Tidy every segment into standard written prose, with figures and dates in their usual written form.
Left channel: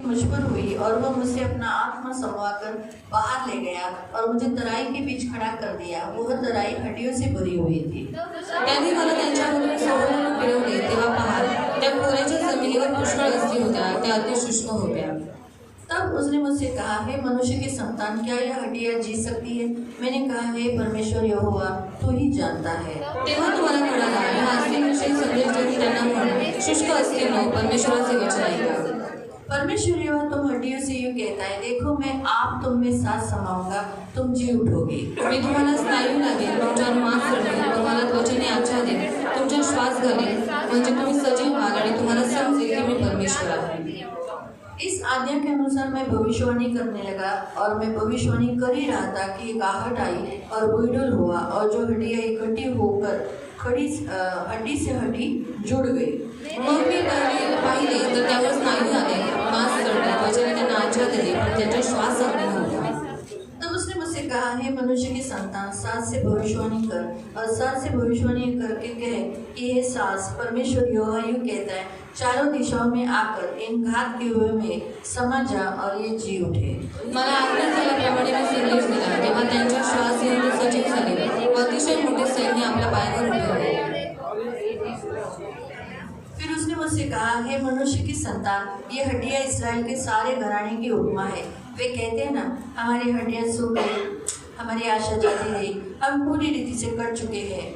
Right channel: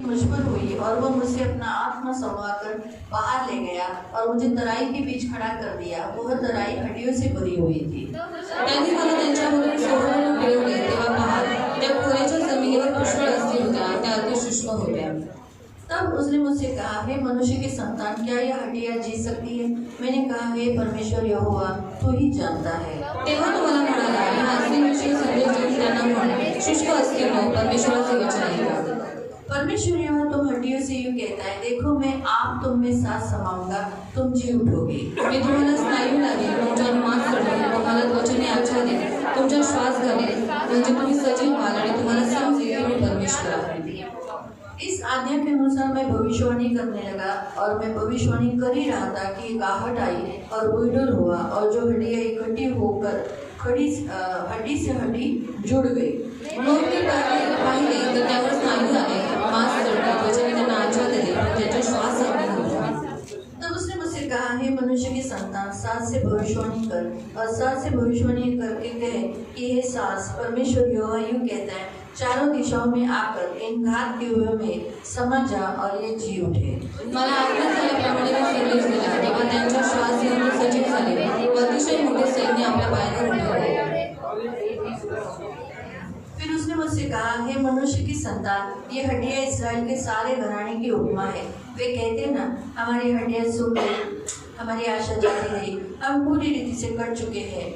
मजबूर हुई और वो मुझसे अपना आत्मा संवार कर बाहर ले गया और मुझे तराई के बीच खड़ा कर दिया। वह तराई हड्डियों से भरी हुई थी। त्यांनी मला त्यांच्यामधून सोडून फिरवले तेव्हा पहा, त्या पुरेच्या जमिनीवर पुष्कळ अस्थी होत्या, त्या अति सूक्ष्म होत्या। तब उसने मुझसे कहा, हे मनुष्य की संतान, क्या यह हड्डियां जी सकती है? मैंने कहा, हे परमेश्वर यहोवा, तू ही जानता है। तेव्हा तुम्हाला म्हणाला, या अस्थींविषयी संदेश देऊन त्यांना म्हणे, शुष्क अस्थींनो, परमेश्वराचे वचन ऐका। परमेश्वर यहोवा तुम हड्डियों से यूं कहता है, देखो मैं आप तुम में सांस समाऊंगा, तुम जी उठोगे। मी तुम्हाला स्नायू लागेल, तुमच्या मांस चढवेल, तुम्हाला वचने आच्छा देईल, तुमचा श्वास घालेल, म्हणजे तुम्ही सजीव व्हाल आणि तुम्हाला समजेल की मी परमेश्वर आहे। इस आज्ञा के अनुसार मैं भविष्यवाणी करने लगा और मैं भविष्यवाणी कर ही रहा था कि एक आहट आई और बुलडुल हुआ और जो हड्डियां इकट्ठी होकर हड्डी से हड्डी जुड़ गई। मग मी पाहिले तर त्यावर स्नायू आले, मांस चढले, वचने त्यांना आच्छा दिली, पण त्याचा श्वास जात नव्हता। तब उसने मुझसे कहा, हे मनुष्य की संतान, सांस से भविष्यवाणी कर और सांस से भविष्यवाणी करके कहे कि हे सांस, परमेश्वर यहोवा यूं कहता है, चारों दिशाओं में आकर इन घात गिरोह में समा जा और ये जी उठे। मला आज्ञा झाल्याप्रमाणे मी संदेश दिला, तेव्हा त्यांच्या श्वास घेऊन सजीव झाले व अतिशय मोठे सैन्य आपल्या पायावर उभे होते। फिर उसने मुझसे कहा, हे मनुष्य की संतान, ये हड्डियां इस्राएल के सारे घराने की उपमा है। वे कहते हैं ना, हमारी हड्डियां सूख गई, हमारी आशा जाती रही, हम पूरी रीति से कट चुके हैं।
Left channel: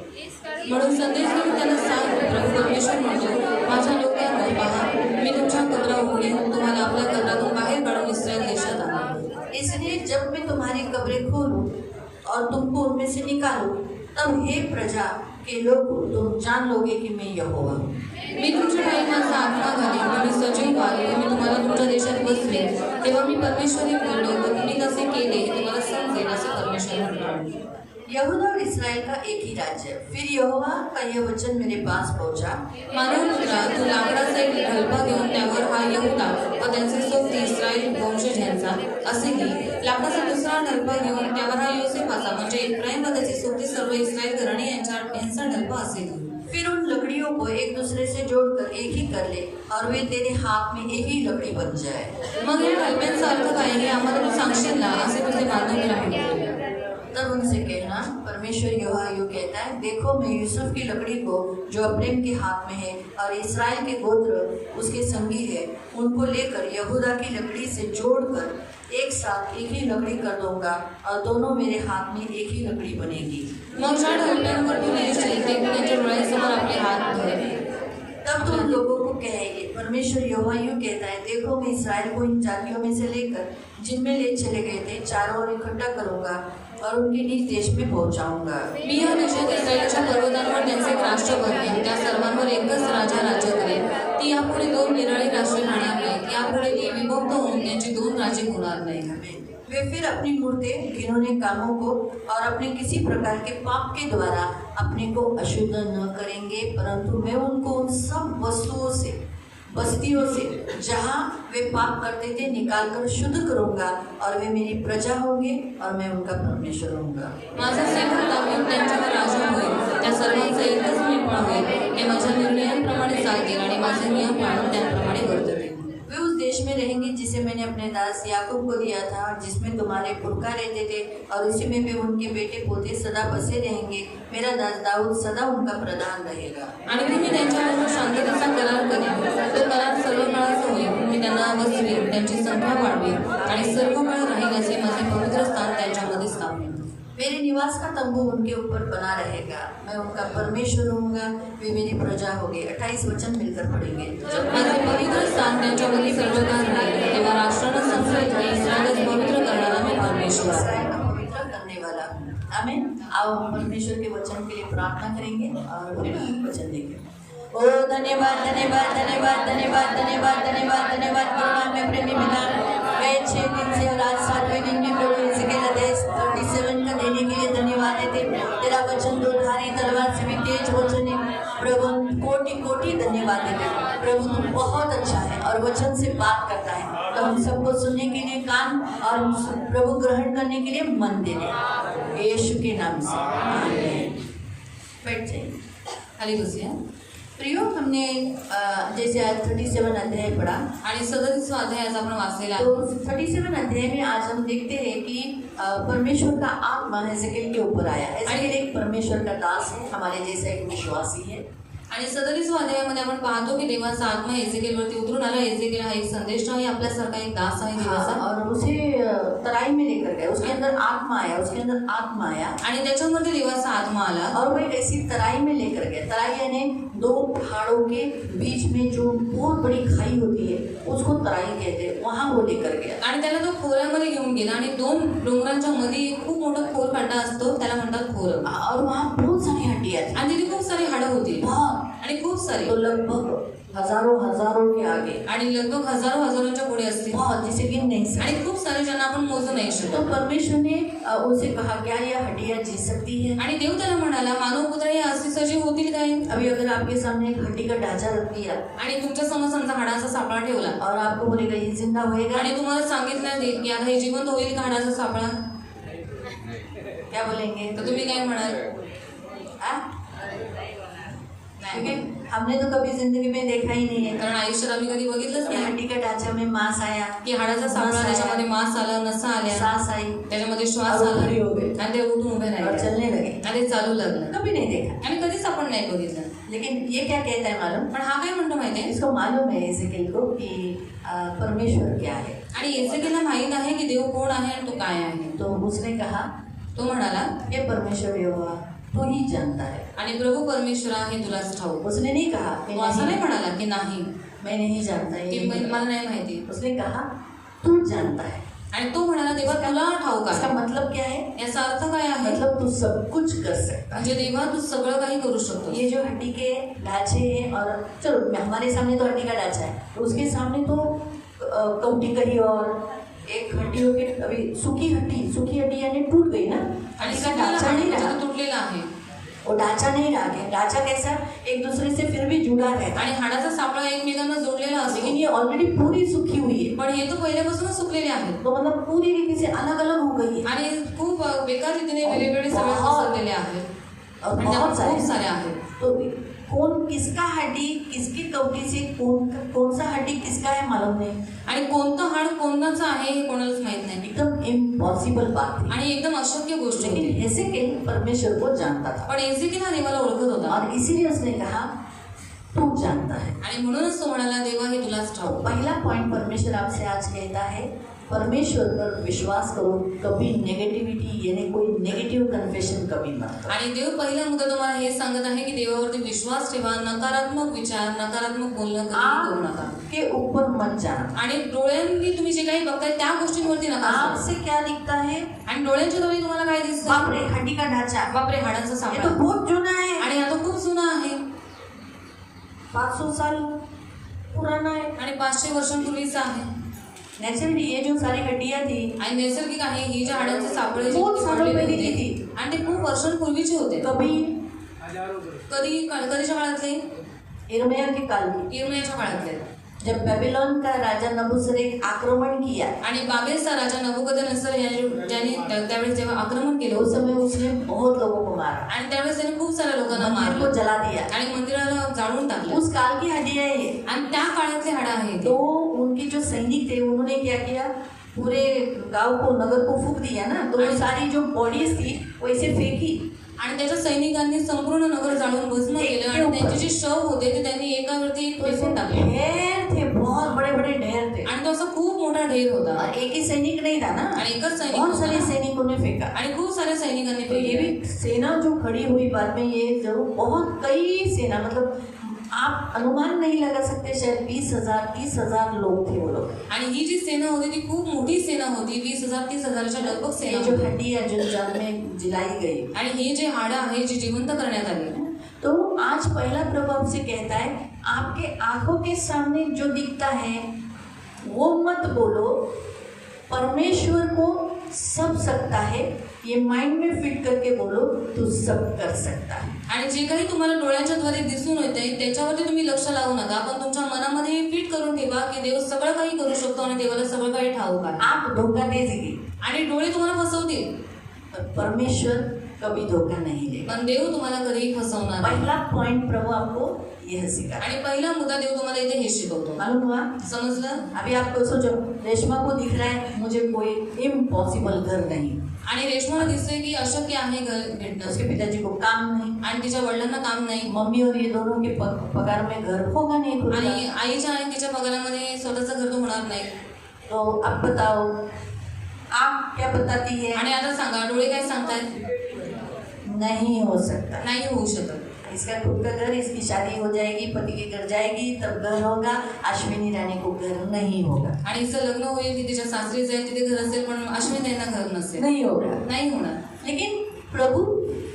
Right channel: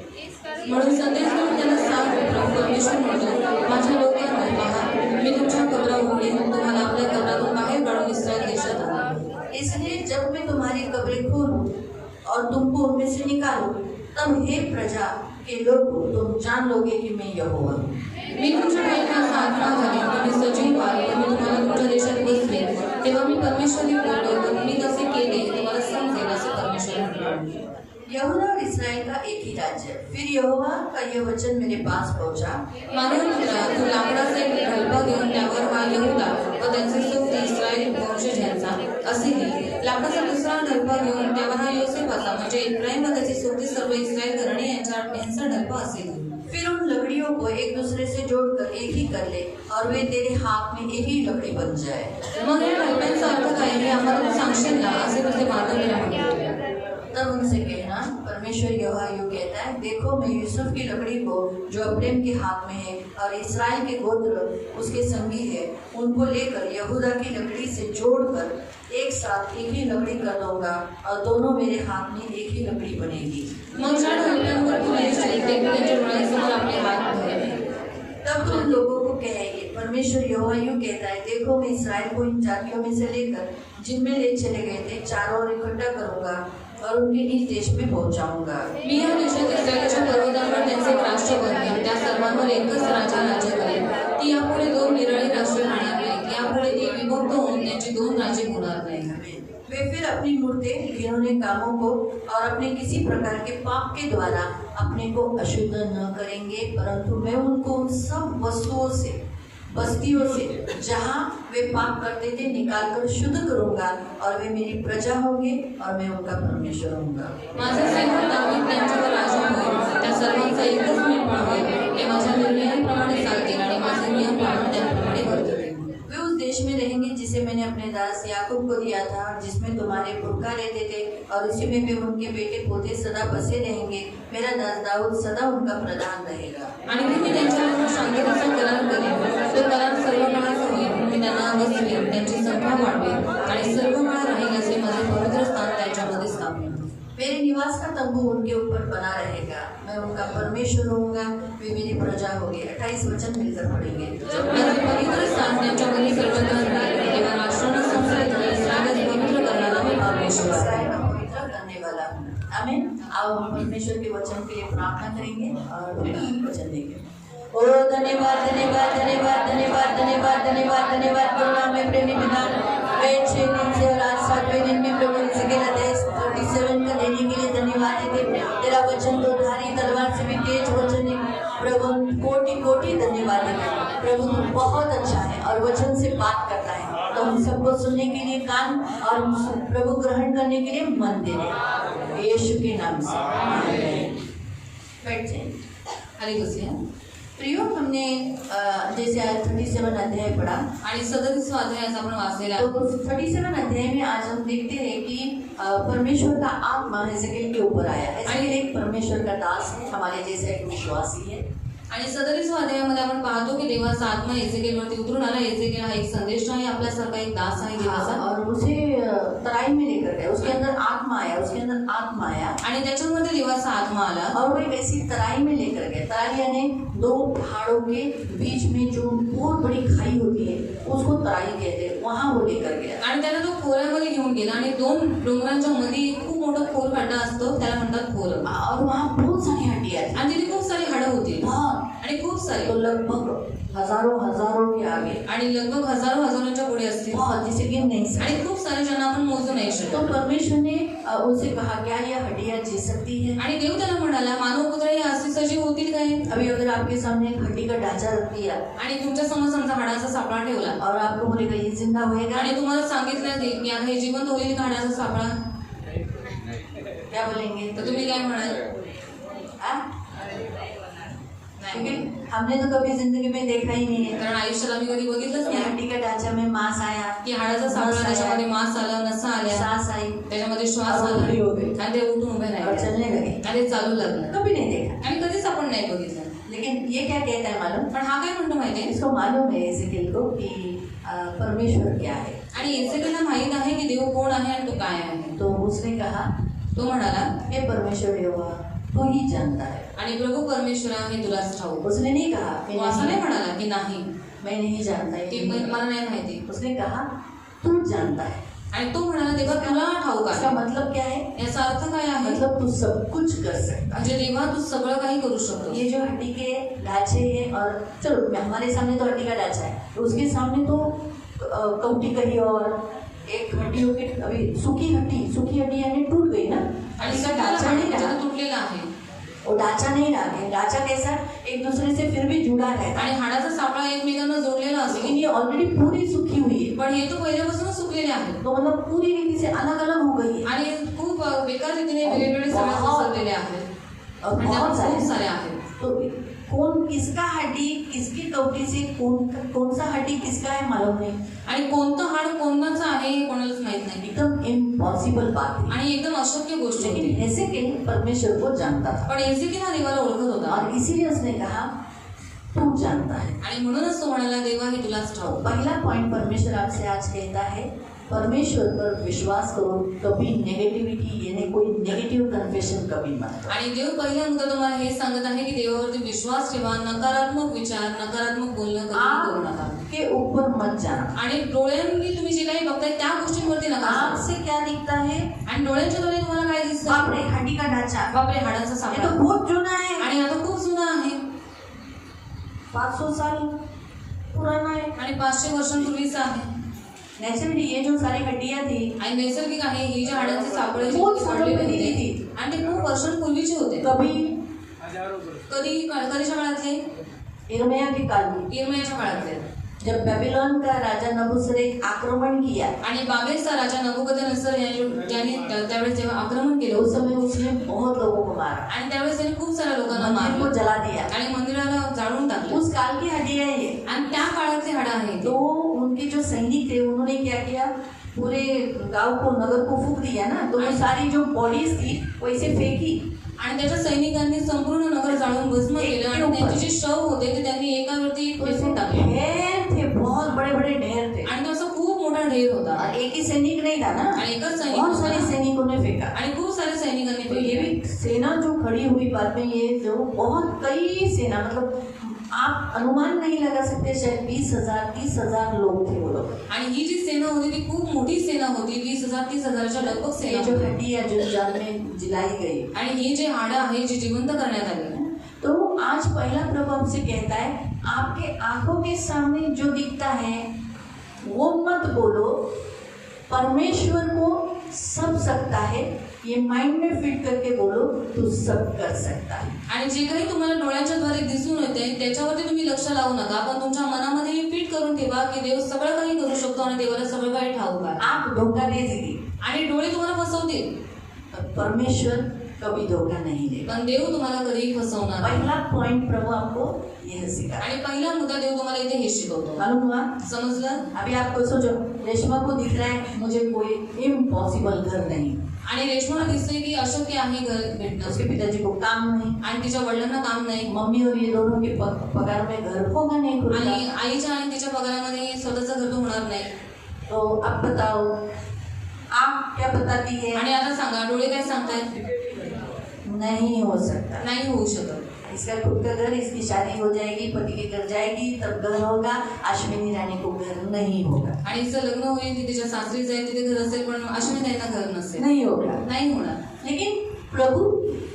म्हणून संदेश देऊन त्यांना सांग, प्रभू परमेश्वर म्हणतो, माझ्या लोकांनो, पहा, मी तुमच्या कबरा उघडीन, तुम्हाला आपल्या घरातून बाहेर काढून इस्रायल देशात आणीन। इसलिए जब मैं तुम्हारी कब्रें खोलूं और तुमको उनमें से निकालूं, तब हे प्रजा के लोगों, तुम जान लोगे कि मैं यहोवा हूँ। मी तुमच्या पायाचा आत्मा घालीन, तुम्ही सजीव व्हाल, मी तुम्हाला तुमच्या देशात बसले, तेव्हा मी परमेश्वरी बोललो व तुम्ही कसे केले हे तुम्हाला समजेल, असे परमेश्वर म्हणाले। यहूदा और इस्राएल का एक ही राज्य। फिर यहोवा का यह वचन मेरे पास पहुंचा, मानव पुत्रा, तू लाकडाचा एक ढलपा घेऊन त्यावर हा यहूदा व त्यांचे सोबती इस्रायल वंशज यांचा असेही, लाकडाचा दुसरा ढलपा घेऊन त्यावर हा योसेफाचा म्हणजे इफ्राईम व त्याचे सोबती सर्व इस्रायल घराणे यांचा ढलपा असेल। फिर उन लकड़ियों को एक दूसरे से जोड़कर एक ही कर ले और वे तेरे हाथ में एक ही लकड़ी बन जाए। मग या ढलप्यांचा अर्थ काय हे आम्हाला तू सांगशील ना, असे तुझे मानव। तब उनसे कहना, परमेश्वर यहोवा यूं कहता है, देखो मैं यूसुफ की लकड़ी को जो अब्राम के हाथ में है और इस्राएल के गोत्र उसके संगी है, उनको लेकर यहूदा की लकड़ी से जोड़कर एक साथ एक ही लकड़ी कर दूंगा और दोनों मेरे हाथ में एक ही लकड़ी बनेगी। मग ज्या ढलप्यांवर तू नेसशील ते त्यांच्या डोळ्यासमोर आपले हात धर। तब तुम लोगों को कहेंगे, परमेश्वर यहोवा यूं कहता है, देखो मैं इस्राएल को इन जातियों में से लेकर जिनमें ले चले गए थे चारों ओर इकट्ठा करूंगा और उनके निज देश में पहुंचाऊंगा। मी या देशात इस्रायलच्या पर्वतांवर त्यांचे एक राष्ट्र बनवेन, त्या सर्वांवर एकच राजा राज्य करेल। ती यापुढे दोन निराळी राष्ट्र राहणार नाहीत, यापुढे ती विभक्त होऊन त्यांची दोन राज्ये होणार नाहीत। वे फिर अपनी मूर्तें, घिनौने कामों को और अपने किसी प्रकार के पाप के द्वारा अपने को अशुद्ध न करेंगे, परंतु मैं उनको उन सब वस्तुओं से, बस्तियों से जहाँ वे पाप करते थे निकालकर शुद्ध करूंगा और वे मेरी प्रजा होंगे और मैं उनका परमेश्वर होऊंगा। माझा सैन्य दावीद त्यांच्यावर राजा होईल, त्या सर्वांचा एकच निर्णय होईल, ते माझ्या निर्णयांप्रमाणे चालतील आणि माझे नियम पाळून त्याप्रमाणे वर्ततील। वे उस देश में रहेंगे जिसे मैंने अपने दास याकूब को दिया था, जिसमें तुम्हारे पुरखा रहते थे, और उसी में भी उनके बेटे पोते सदा बसे रहेंगे। मेरा दास दाऊद सदा उनका प्रधान रहेगा। आणि मी त्यांच्याबरोबर शांततेचा करार करेन, तो करार सर्व काळाचा होईल। मी त्यांना वसवेन, त्यांची संख्या वाढवेन आणि सर्व काळ राहील असे माझे पवित्र स्थान त्यांच्यामध्ये स्थापन। मेरे निवास का तंबू उनके ऊपर बना रहेगा, मैं उनका परमेश्वर होऊंगा, वे मेरी प्रजा होंगे। 28 वचन मिलकर पढ़ेंगे। माझे पवित्र स्थान त्यांच्यामध्ये सर्वकाळ राहील, तेव्हा राष्ट्रांना संस्कृत होईल, इस्राएल पवित्र करणारा मी परमेश्वर। इस्राएल का पवित्र करने वाला हूँ। आमीन। आओ हम परमेश्वर के वचन के लिए प्रार्थना करेंगे और वचन देंगे। ओ धन्यवाद धन्यवाद धन्यवाद धन्यवाद धन्यवाद धन्यवाद धन्यवाद करुणा में प्रेमी पिता, गए 6 दिन से और आज 7वें दिन में प्रभु हिजकिय्याह 37 का देने के लिए धन्यवाद देते। तेरा वचन तो धारी तलवार से भी तेज वचन है प्रभु, कोटि कोटि धन्यवाद देते। प्रभु तू बहुत अच्छा है और वचन से बात करता है, तो हम सबको सुनने के लिए कान और प्रभु ग्रहण करने के लिए मन दे दे, यीशु के नाम से आमीन। बैठ जाइए। हालेलुया। प्रियो, हमने जैसे आज 37 अध्याय पढ़ा, आणि 37 अध्याय आज आपण वाचलेला आहे. तो 37 अध्याय में आज हम देखते हैं कि परमेश्वर का आत्मा एजेकिएल के ऊपर आया. एजेकिएल एक परमेश्वर का दास है, हमारे जैसा एक विश्वासी है. आणि 37 अध्यायामध्ये आपण पाहतो की देवाचा आत्मा एजेकिएलवरती उतरून आला. एजेकिएल हा एक संदेश आहे, आपल्यासारखा एक दास आहे देवाचा. और उसे तराई में लेकर गया, उसके अंदर आत्मा आया, उसके अंदर आत्मा आया आणि त्याच्यामध्ये देवाचा आत्मा आला. और वो एक ऐसी तराई में लेकर गया. तराई यानी दो पहाड़ों के बीच में जो बहुत बड़ी खाई होती है उसको तराई कहते हैं, वहाँ वो लेकर गया. आणि त्याला तो खोऱ्यामध्ये घेऊन गेला आणि दोन डोंगरांच्या मध्ये एक खूप मोठा खोल खड्डा असतो, त्याला म्हणतात खोर. और वहाँ बहुत सारी हड्डियाँ थी, आणि तिथे खूप सारी हाडं होती बहुत, आणि खूप सारी, तो लगभग हजारों के आगे, आणि लगभग हजारोच्या पुढे असतील बहुत, जिसे गिन नहीं सकते. आणि खूप सारे ज्यांना आपण मोजू नाही तो शकत. परमेश्वर ने उनसे कहा, क्या यह हड्डियाँ जी सकती है? आणि देव त्याला म्हणाला, मानव पुत्र हे असे सजीव होतील काय? अभी अगर आपके सामने एक हड्डी का ढांचा रख दिया आणि तुमच्या समोर समजा हाडाचा सापळा ठेवला और आपको बोलेगा ये जिंदा होएगा, आणि तुम्हाला सांगितलं की आता हे जिवंत होईल का हाडाचा सापळा, क्या बोलेंगे? तर तुम्ही काय म्हणाल? हाँ? क्योंकि हमने तो कभी जिंदगी में देखा ही नहीं है कारण आयुष्यात आम्ही कधी बघितलंच कि नाही हड्डी का ढांचा में मांस आया, की हाडाचा सापळा, त्याच्यामध्ये मांस आलं, नसा आल्या, सांस आई त्याच्यामध्ये श्वास और आला खड़ी हो गई आणि ते उठून उभे और राहिले चलने लगे. आणि ते चालू लागलं. कभी नहीं देखा. आणि कधीच आपण नाही बघितलं. लेकिन ये क्या कहता है मालूम? पण हा काय म्हणतो माहितीये, इसको मालूम है एजेकिएल को कि परमेश्वर क्या है. आणि एजेकिएलला माहित आहे की देव कोण आहे आणि तो काय आहे. तो उसने कहा, तो म्हणाला, हे परमेश्वर यहोवा तू ही जानता है. आणि प्रभू परमेश्वरा हे तुलाच ठाऊक. उसने नहीं कहा तो असं नाही म्हणाला की नाही, मैं नहीं जानता, ये की नहीं मला कहा. नाही माहिती. उसने कहा तू जानता है. आणि तो म्हणाला, देवा तुला ठाऊक इसका आहे. मतलब क्या है? याचा अर्थ काय आहे? मतलब तू सब कुछ कर सकता है. म्हणजे देवा तू सगळं काही करू शकतो. ये जो हड्डी के ढांचे हैं, और चलो हमारे सामने तो हड्डी का ढांचा है, तो उसके सामने तो कौटी कही और एक हड्डी हो के अभी सूखी हड्डी यानी टूट गई ना, आणि इसका सगळं ढांचा नहीं रहा. तुटलेला आहे. वो ढांचा नहीं रहा है. ढांचा कैसा? एक दूसरे से फिर भी जुड़ा रहता है, आणि हाडाचा सापळा एकमेकांना जोडलेला असतो. लेकिन ये ऑलरेडी पूरी सूखी हुई है. पण हे तो पहिल्यापासूनच सुकलेले आहे तो मतलब पूरी रीति से अलग अलग हो गई है. आणि खूप बेकार रीतीने वेगवेगळे सगळे पसरलेले आहेत. और आणि बहुत त्यात खूप सारे सारे आहेत. तो कौन किसका हड्डी किसकी कवटी से कौन सा हड्डी किसका है मालूम नहीं. आणि कोणतं हाड कोणाचं आहे हे कोणालाच माहित नाही. एकदम इम्पॉसिबल बात है. आणि एकदम अशक्य गोष्ट होती. लेकिन एजेकिएल परमेश्वर को जानता था पण एजेकिएल हा देवाला ओळखत होता और इसीलिए उसने कहा तू जानता है. आणि म्हणूनच तो म्हणाला, देवा हे तुलाच तो ठाऊक. पहला पॉइंट परमेश्वर आपसे आज कहता है, परमेश्वर पर विश्वास करो. कभी नेगेटिविटी यानी कोई नेगेटिव कन्फेशन कभी मत करो. आणि देव पहिल्या मुद्दा तुम्हाला हे सांगत आहे की देवावरती विश्वास ठेवा. नकारात्मक विचार, नकारात्मक बोलणं कधी करू नका. आपके ऊपर मत जाना. आणि डोळ्यांनी तुम्ही जे काही बघताय त्या गोष्टींवरती नका. आपसे क्या दिखता है? आणि डोळ्यांच्या द्वारे तुम्हाला काय दिसतं? बाप रे, हड्डी का ढांचा, बापरे, हाडाचा ये सापळा, तो बहुत जुना है, आणि आता खूप जुना आहे 500 साल पुराना है. आणि 500 वर्षांपूर्वीचा आहे. नेचुरली ये जो सारी हड्डियां थी आणि नैसर्गिक आहे ही जे हाडांचे सापळे जे खूप जोडलेले सारे होते होते. आणि ते खूप वर्षांपूर्वीचे होते. कभी कधीच्या काळातले? इर्मिया के काल की, इर्मियाच्या काळातले. जब बेबीलोन का राजा नबूसरेत आक्रमण किया, आणि बाबेलचा राजा नबुकदनेस्सर ज्यांनी त्यावेळेस जेव्हा आक्रमण केलं उस समय उसने बहुत लोगों को मारा, आणि त्यावेळेस त्यांनी खूप साऱ्या लोकांना मंदिर को मारलं जला दिया. आणि मंदिराला जाळून टाकलं. उस काल की हड्डियां है ये. आणि त्या काळातले हाडं आहे तो उनके जो सैनिक थे उन्होंने क्या किया, पूरे गांव को नगर को फूंक दिया ना, तो वो सारी जो बॉडीज थी वो ऐसे फेंकी. आणि त्याच्या सैनिकांनी संपूर्ण नगर जाळून भस्म केलं आणि त्यांचे जे शव होते ते त्यांनी एकावरती फेकून टाकले. ढेर थे, बहुत बड़े बड़े ढेर थे. आणि तो असा खूप मोठा ढेर होता. और एक ही सैनिक नहीं था ना, आणि एकच सैनिक बहुत सारे होता. सैनिकों ने फेंका. आणि खूप साऱ्या सैनिकांनी तो ये फेकले. भी सेना जो खड़ी हुई बाद में, ये जो बहुत कई सेना, मतलब आप अनुमान नहीं लगा सकते, शायद 20,000 30,000 लोग थे वो लोग. आणि ही जी सेना होती ती खूप मोठी सेना होती. 20,000 30,000च्या लगभग ये सेना जो होती. हड्डी है जो जल में जलाई गई, आणि हे जे हाडं आहे जे जिवंत करण्यात आले. तो आज पहला प्रभु हमसे कहता है, आपके आंखों के सामने जो दिखता है वो मत बोलो. परमेश्वर को सब सकता है, ये माइंड में फिट करके बोलो, तू सब कर सकता है. आणि जे काही तुम्हाला डोळ्यांच्या द्वारे दिसून येते त्याच्यावरती तुम्ही लक्ष लावू नका. पण तुमच्या मनामध्ये हे फिट करून ठेवा की देव सगळं काही करू शकतो आणि देवाला सगळं काही ठाऊक आहे. आंख धोखा दे देगी, आणि डोळे तुम्हाला फसवतील. परमेश्वर कभी धोखा नहीं देगा। पण देव तुम्हाला कधीही फसवणार नाही। पहला पॉइंट प्रभु आपको यह सिखा आणि पहिला मुद्दा देव तुम्हाला इथे हे शिकवतो। मालूम हुआ? समजलं? अभी आपको सोचो, रेशमा को दिख रहा है मुझे कोई इम्पॉसिबल घर नहीं, आणि रेशमाला दिसतंय की अशक्य आहे घर भेटणं, उसके पिताजी को काम नहीं, आणि तिच्या वडिलांना काम नाही, मम्मी और ये दोनों के पगार में घर होगा नहीं खुद आणि का। आईच्या आणि तिच्या पगारामध्ये स्वतःचं घर तर होणार नाही। तो आप बताओ, आप क्या बताती है? आणि आता सांगा, डोळे काय सांगतायत? नहीं हो सकता। नाही होऊ शकत। इसका खुद का घर, इसकी शादी हो जाएगी, पति के घर जाएगी तब घर होगा, अश्विनी रानी को घर नहीं होगा, आणि हिचं लग्न होईल, ती तिच्या सासरी जाईल, तिथे घर असेल, पण अश्विनीताईंना घर नसेल, नहीं होगा। नाही होणार। लेकिन प्रभु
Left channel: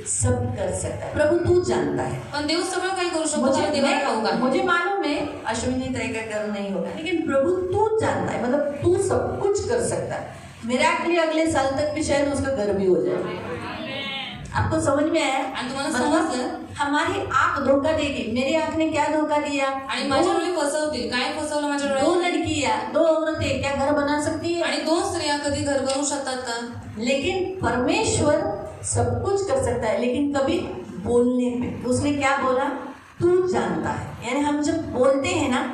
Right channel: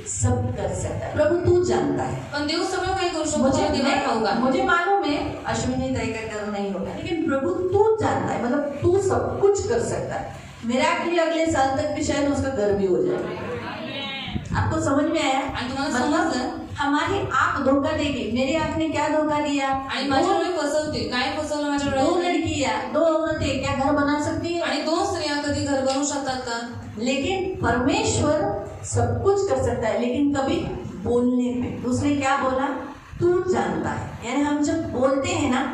सब कर सकता है, प्रभु तू जानता है। पण देव सगळं काही करू शकतो, तुला ते नाही ठाऊक आहे। मुझे मालूम है अश्विनी ताई का घर नहीं होगा, लेकिन प्रभु तू जानता है, मतलब तू सब कुछ कर सकता है। मिराकली अगले साल तक भी शायद उसका घर भी हो जाए। आपको समझ में आया? आणि तुम्हाला समजलं? हमारी आंख धोखा देगी। मेरी आंख ने क्या धोखा दिया? आणि माझ्या डोळे फसवतील। काय फसवलं माझ्या दो डोळे? लड़कियां, दो औरतें क्या घर बना सकती है? आणि दोन स्त्रिया कधी घर बनवू शकतात का? लेकिन परमेश्वर सब कुछ कर सकता है, लेकिन कभी बोलने पे उसने क्या बोला? तू जानता है। यानी हम जब बोलते हैं ना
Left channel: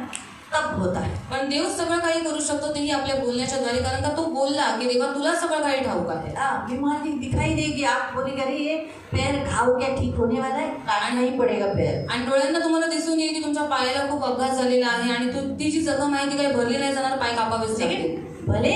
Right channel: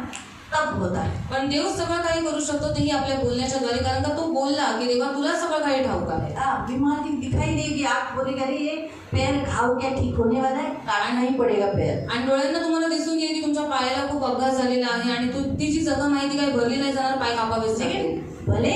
तब होता है। पण देव सगळं काही करू शकतो, तेही आपल्या बोलण्याच्या द्वारे, कारण का तो बोलला की देवा तुला सगळं काही ठाऊक आहे। बीमारी दिखाई देगी, आप बोलेंगे अरे ये पैर घाव क्या ठीक होने वाला है? काटना ही पड़ेगा पैर। आणि डोळ्यांना तुम्हाला दिसून येईल की तुमच्या पायाला खूप अपघात झालेला आहे आणि ती जी जखम आहे ती काही भरली नाही जाणार, पाय कापावेच लागतील। लेकिन भले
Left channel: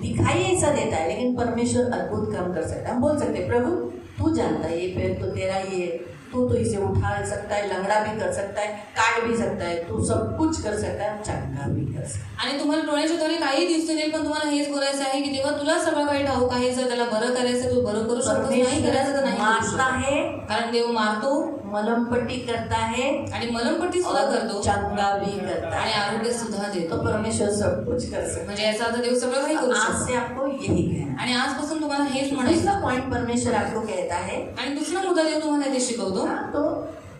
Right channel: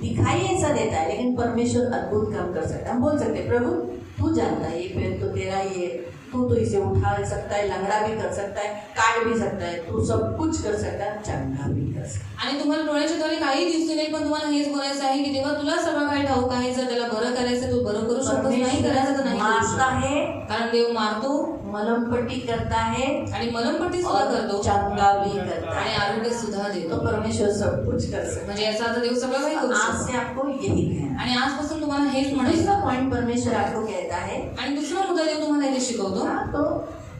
दिखाई ऐसा देता है, लेकिन परमेश्वर अद्भुत काम कर सकता है। हम बोल सकते हैं प्रभु तू जानता है, ये पैर तो तेरा ही है, तू तो इसे उठा सकता है, लंगड़ा भी कर सकता है, काट भी सकता है, तू सब कुछ कर सकता है, चंगा भी कर सकता है। आणि तुम्हाला डोळ्याच्या द्वारे काही दिसून येईल, पण तुम्हाला हेच बोलायचं आहे की तेव्हा तुला सगळं काही ठाऊक आहे। जर त्याला बरं करायचं तू बरं करू शकतो, नाही करायचं तर नाही करू मारता शकत। है, कारण देव मारतो मलमपट्टी करता है आणि मलमपट्टी सुद्धा करतो चंगा भी करता आणि है। आरोग्य सुद्धा तो देतो। परमेश्वर सब कुछ कर सकता म्हणजे याचा अर्थ देव सगळं काही करू है। आज शकतो। से आपको यही कहना आणि आजपासून तुम्हाला हेच है। म्हणायचं। दूसरा पॉइंट परमेश्वर आपको कहता है, आणि दुसरा मुद्दा देव तुम्हाला इथे शिकवतो। तो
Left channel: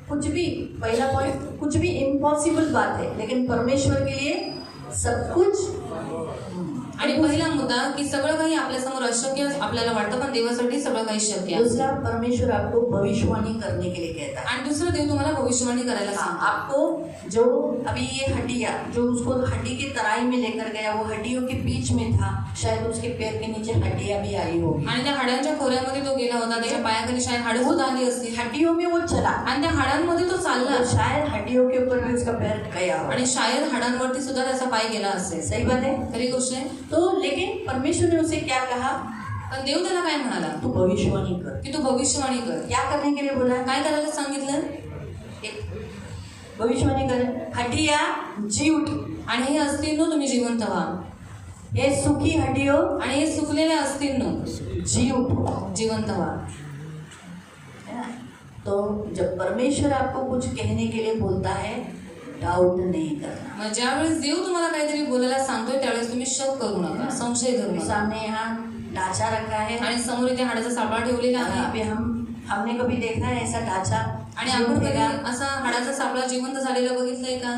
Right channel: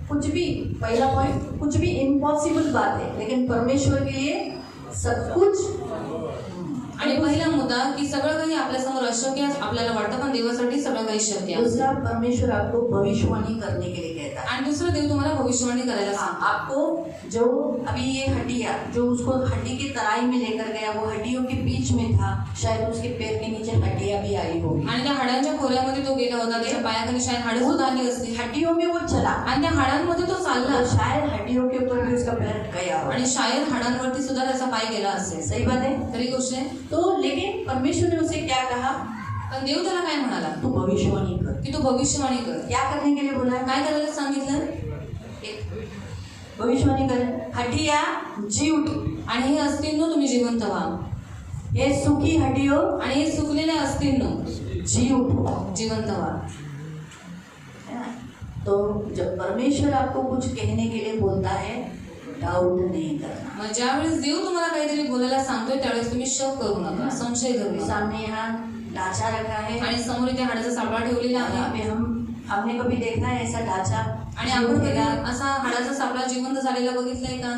कुछ भी, पहला पॉइंट, कुछ भी इम्पॉसिबल बात है, लेकिन परमेश्वर के लिए सब कुछ। आणि पहिला मुद्दा की सगळं काही आपल्या समोर अशक्य आपल्याला वाटतं, पण देवासाठी सगळं काही शक्य आहे। दूसरा, परमेश्वर आपको भविष्यवाणी करने के लिए कहता है। आणि दुसरं देव तुम्हाला भविष्यवाणी करायला सांगतो। आपको जो अभी ये हड्डियाँ, जो उसको हड्डी की तराई में लेकर गया, वो हड्डियों के बीच में था, शायद उसके पैर के नीचे हड्डियाँ भी आई होगी, आणि त्या हाडांच्या खोऱ्यामध्ये तो गेला होता, त्याच्या पायाखाली शायद हाडं सुद्धा आली असती, हड्डियों में वो चला, आणि त्या हाडांमध्ये तो चालला, शायद हड्डियों के ऊपर भी उसका पैर गया हो। आणि शायद हाडांवरती सुद्धा त्याचा पाय गेला असेल। सही बात है। खरी गोष्ट आहे। तो लेकिन परमेश्वर ने उसे क्या कहा? पण देव त्याला काय म्हणाला तू भविष्यवाणी कर। की तू भविष्यवाणी कर। क्या करने के लिए बोला? काय करायला सांगितलं? एक भविष्यवाणी कर, हड्डियाँ जी उठी, आणि हे अस्थिंनो तुम्ही जिवंत व्हा, ये सूखी हड्डियों आणि हे सुकलेल्या अस्थिंनो जी उठो। जिवंत व्हा। तो जब परमेश्वर आपको कुछ कहने के लिए बोलता है, डाउट नहीं करना। मग ज्यावेळेस देव तुम्हाला काहीतरी बोलायला सांगतोय त्यावेळेस तुम्ही शक करू नका, संशय धरू नका। सामने यहाँ ढांचा रखा है, आणि समोर इथे हाडाचा सापळा ठेवलेला आहे, यहाँ पे हमने कभी देखा है ऐसा ढांचा? आणि आपण कधी असा हाडाचा सापळा जिवंत झालेला बघितलाय का?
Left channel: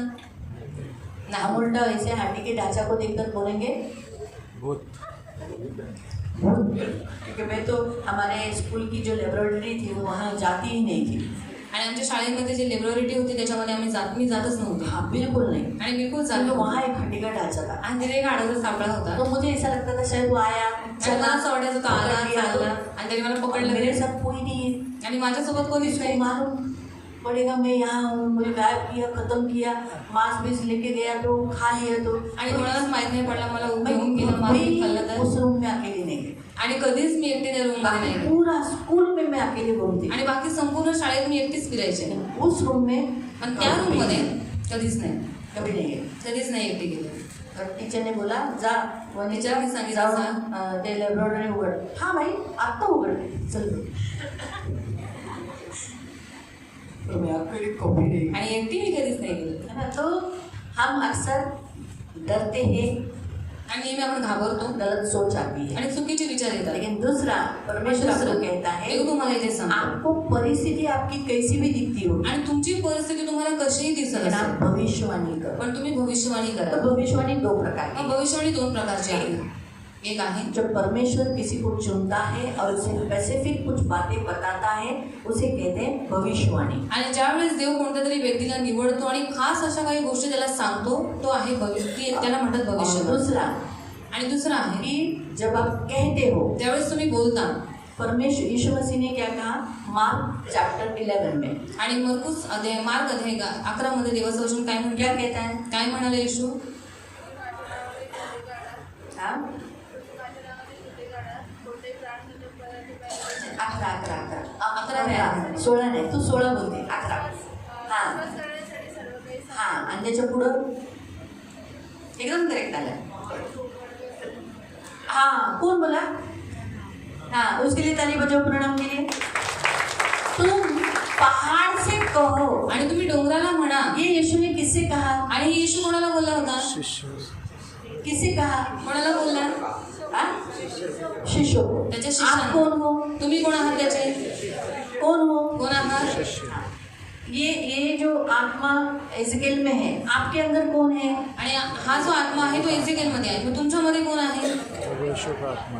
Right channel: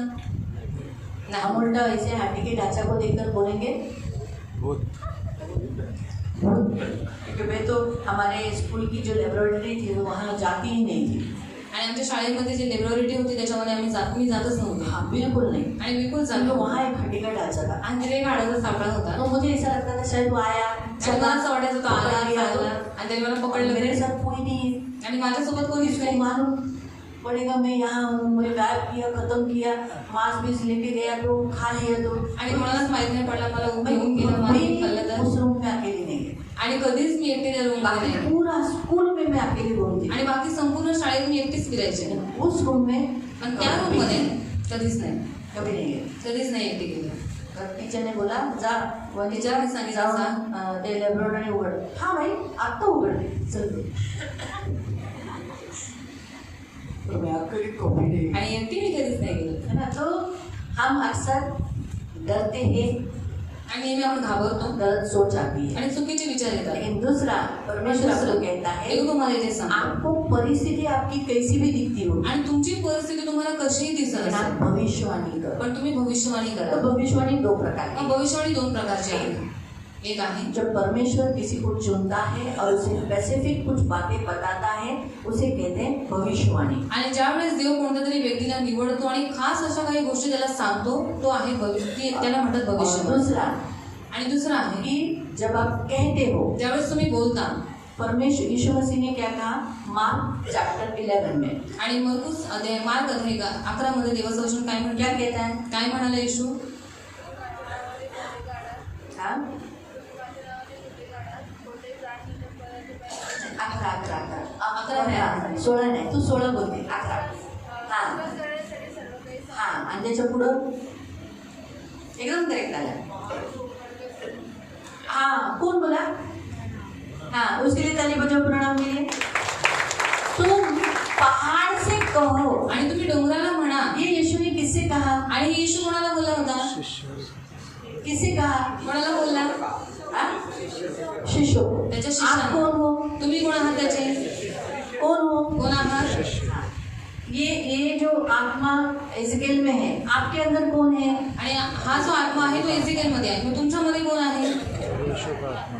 हम उल्टा ऐसे हाथी के ढांचा को देखकर बोलेंगे भूत। क्योंकि मैं तो हमारे स्कूल की जो लेबोरेटरी थी वो वहाँ जाती ही नहीं थी। आणि आमच्या शाळेमध्ये जी लेबोरेटरी होती त्याच्यामध्ये मी जातच नव्हते। हाँ, बिल्कुल नहीं। आणि बिलकुल जात तो नव्हते। वहाँ एक हड्डी का ढांचा था, आणि तिथे एक हाडाचा सापळा होता। तो मुझे ऐसा लगता था शायद वो आया, मला असं वाटायचं तो आला, पकड़ लिया चालला, आणि त्याने मला पकडलं, मेरे साथ कोई नहीं है, आणि माझ्यासोबत कोणीच इसको नाही। मालूम पड़ेगा मैं यहाँ हूँ, मुझे गायब किया, खत्म किया, मांस बीस लेके गया तो खा लिया तो, आणि मलाच माहित नहीं पडलं, मला घेऊन गेलं, मला खाल्लं तर। उस रूम में अकेली नहीं गई, आणि कधीच मी एकटी त्या रूम मध्ये नाही। पूरा स्कूल में मैं अकेली घूमती, आणि बाकी संपूर्ण शाळेत मी एकटीच फिरायचे, उस रूम में पण त्या रूम मध्ये कधीच नाही, कभी नहीं गई। कधीच नाही एकटी गेली। तर टीचर ने बोला जा, वो टीचरने सांगितलं, जाऊन ते लेबोरेटरी उघड। हाँ भाई आता उघड, चल। तो मैं अकेली कभी नहीं गई। आणि एकटी मी कधीच नाही गेली। है ना? तो हम अक्सर डरते हैं, आणि नेहमी आपण घाबरतो, गलत सोच आती है, आणि चुकीचे विचार येतात। लेकिन दूसरा, परमेश्वर आपको कहता है देव तुम्हाला इथे सांगतो, आपको परिस्थिति आपकी कैसी भी दिखती हो, आणि तुमची परिस्थिती तुम्हाला कशीही दिसत लेकिन आप असेल, भविष्यवाणी करो। पण तुम्ही भविष्यवाणी तो करा। भविष्यवाणी दो प्रकार की मग भविष्यवाणी दोन प्रकारची आहे। एक आहे जब परमेश्वर किसी को चुनता है और उसे स्पेसिफिक कुछ बातें बताता है उसे कहते हैं भविष्यवाणी। आणि ज्यावेळेस देव कोणत्या तरी व्यक्तीला निवडतो आणि खास अशा काही गोष्टी त्याला सांगतो तो आहे भविष्य, त्याला म्हणतात और भविष्य। दूसरा आणि दुसरा आहे कि जब आप कहते हो, त्यावेळेस तुम्ही बोलता। परमेश्वर यीशु मसीह ने क्या कहा मार्क चैप्टर 11 में, आणि मार्क अध्याय 11 मध्ये देवाचं वचन काय म्हणतं? क्या कहता है? काय म्हणाले येशू? हाँ? 11 नाही, 16 नाही, तू 16 बोलते, 11। हाँ आणि त्याच्या पुढं एकदम करेक्ट आला। हाँ कौन बोला? हाँ उसके लिए ताली बजाओ प्रणाम के लिए। तुम पहाड़ से कहो, आणि तुम्ही डोंगराला म्हणा। ये यीशु ने किससे कहा? आणि येशू कोणाला बोलला होता? किससे कहा? कोणाला बोलला? शिष्यों को। त्याच्या आप शिष्याला। कौन हो? तुम्ही कोण आहात त्याचे? कौन हो? कोण आहात? ये जो आत्मा एजेकिएल में है, आपके अंदर कौन है? आणि हा जो आत्मा आहे तो एजेकिएल मध्ये आहे, तुमच्यामध्ये कोण आहे?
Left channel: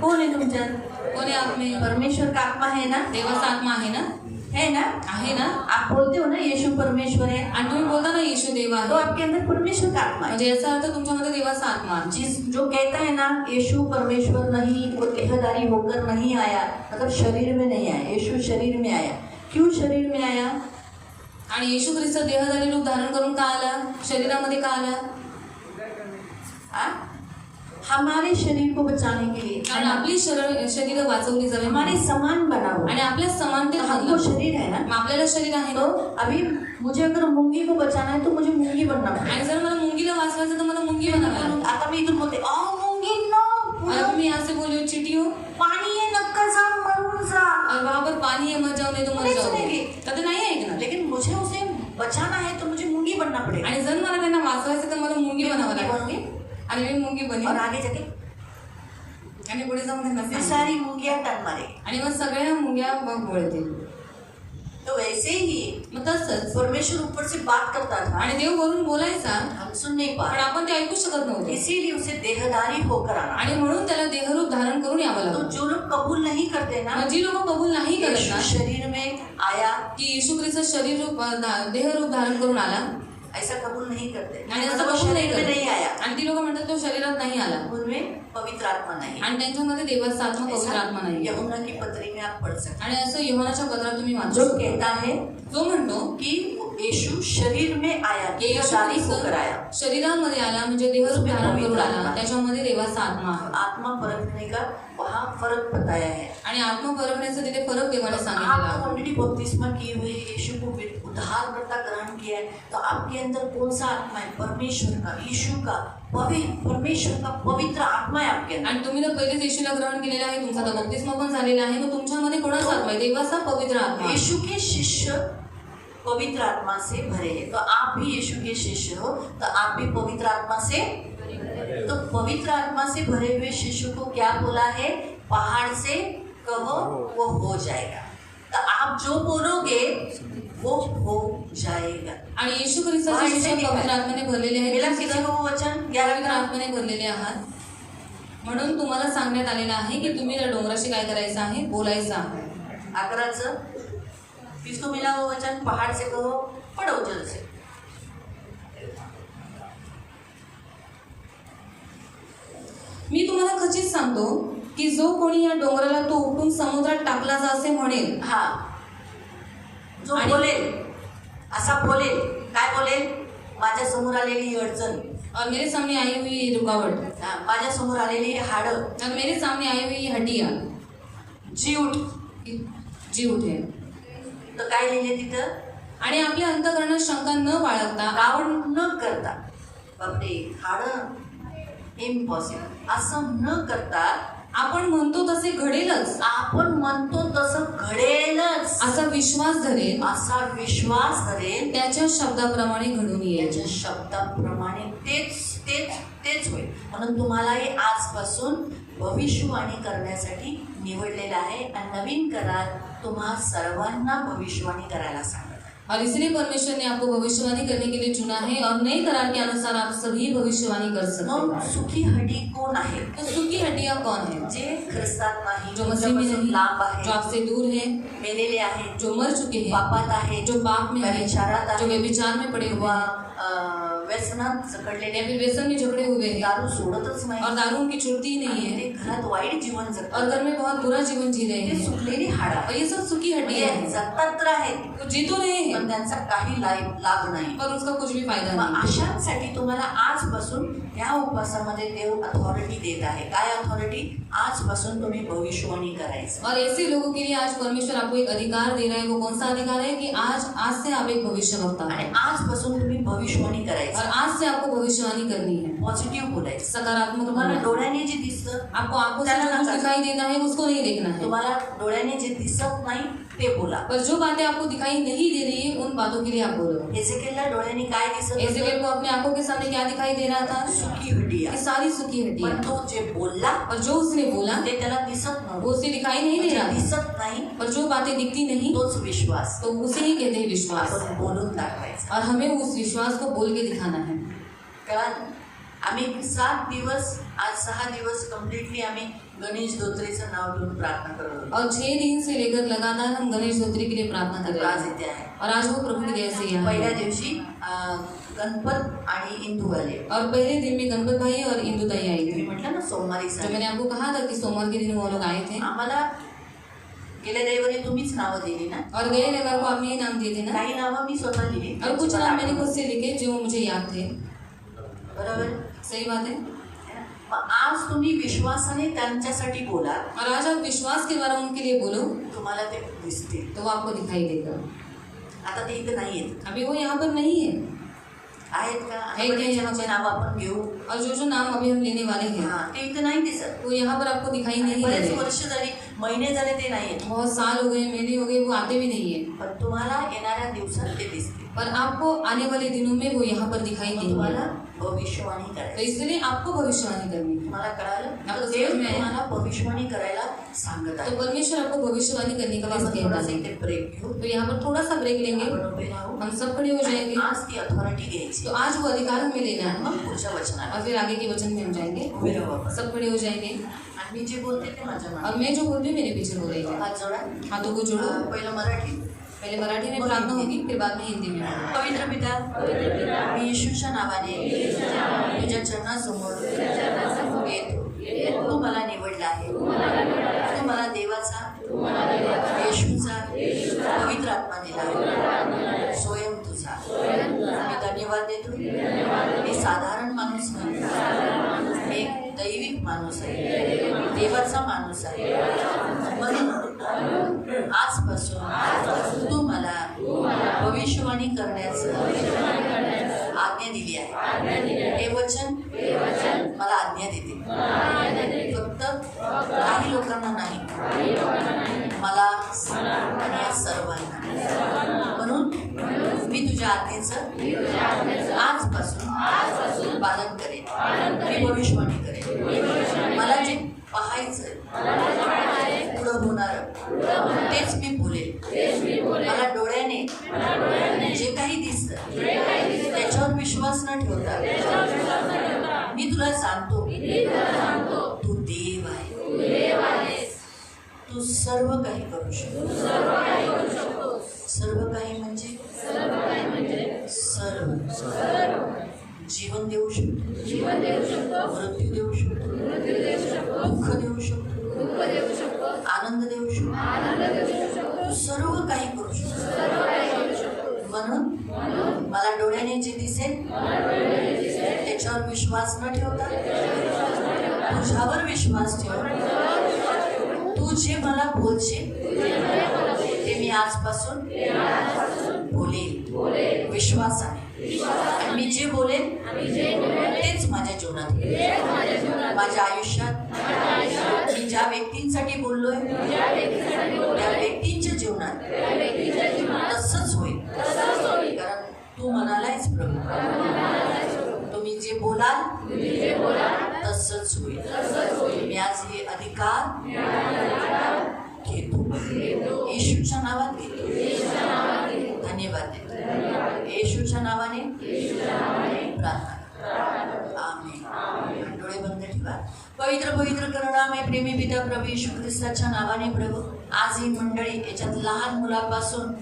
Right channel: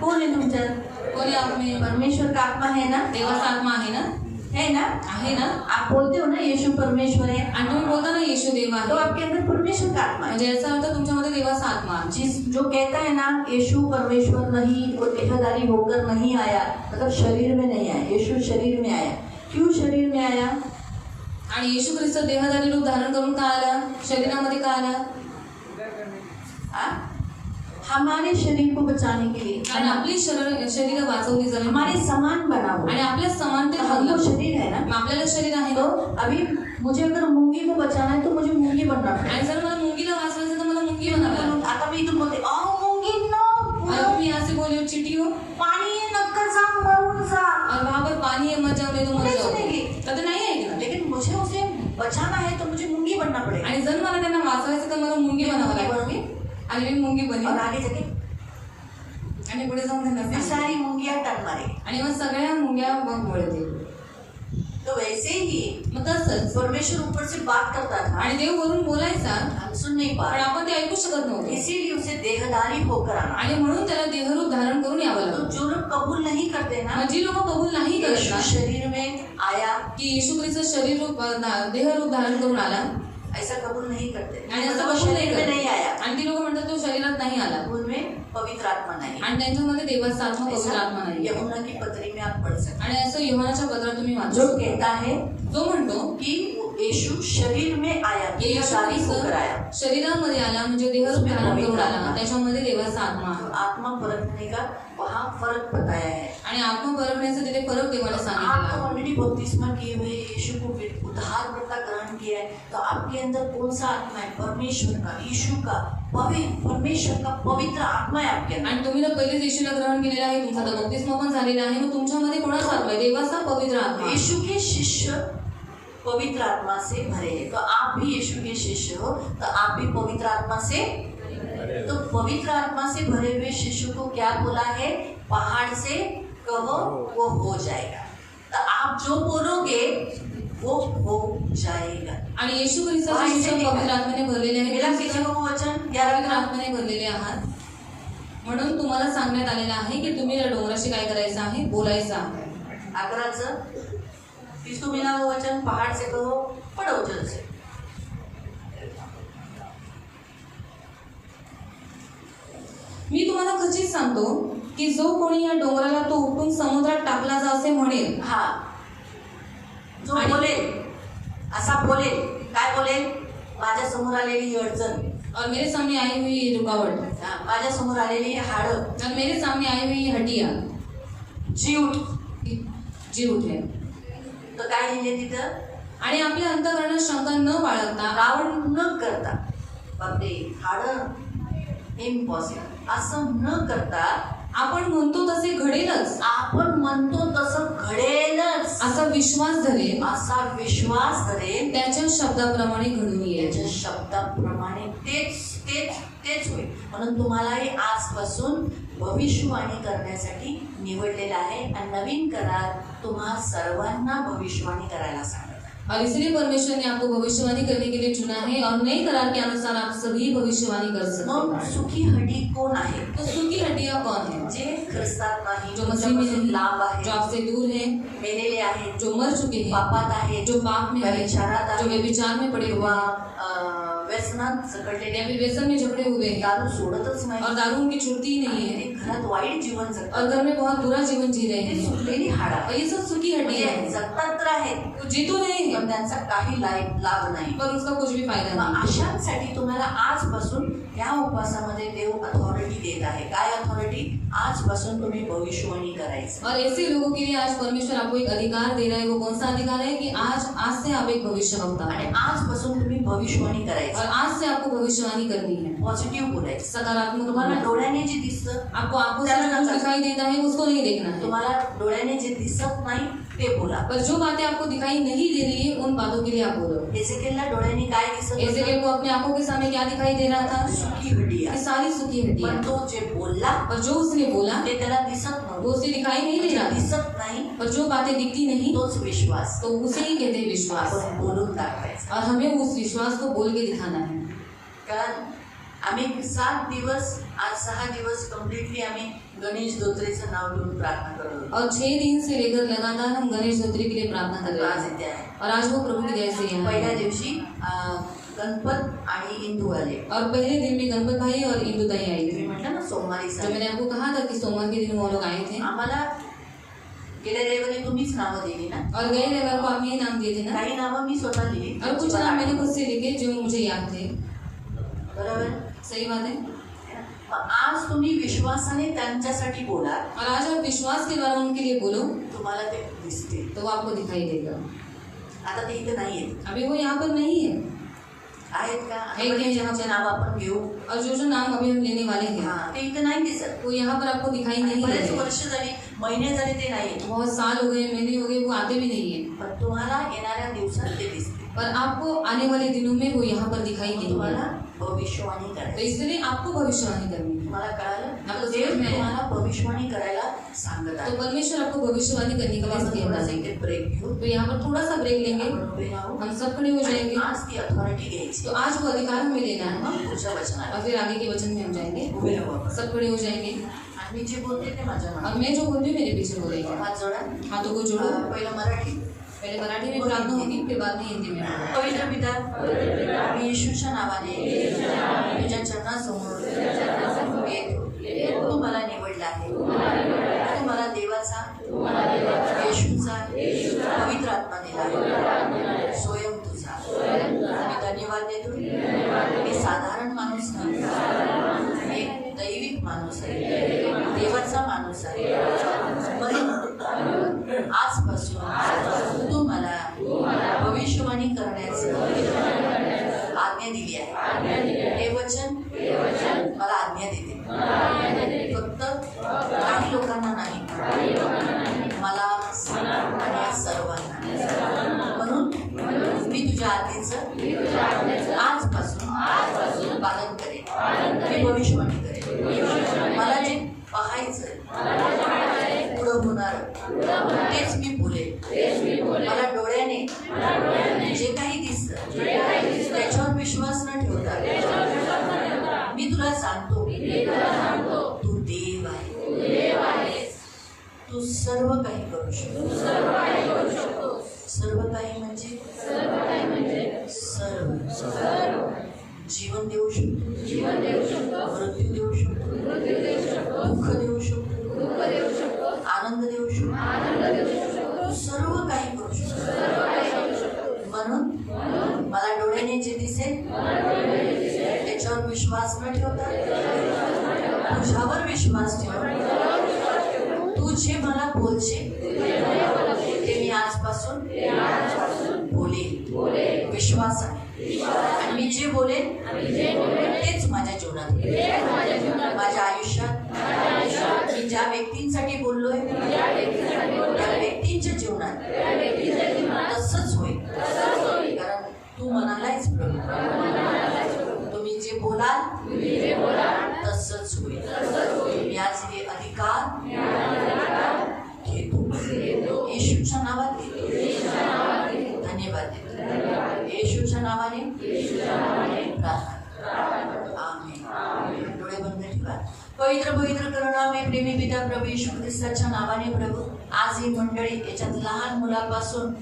कौन है तुमच्यात? कोणी आपले? परमेश्वर का आत्मा है ना? देवाचा आत्मा आहे ना? है ना? आहे ना? आप बोलते हो ना यीशु परमेश्वर है, आणि तुम्ही बोलता ना येशू देव तो आहे, आपके अंदर परमेश्वर का आत्मा है। म्हणजे याचा अर्थ तुमच्यामध्ये देवाचा आत्मा आहे। जिस जो कहता है ना यीशु परमेश्वर नहीं, वो देहधारी होकर नहीं आया, मतलब शरीर में नहीं आया, यीशु शरीर में आया। क्यों शरीर में आया? आणि येशू ख्रिस्त देहधारी रूप धारण करून का आला? शरीरामध्ये का आला? हाँ? हमारे शरीर को बचाने के लिए, कारण आपली शरीर वाचवली जावी, हमारे समान बना हुआ, आणि आपल्या समानतेत हम बनलो। तो शरीर है ना। मग आपल्याला शरीर आहे तो ना। अभी मुझे अगर मूंगी को बचाना है तो मुझे मूंगी बनना पड़ेगा। आणि जर मला मुंगीला वाचवायचं तर मला मुंगी बनावं लागेल। आता मी इथून बोलते मूंगी नो, और तुम्ही ऐसे बोले चिटियो, पानी है नक्कर जा मरून जा, और वहाँ पर पानी है मर जाओ, नहीं तो मर नहीं जाओ, सुनेंगे। कधी नाही ऐकणार। लेकिन मुझे उसे बचाना है तो मुझे मूंगी बनना पड़ेगा। आणि जर मला त्यांना वाचवायचं तर मला मुंगी बनावं मूंगी लागेल, बनूंगी आणि मी मुंगी और बनेन, आगे जाके आणि पुढे जाऊन त्यांना फिर सांगेन। सारी मूंगियां टन मारेगी। आणि मग सगळ्या मुंग्या बोलतील। तो वैसे ही मग तसंच परमेश्वर ऊपर से बात करता था, आणि देव वरून बोलायचा, हम सुन नहीं पा पण रहे, आपण ते ऐकू शकत नव्हतो, इसीलिए उसे देहधारी होकर आना। आणि म्हणून त्याला देहरूप धारण करून यावं तो लागलं। जो लोग कबूल नहीं करते ना, मग जी लोक कबूल नाही करत यीशु ना शरीर में आया, की येशू ख्रिस्त शरीर रूप देहरूप धारण करून आला, ऐसा कबूल नहीं करते, आणि असं मतलब कबूल नाही शरीर में करत, नहीं आया, आणि ती लोक म्हणतात तो शरीरात नाही आला, उनमें पवित्र आत्मा नहीं। आणि त्यांच्यामध्ये देवाचा आत्मा पवित्र ऐसा आत्मा नाही। यूहन्ना की पत्री में आप पढ़ सकते आणि असं योहानाच्या पत्रात तुम्ही हैं, वाचू जो शकता। कहता है जो म्हणतो कि यीशु शरीर में आया, येशू देहधारी होकर आया। ख्रिस्त शरीरामध्ये आला म्हणजे देहरूप धारण करून आला, त्याच्यामध्ये देवाचा आत्मा आहे। आत्मा परखने का वहाँ फर्क बताया है। आणि आत्मा परखण्याचा तिथे फरक देवाला सांगितलेला आप आहे। ऑलरेडी बपतिस्मा किए हुए, यीशु को उद्धारकर्ता ग्रहण किया है, तो आपके अंदर कौन सा आत्मा है? परमेश्वर का, यीशु का, परमेश्वर का पवित्र आत्मा है आपके अंदर। आणि तुम्ही तर पहिलेच येशूला ग्रहण केलेलं आहे, तुमचा तर बप्तिस्मा पण झालेला आहे, मग तुमच्यामध्ये कोणाचा आत्मा आहे? देवाचा पवित्र आत्मा आहे। यीशु के शिष्य पवित्र आत्मा से भरे हैं, तो आप भी यीशु के शिष्य हो, तो आप भी पवित्र आत्मा से, तो पवित्र आत्मा से भरे हुए शिष्य को क्या बोला है? पहाड़ से कहो वो हो जाएगा। तो आप जो बोलोगे वो हो जाएगा। आणि येशू ख्रिस्ताचे शिष्य पवित्र आत्म्याने भरलेले मिला आहेत, किसी को वचन? पवित्र आत्म्याने भरलेले आहात, म्हणून तुम्हाला सांगण्यात आलेलं आहे की तुम्ही या डोंगराशी काय करायचं आहे? बोलायचं आहे। 11 किसको मिला वो वचन? पहाड़ से कहो, पढ़ो जल्द से। मी तुम्हाला खचित सांगतो की जो कोणी या डोंगराला तो उपटून समुद्रात टाकला जा असे म्हणेल, हा जो आणि- बोलेल, असा बोलेल, काय बोलेल? माझ्या समोर आलेली ही अडचण, और मेरे सामने आई हुई ये रुकावट, हा, माझ्या समोर आलेली ही हाडं, और मेरे सामने आई हुई ये हड्डियां, जी उठ, जी उठे, तर काय लिहिले तिथं? आणि आपल्या अंतःकरणात शंका न बाळगता, रावण न करता, बापरे हाडं इम्पॉसिबल, असं न करता आपण म्हणतो तसे घडेलच आपण म्हणतो तसं घडेलच असा विश्वास धरेल, असा विश्वास धरेल, त्याच्या शब्दाप्रमाणे घडून येईल। त्याच्या शब्दाप्रमाणे तेच तेच तेच होईल। म्हणून तुम्हालाही आजपासून भविष्यवाणी करण्यासाठी निवडलेलं आहे, आणि नवीन करार तुम्हा सर्वांना भविष्यवाणी करायला सांगत आहे। और इसलिए परमेश्वर ने आपको भविष्यवाणी करने के लिए चुना है और नए करार के अनुसार आप सभी भविष्यवाणी कर सकते मग हैं। सुखी हड्डी कोण आहे? तो सुखी हड्डियां कौन है? जे ख्रिस्तात नाही, जो मसीह में नहीं, लांब जो आहे, आपसे दूर है, मेलेले आहे, जो मर चुके हैं, पापात आहे, जो पाप में है, व्यभिचारात जो आहे, व्यभिचार में पड़े हुए किंवा हैं, व्यसनात जकडलेले या फिर व्यसन में जकड़े हुए हैं दारू सोडतच और नाही, दारू उनकी छूटती ही नहीं ते है घरात वाईट जीवन और जगतात, घर में बहुत बुरा जीवन जी रहे ते हैं। सुटलेली हाड और आहे. ये सब सुखी हड्डियां हैं, जगतात तर आहेत, वो जी तो रहे पण हैं त्यांचा काही लाभ नाही. पर उसका कुछ भी फायदा मग नहीं। अशांसाठी तुम्हाला आजपासून या उपवासामध्ये देव अथॉरिटी देत आहे. काय अथॉरिटी? आजपासून तुम्ही भविष्यवाणी करायचं. और ऐसे लोगों के लिए आज परमेश्वर आपको एक अधिकार दे रहा है। वो कौन सा अधिकार है? कि आज से आप एक भविष्यवक्ता आणि हैं आजपासून तुम्ही भविष्यवाणी करायचं. और आज से आपको भविष्यवाणी करनी है, पॉझिटिव्ह बोलायचं. सकारात्मक तुम्हाला बोलना। डोळ्याने जे दिसतं, आपको आंखों से जो कुछ दिखाई देता है उसको नहीं देखना है, तुम्हाला डोळ्याने जे दिसत नाही ते बोला. पर जो बातें आपको दिखाई नहीं दे रही है उन बातों के लिए आप बोलो। एजेकियलला डोळ्याने काय दिसत एजेकियल को अपने आंखों के सामने क्या दिखाई दे रहा था? सुखी हड्डी ये आहे. सारी सुखी हड्डियां। पण तो जे बोलला और जो उसने बोला ते त्याला दिसत वो नव्हतं. उसे दिखाई नहीं दे रहा था, दिसत नाही पर जो बातें दिखती नहीं तोच विश्वास. तो उसे ही कहते हैं विश्वास। आपण बोलून दाखवायचा. और हमें उस विश्वास को बोल के दिखाना है। कारण आम्ही 7 दिवस, आज 6 दिवस कम्प्लिटली आम्ही गणेश धोत्रेचं नाव घेऊन प्रार्थना करत होतो. और 6 दिन से लेकर लगातार हम गणेश धोत्री के लिए प्रार्थना कर तर रहे आज हैं इथे आहे. और आज वो प्रभु की दया से यहाँ पहिल्या है। दिवशी गणपत आणि इंदू आले. और पहले दिन में गणपत भाई और इंदु दाई आई मी थी। म्हटलं ना सोमवारी जो सांगितलं. मैंने आपको कहा था कि सोमवार के दिन वो लोग आए थे आम्हाला गेल्या रविवारी तुम्हीच नावं दिली ना. और गए रविवार को आपने ये नाम दिए थे ना, काही नावं मी स्वतः लिहिली. और कुछ नाम मैंने खुद से लिखे जो मुझे याद थे। बरोबर. सही बात है। मग आज तुम्ही विश्वासाने त्यांच्यासाठी बोला. और आज आप विश्वास के द्वारा उनके लिए बोलो तुम्हाला ते दिसतील. तो वो आपको दिखाई देगा। आता ते इथं नाही आहेत. अभी वो यहाँ पर नहीं है। आहेत का? है के ज्यांचे नाव आपण घेऊ, और जो जो नाम अभी हम लेने वाले हैं हा, ते इथं नाही दिसत. वो यहाँ पर आपको दिखाई नहीं दे बरेच रहे। वर्ष झाली, महिने झाले ते नाही आहेत. बहुत साल हो गए, महीने हो गए, वो आते भी नहीं है। पण तुम्हाला येणाऱ्या दिवसात ते दिसतील. पर आपको आने वाले दिनों में वो यहाँ पर दिखाई तुम्हाला देंगे। भविष्यवाणी तो करायची. इसलिए आपको भविष्यवाणी करनी है। तुम्हाला कळालं? आता देव समज में तुम्हाला भविष्यवाणी करायला सांगत तो आहे. परमेश्वर आपको भविष्यवाणी करने के लिए आपण कहता थोडासा है। इथे ब्रेक घेऊ. तो यहाँ पर थोड़ा सा ब्रेक लेंगे, आपण उभे राहू. हम सब खड़े हो जाएंगे। आज ती अथॉरिटी घ्यायची. तो आज वो अधिकार हमें लेना है मग पुढच्या वचनाला और फिर आगे के वचन में हम जाएंगे। उभे राहू. सब खड़े हो जाएंगे आणि मी जे बोलते ते माझ्या और मैं जो बोल रही हूँ मेरे पीछे हो रही है। हात जोडा. हाथों को जोड़ो। पहिलं मराठी. पहले मराठी में प्रार्थना होगी, फिर बाद में हिंदी में। पवित्र पिता, मी येशूच्या नावाने तुझ्या चरणासमोर येतो. तू मला निवडला आहे. तू मला देवाचा, येशूचा पवित्र आत्मा दिला आहे. स्वयं तुझा. मी धन्यवाद देतो. मी साधारण माणूस नाही, एक दैविक माणूस आहे, देवाचा माणूस आहे. म्हणून आजपासून तू मला भविष्यवाणी करण्याचं आज्ञा दिली आहे. हे वचन मला आज्ञा देते. फक्त काही लोकांना नाही, मला आणि या सर्वांना. म्हणून मी तुझ्या आज्ञेचं आजपासून पालन करेन. मी भविष्यवाणी करेन. मला जे पाहायचं पुढं होणार तेच मी बोलेन. मला डोळ्याने जे काही दिसतं त्याच्यावर विश्वास न ठेवता मी तुला सांगतो, तू देव आहे. तू सर्व काही करू शकतो. सर्व काही म्हणजे सर्व. जीवन देऊ शकतो, मृत्यू देऊ शकतो, दुःख देऊ शकतो, आनंद देऊ शकतो. तू सर्व काही करू शकतो. म्हणून मला डोळ्याने जे दिसेल त्याच्यावर विश्वास न ठेवता तुझ्यावर विश्वास ठेव. तू जे मला बोलशील ते मी आजपासून बोलेन विश्वासाने. आणि मी जे बोलेन तेच माझ्या जीवनात होईल. माझ्या आयुष्यात मी ज्या व्यक्तींसाठी बोललोय त्या व्यक्तींच्या जीवनात तसंच होईल. कारण तू म्हणालायच प्रभू, तुम्ही जे बोलाल तसंच होईल. मी आज हे अधिकार घेतो. येशूच्या नावात घेतो. धन्यवाद देतो. पवित्र पवित्र करुणामय प्रेमी पिता प्रभू येशू ख्रिस्ताच्या नावाने प्रभू आज ही मंडळी याच्यात लहान मुलापासून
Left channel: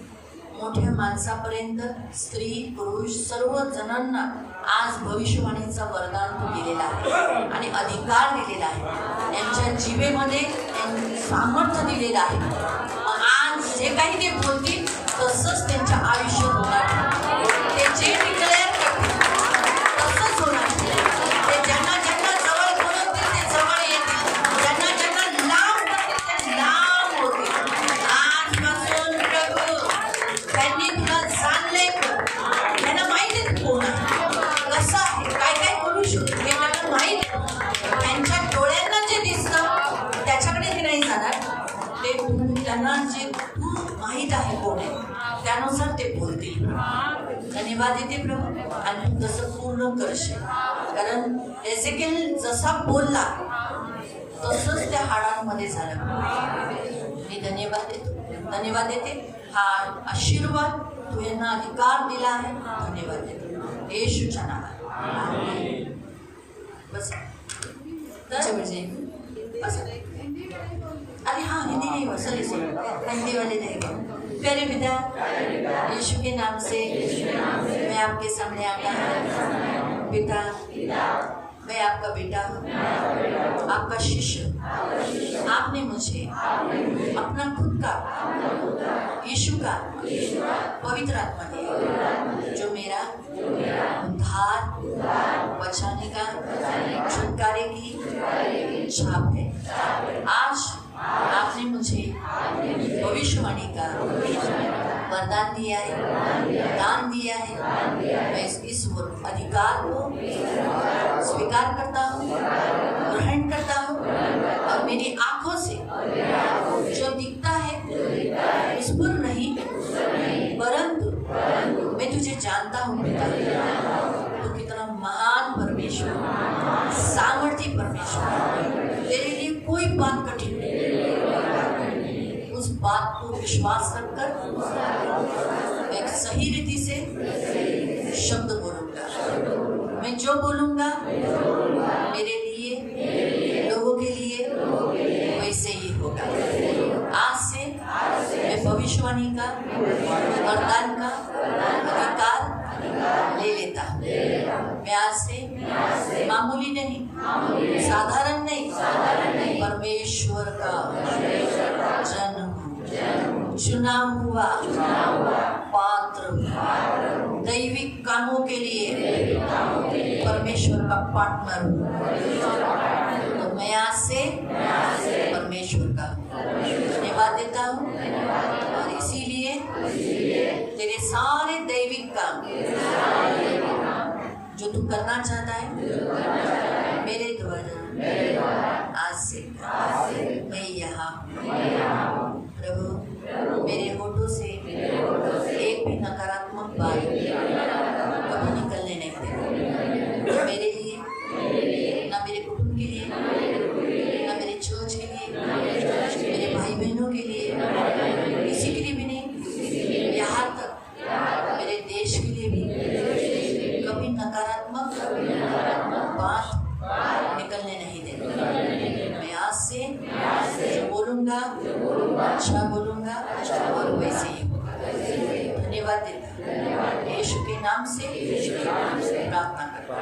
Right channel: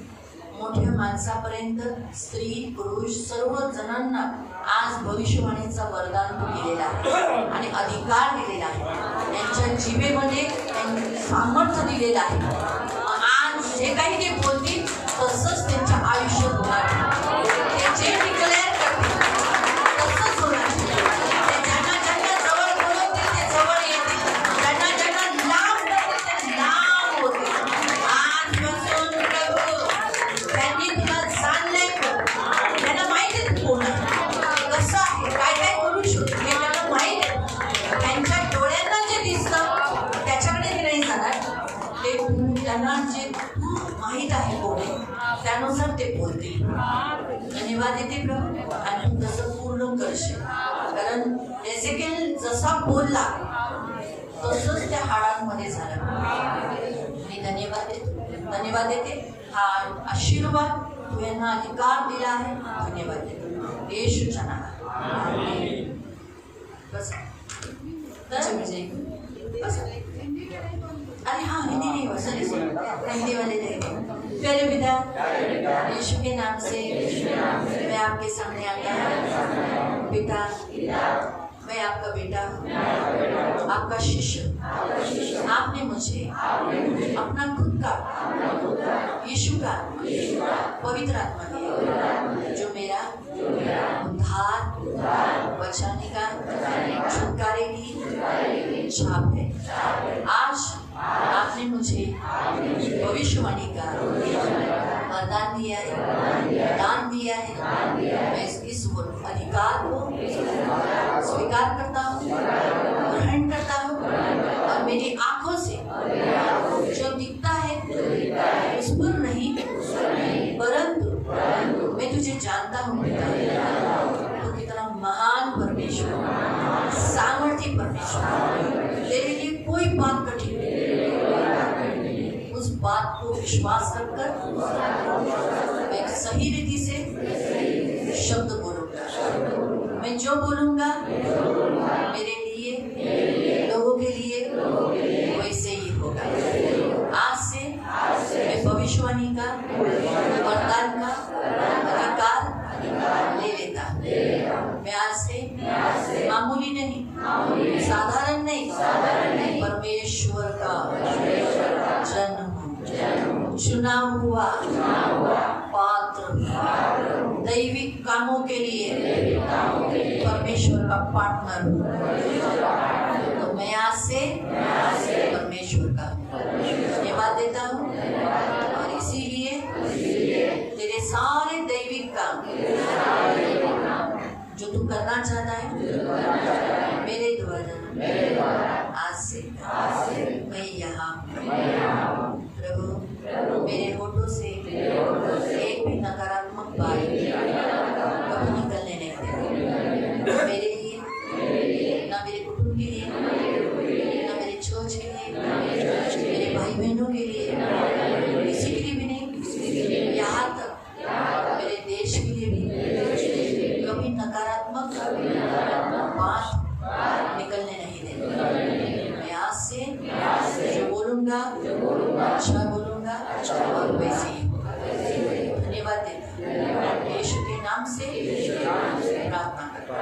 मोठ्या माणसापर्यंत स्त्री पुरुष सर्व जणांना आज भविष्यवाणीचा वरदान तू दिलेला आहे आणि अधिकार दिलेला आहे. त्यांच्या जीवेमध्ये सामर्थ्य दिलेलं आहे. आज जे काही ते बोलतील तसंच त्यांच्या आयुष्यात होणार. ते जे डिक्लेअर करतील तसंच होणार. ते ज्यांना ज्यांना जवळ बोलवतील ते जवळ येतील. ज्यांना ज्यांना लांब बोलवतील ते लांब होतील. आजपासून प्रभू त्यांनी तुला जाणलंय. त्यांना माहिती आहे कोण आहे, कसं आहे, काय काय करू शकतो हे त्यांना माहीत आहे. त्यांच्या डोळ्यांना जे दिसतं त्याच्याकडे ते नाही जाणार. ते त्यांना जे माहीत आहे कोण आहे त्यानुसार ते बोलतील. धन्यवाद देते प्रभू आणि तू तसं पूर्ण करशील. कारण एसेकिएल जसा बोलला तसंच त्या हाडांमध्ये झालं. मी धन्यवाद देते. हा आशीर्वाद तू यांना अधिकार दिला आहे. धन्यवाद देते येशूच्या नावात. बस अरे हाँ हिंदी नहीं हो सॉरी हिंदी वाले नहीं. प्यारे पिता यीशु के नाम से मैं आपके सामने आता हूँ. पिता मैं आपका बेटा हूँ, आपका शिष्य. आपने मुझे अपना खुद का यीशु का पवित्र आत्मा दिया जो मेरा उद्धार बचाने का छुटकारे की छाप है. आज आपने मुझे भविष्यवाणी का वरदान दिया है, दान दिया है. मैं इस अधिकार को स्वीकार करता हूँ, ग्रहण करता हूँ और मेरी आंखों से जो दिखता है उस पर नहीं परंतु मैं तुझे जानता हूँ पिता. तू कितना महान परमेश्वर, सामर्थी परमेश्वर. तेरे लिए कोई बात कठिन नहीं. उस बात को विश्वास रखकर मैं सही रीति से शब्द बोलूंगा. मैं जो बोलूंगा मेरे लिए लोगों के लिए वैसे ही होगा. आज से मैं भविष्यवाणी का वरदान का अधिकार ले लेता. मैं आज से मामूली नहीं, साधारण नहीं, परमेश्वर का जन्म चुना हुआ पात्र दैविक कामों के लिए परमेश्वर का पार्टनर हूँ. तो मैं आज से परमेश्वर का धन्यवाद देता हूँ और इसीलिए तेरे सारे दैविक काम जो तू करना चाहता है मेरे द्वारा आज से मैं यहाँ प्रभु मेरे होठों से एक भी नकारात्मक बात कभी निकलने नहीं देता. मेरे लिए ना मेरे कुटुंब के लिए ना मेरे चर्च के लिए मेरे भाई बहनों के लिए किसी के लिए भी नहीं. यहाँ तक मेरे देश के लिए भी कभी नकारात्मक बात निकलने नहीं देता. मैं आज से बोलूँगा अच्छा बोलूँगा और वैसे ही. धन्यवाद देता यीशु के नाम से प्रार्थना करता.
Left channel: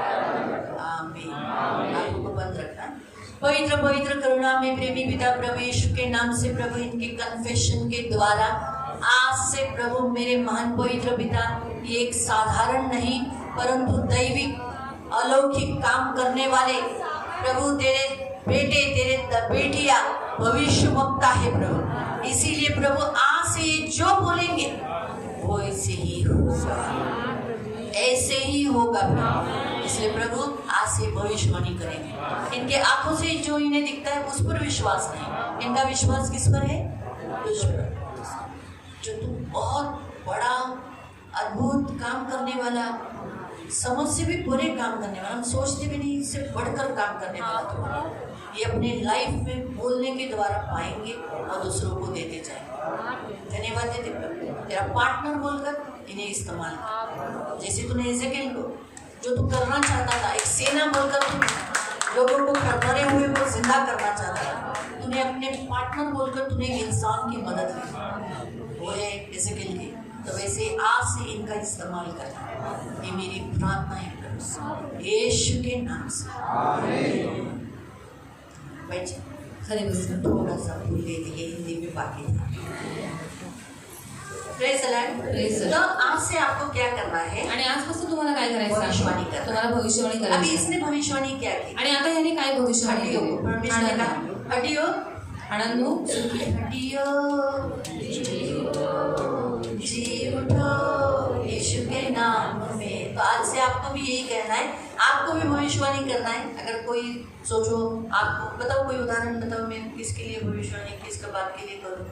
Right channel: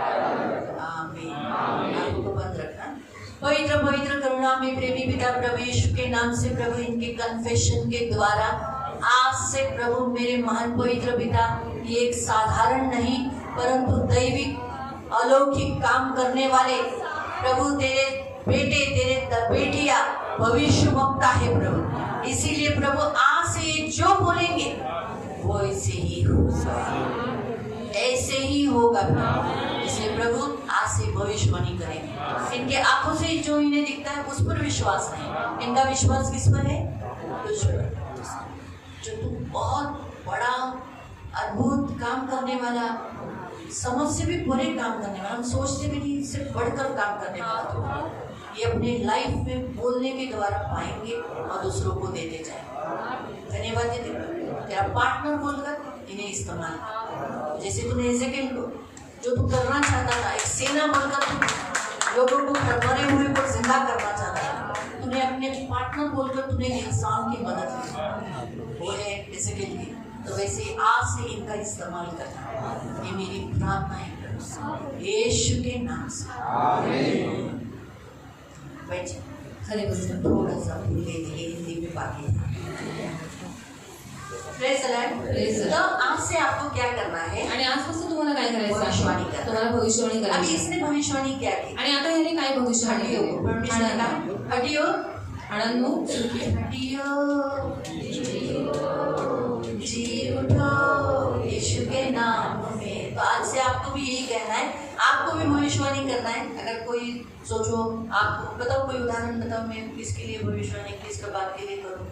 आमीन. आपको बंद रखना. पवित्र पवित्र करुणा में प्रेमी पिता प्रभु यीशु के नाम से प्रभु इनके कन्फेशन के द्वारा आज से प्रभु मेरे महान पवित्र पिता ये एक साधारण नहीं परंतु दैविक अलौकिक काम करने वाले प्रभु तेरे बेटे तेरे बेटियां भविष्य वक्ता है प्रभु. इसीलिए प्रभु आज से ये जो बोलेंगे वो ऐसे ही होगा, ऐसे ही होगा प्रभु. इसलिए प्रभु आज से भविष्यवाणी करेंगे. इनके आंखों से जो इन्हें दिखता है उस पर विश्वास नहीं. इनका विश्वास किस पर है? तुझ पर. जो तू बहुत बड़ा अद्भुत काम करने वाला, समझ से भी बुरे काम करने वाला, हम सोचते भी नहीं इससे बढ़कर काम करने वाला तो ये अपने लाइफ में बोलने के द्वारा पाएंगे और दूसरों को देते जाएंगे. धन्यवाद देते तेरा पार्टनर बोलकर इन्हें इस्तेमाल. जैसे तूने एजेकिएल को जो तू करना चाहता था एक सेना बोलकर तू लोगों को मरे हुए को पार्टनर बोलकर तूने एक इंसान की मदद की, वो है इज़राइल की, तो वैसे आज से इनका इस्तेमाल करना। ये मेरी प्रार्थना है यीशु के नाम से, आमीन। बैठिए, खरे बसून थोड़ा सा भूल गए थे, ये हिंदी में बाकी था। Praise the Lord. Praise the Lord. तो आज से आपको क्या करना है? आणि आजपासून तुम्हाला काय करायचं भविष्यवाणी आहे? करा. तुम्हाला भविष्यवाणी अभी करायची इसने भविष्यवाणी क्या की? आणि आता ह्याने काय भविष्यवाणी हटियो, केली? परमेश्वर ने कहा, हटियो, आनंदो हटियो, जी उठो यीशु के नाम में। तो आज से आपको भी यही कहना है, आपको भी भविष्यवाणी करना है। अगर कोई सोचो, आप बताओ, कोई उदाहरण बताओ, मैं किसके लिए भविष्यवाणी, किसके बात के लिए करूँ?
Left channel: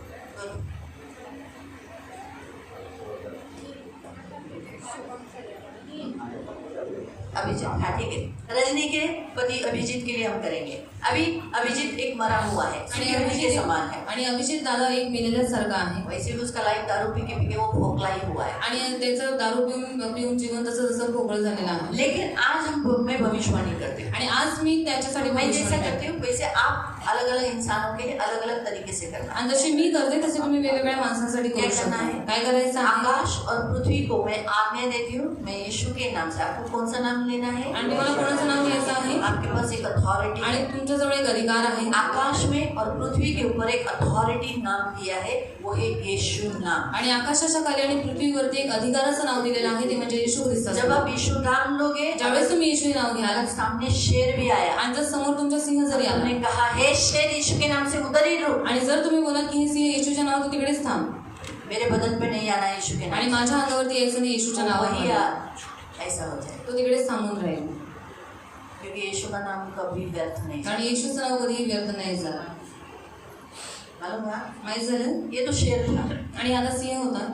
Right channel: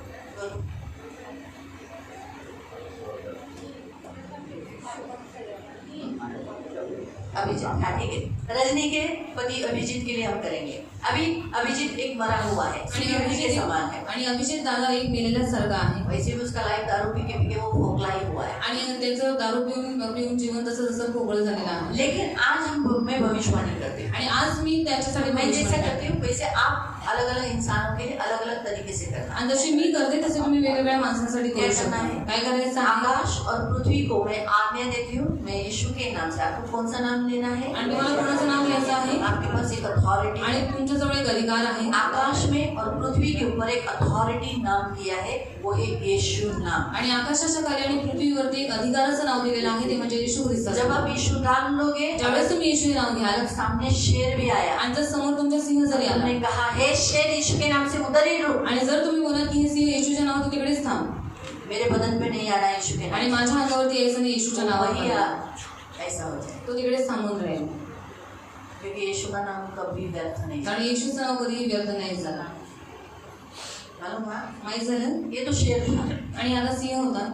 अभिजीत, हाँ ठीक है। रजनी के पति अभिजीत के लिए हम करेंगे। अभी अभिजीत एक मरा हुआ है, आणि सूर्यमुखी के समान है। आणि अभिजित दादा एक मेलेल्यासारखा आहे वैसे भी उसका लाइफ दारू पी के वो खोखला ही हुआ है। आणि त्याचं दारू पिऊन जीवन तसं भोगळ झालेलं आहे। लेकिन आज मैं भविष्यवाणी करती हूँ, आणि आज मी त्याच्यासाठी मैं जैसे भविष्यवाणी करती हूँ वैसे आप अलग अलग इंसानों के लिए अलग अलग तरीके से करना। आणि जशी मी करते तसे तुम्ही वेगवेगळ्या माणसांसाठी क्या करू करना शकता। है? काय करायचं आहे? आकाश और पृथ्वी को मैं आज्ञा देती हूँ, मैं यीशु के नाम से। आपको कौन सा नाम लेना है? आणि तुम्हाला कोणाचं नाव घ्यायचं आहे? आपके पास एक अथॉरिटी आणि है। तुमच्याजवळ एक अधिकार आहे। आकाश में और पृथ्वी के ऊपर एक अथॉरिटी नाम दिया है, वो है यीशु नाम। आणि आकाशाच्या खाली आणि पृथ्वीवरती एक अधिकाराचं नाव दिलेलं आहे, ते म्हणजे येशू ख्रिस्त। जब आप यीशु नाम लोगे, ज्यावेळेस तुम्ही येशू हे नाव घ्याल सामने शेर भी आया, आणि जर समोर तुमचा सिंह जरी आला हमने कहा हे शेर यीशु के नाम से उधर ही रुक, आणि जर तुम्ही बोलाल की हे सिंह येशूच्या नाव, तू तिकडेच थांब मेरे बदन पे नहीं आना यीशु के आणि नाम माझ्या अंगावरती यायचं नाही येशूच्या से, वही नावावर, ऐसा हो जाए, तो तिकडेच थांबून राहील। क्योंकि यीशु का नाम कभी व्यर्थ नहीं जाता। आणि येशूचं नाव कधीही व्यर्थ नाही झालं। मालूम हुआ? माहित झालं? ये तो शेर था। आणि आता सिंह होता।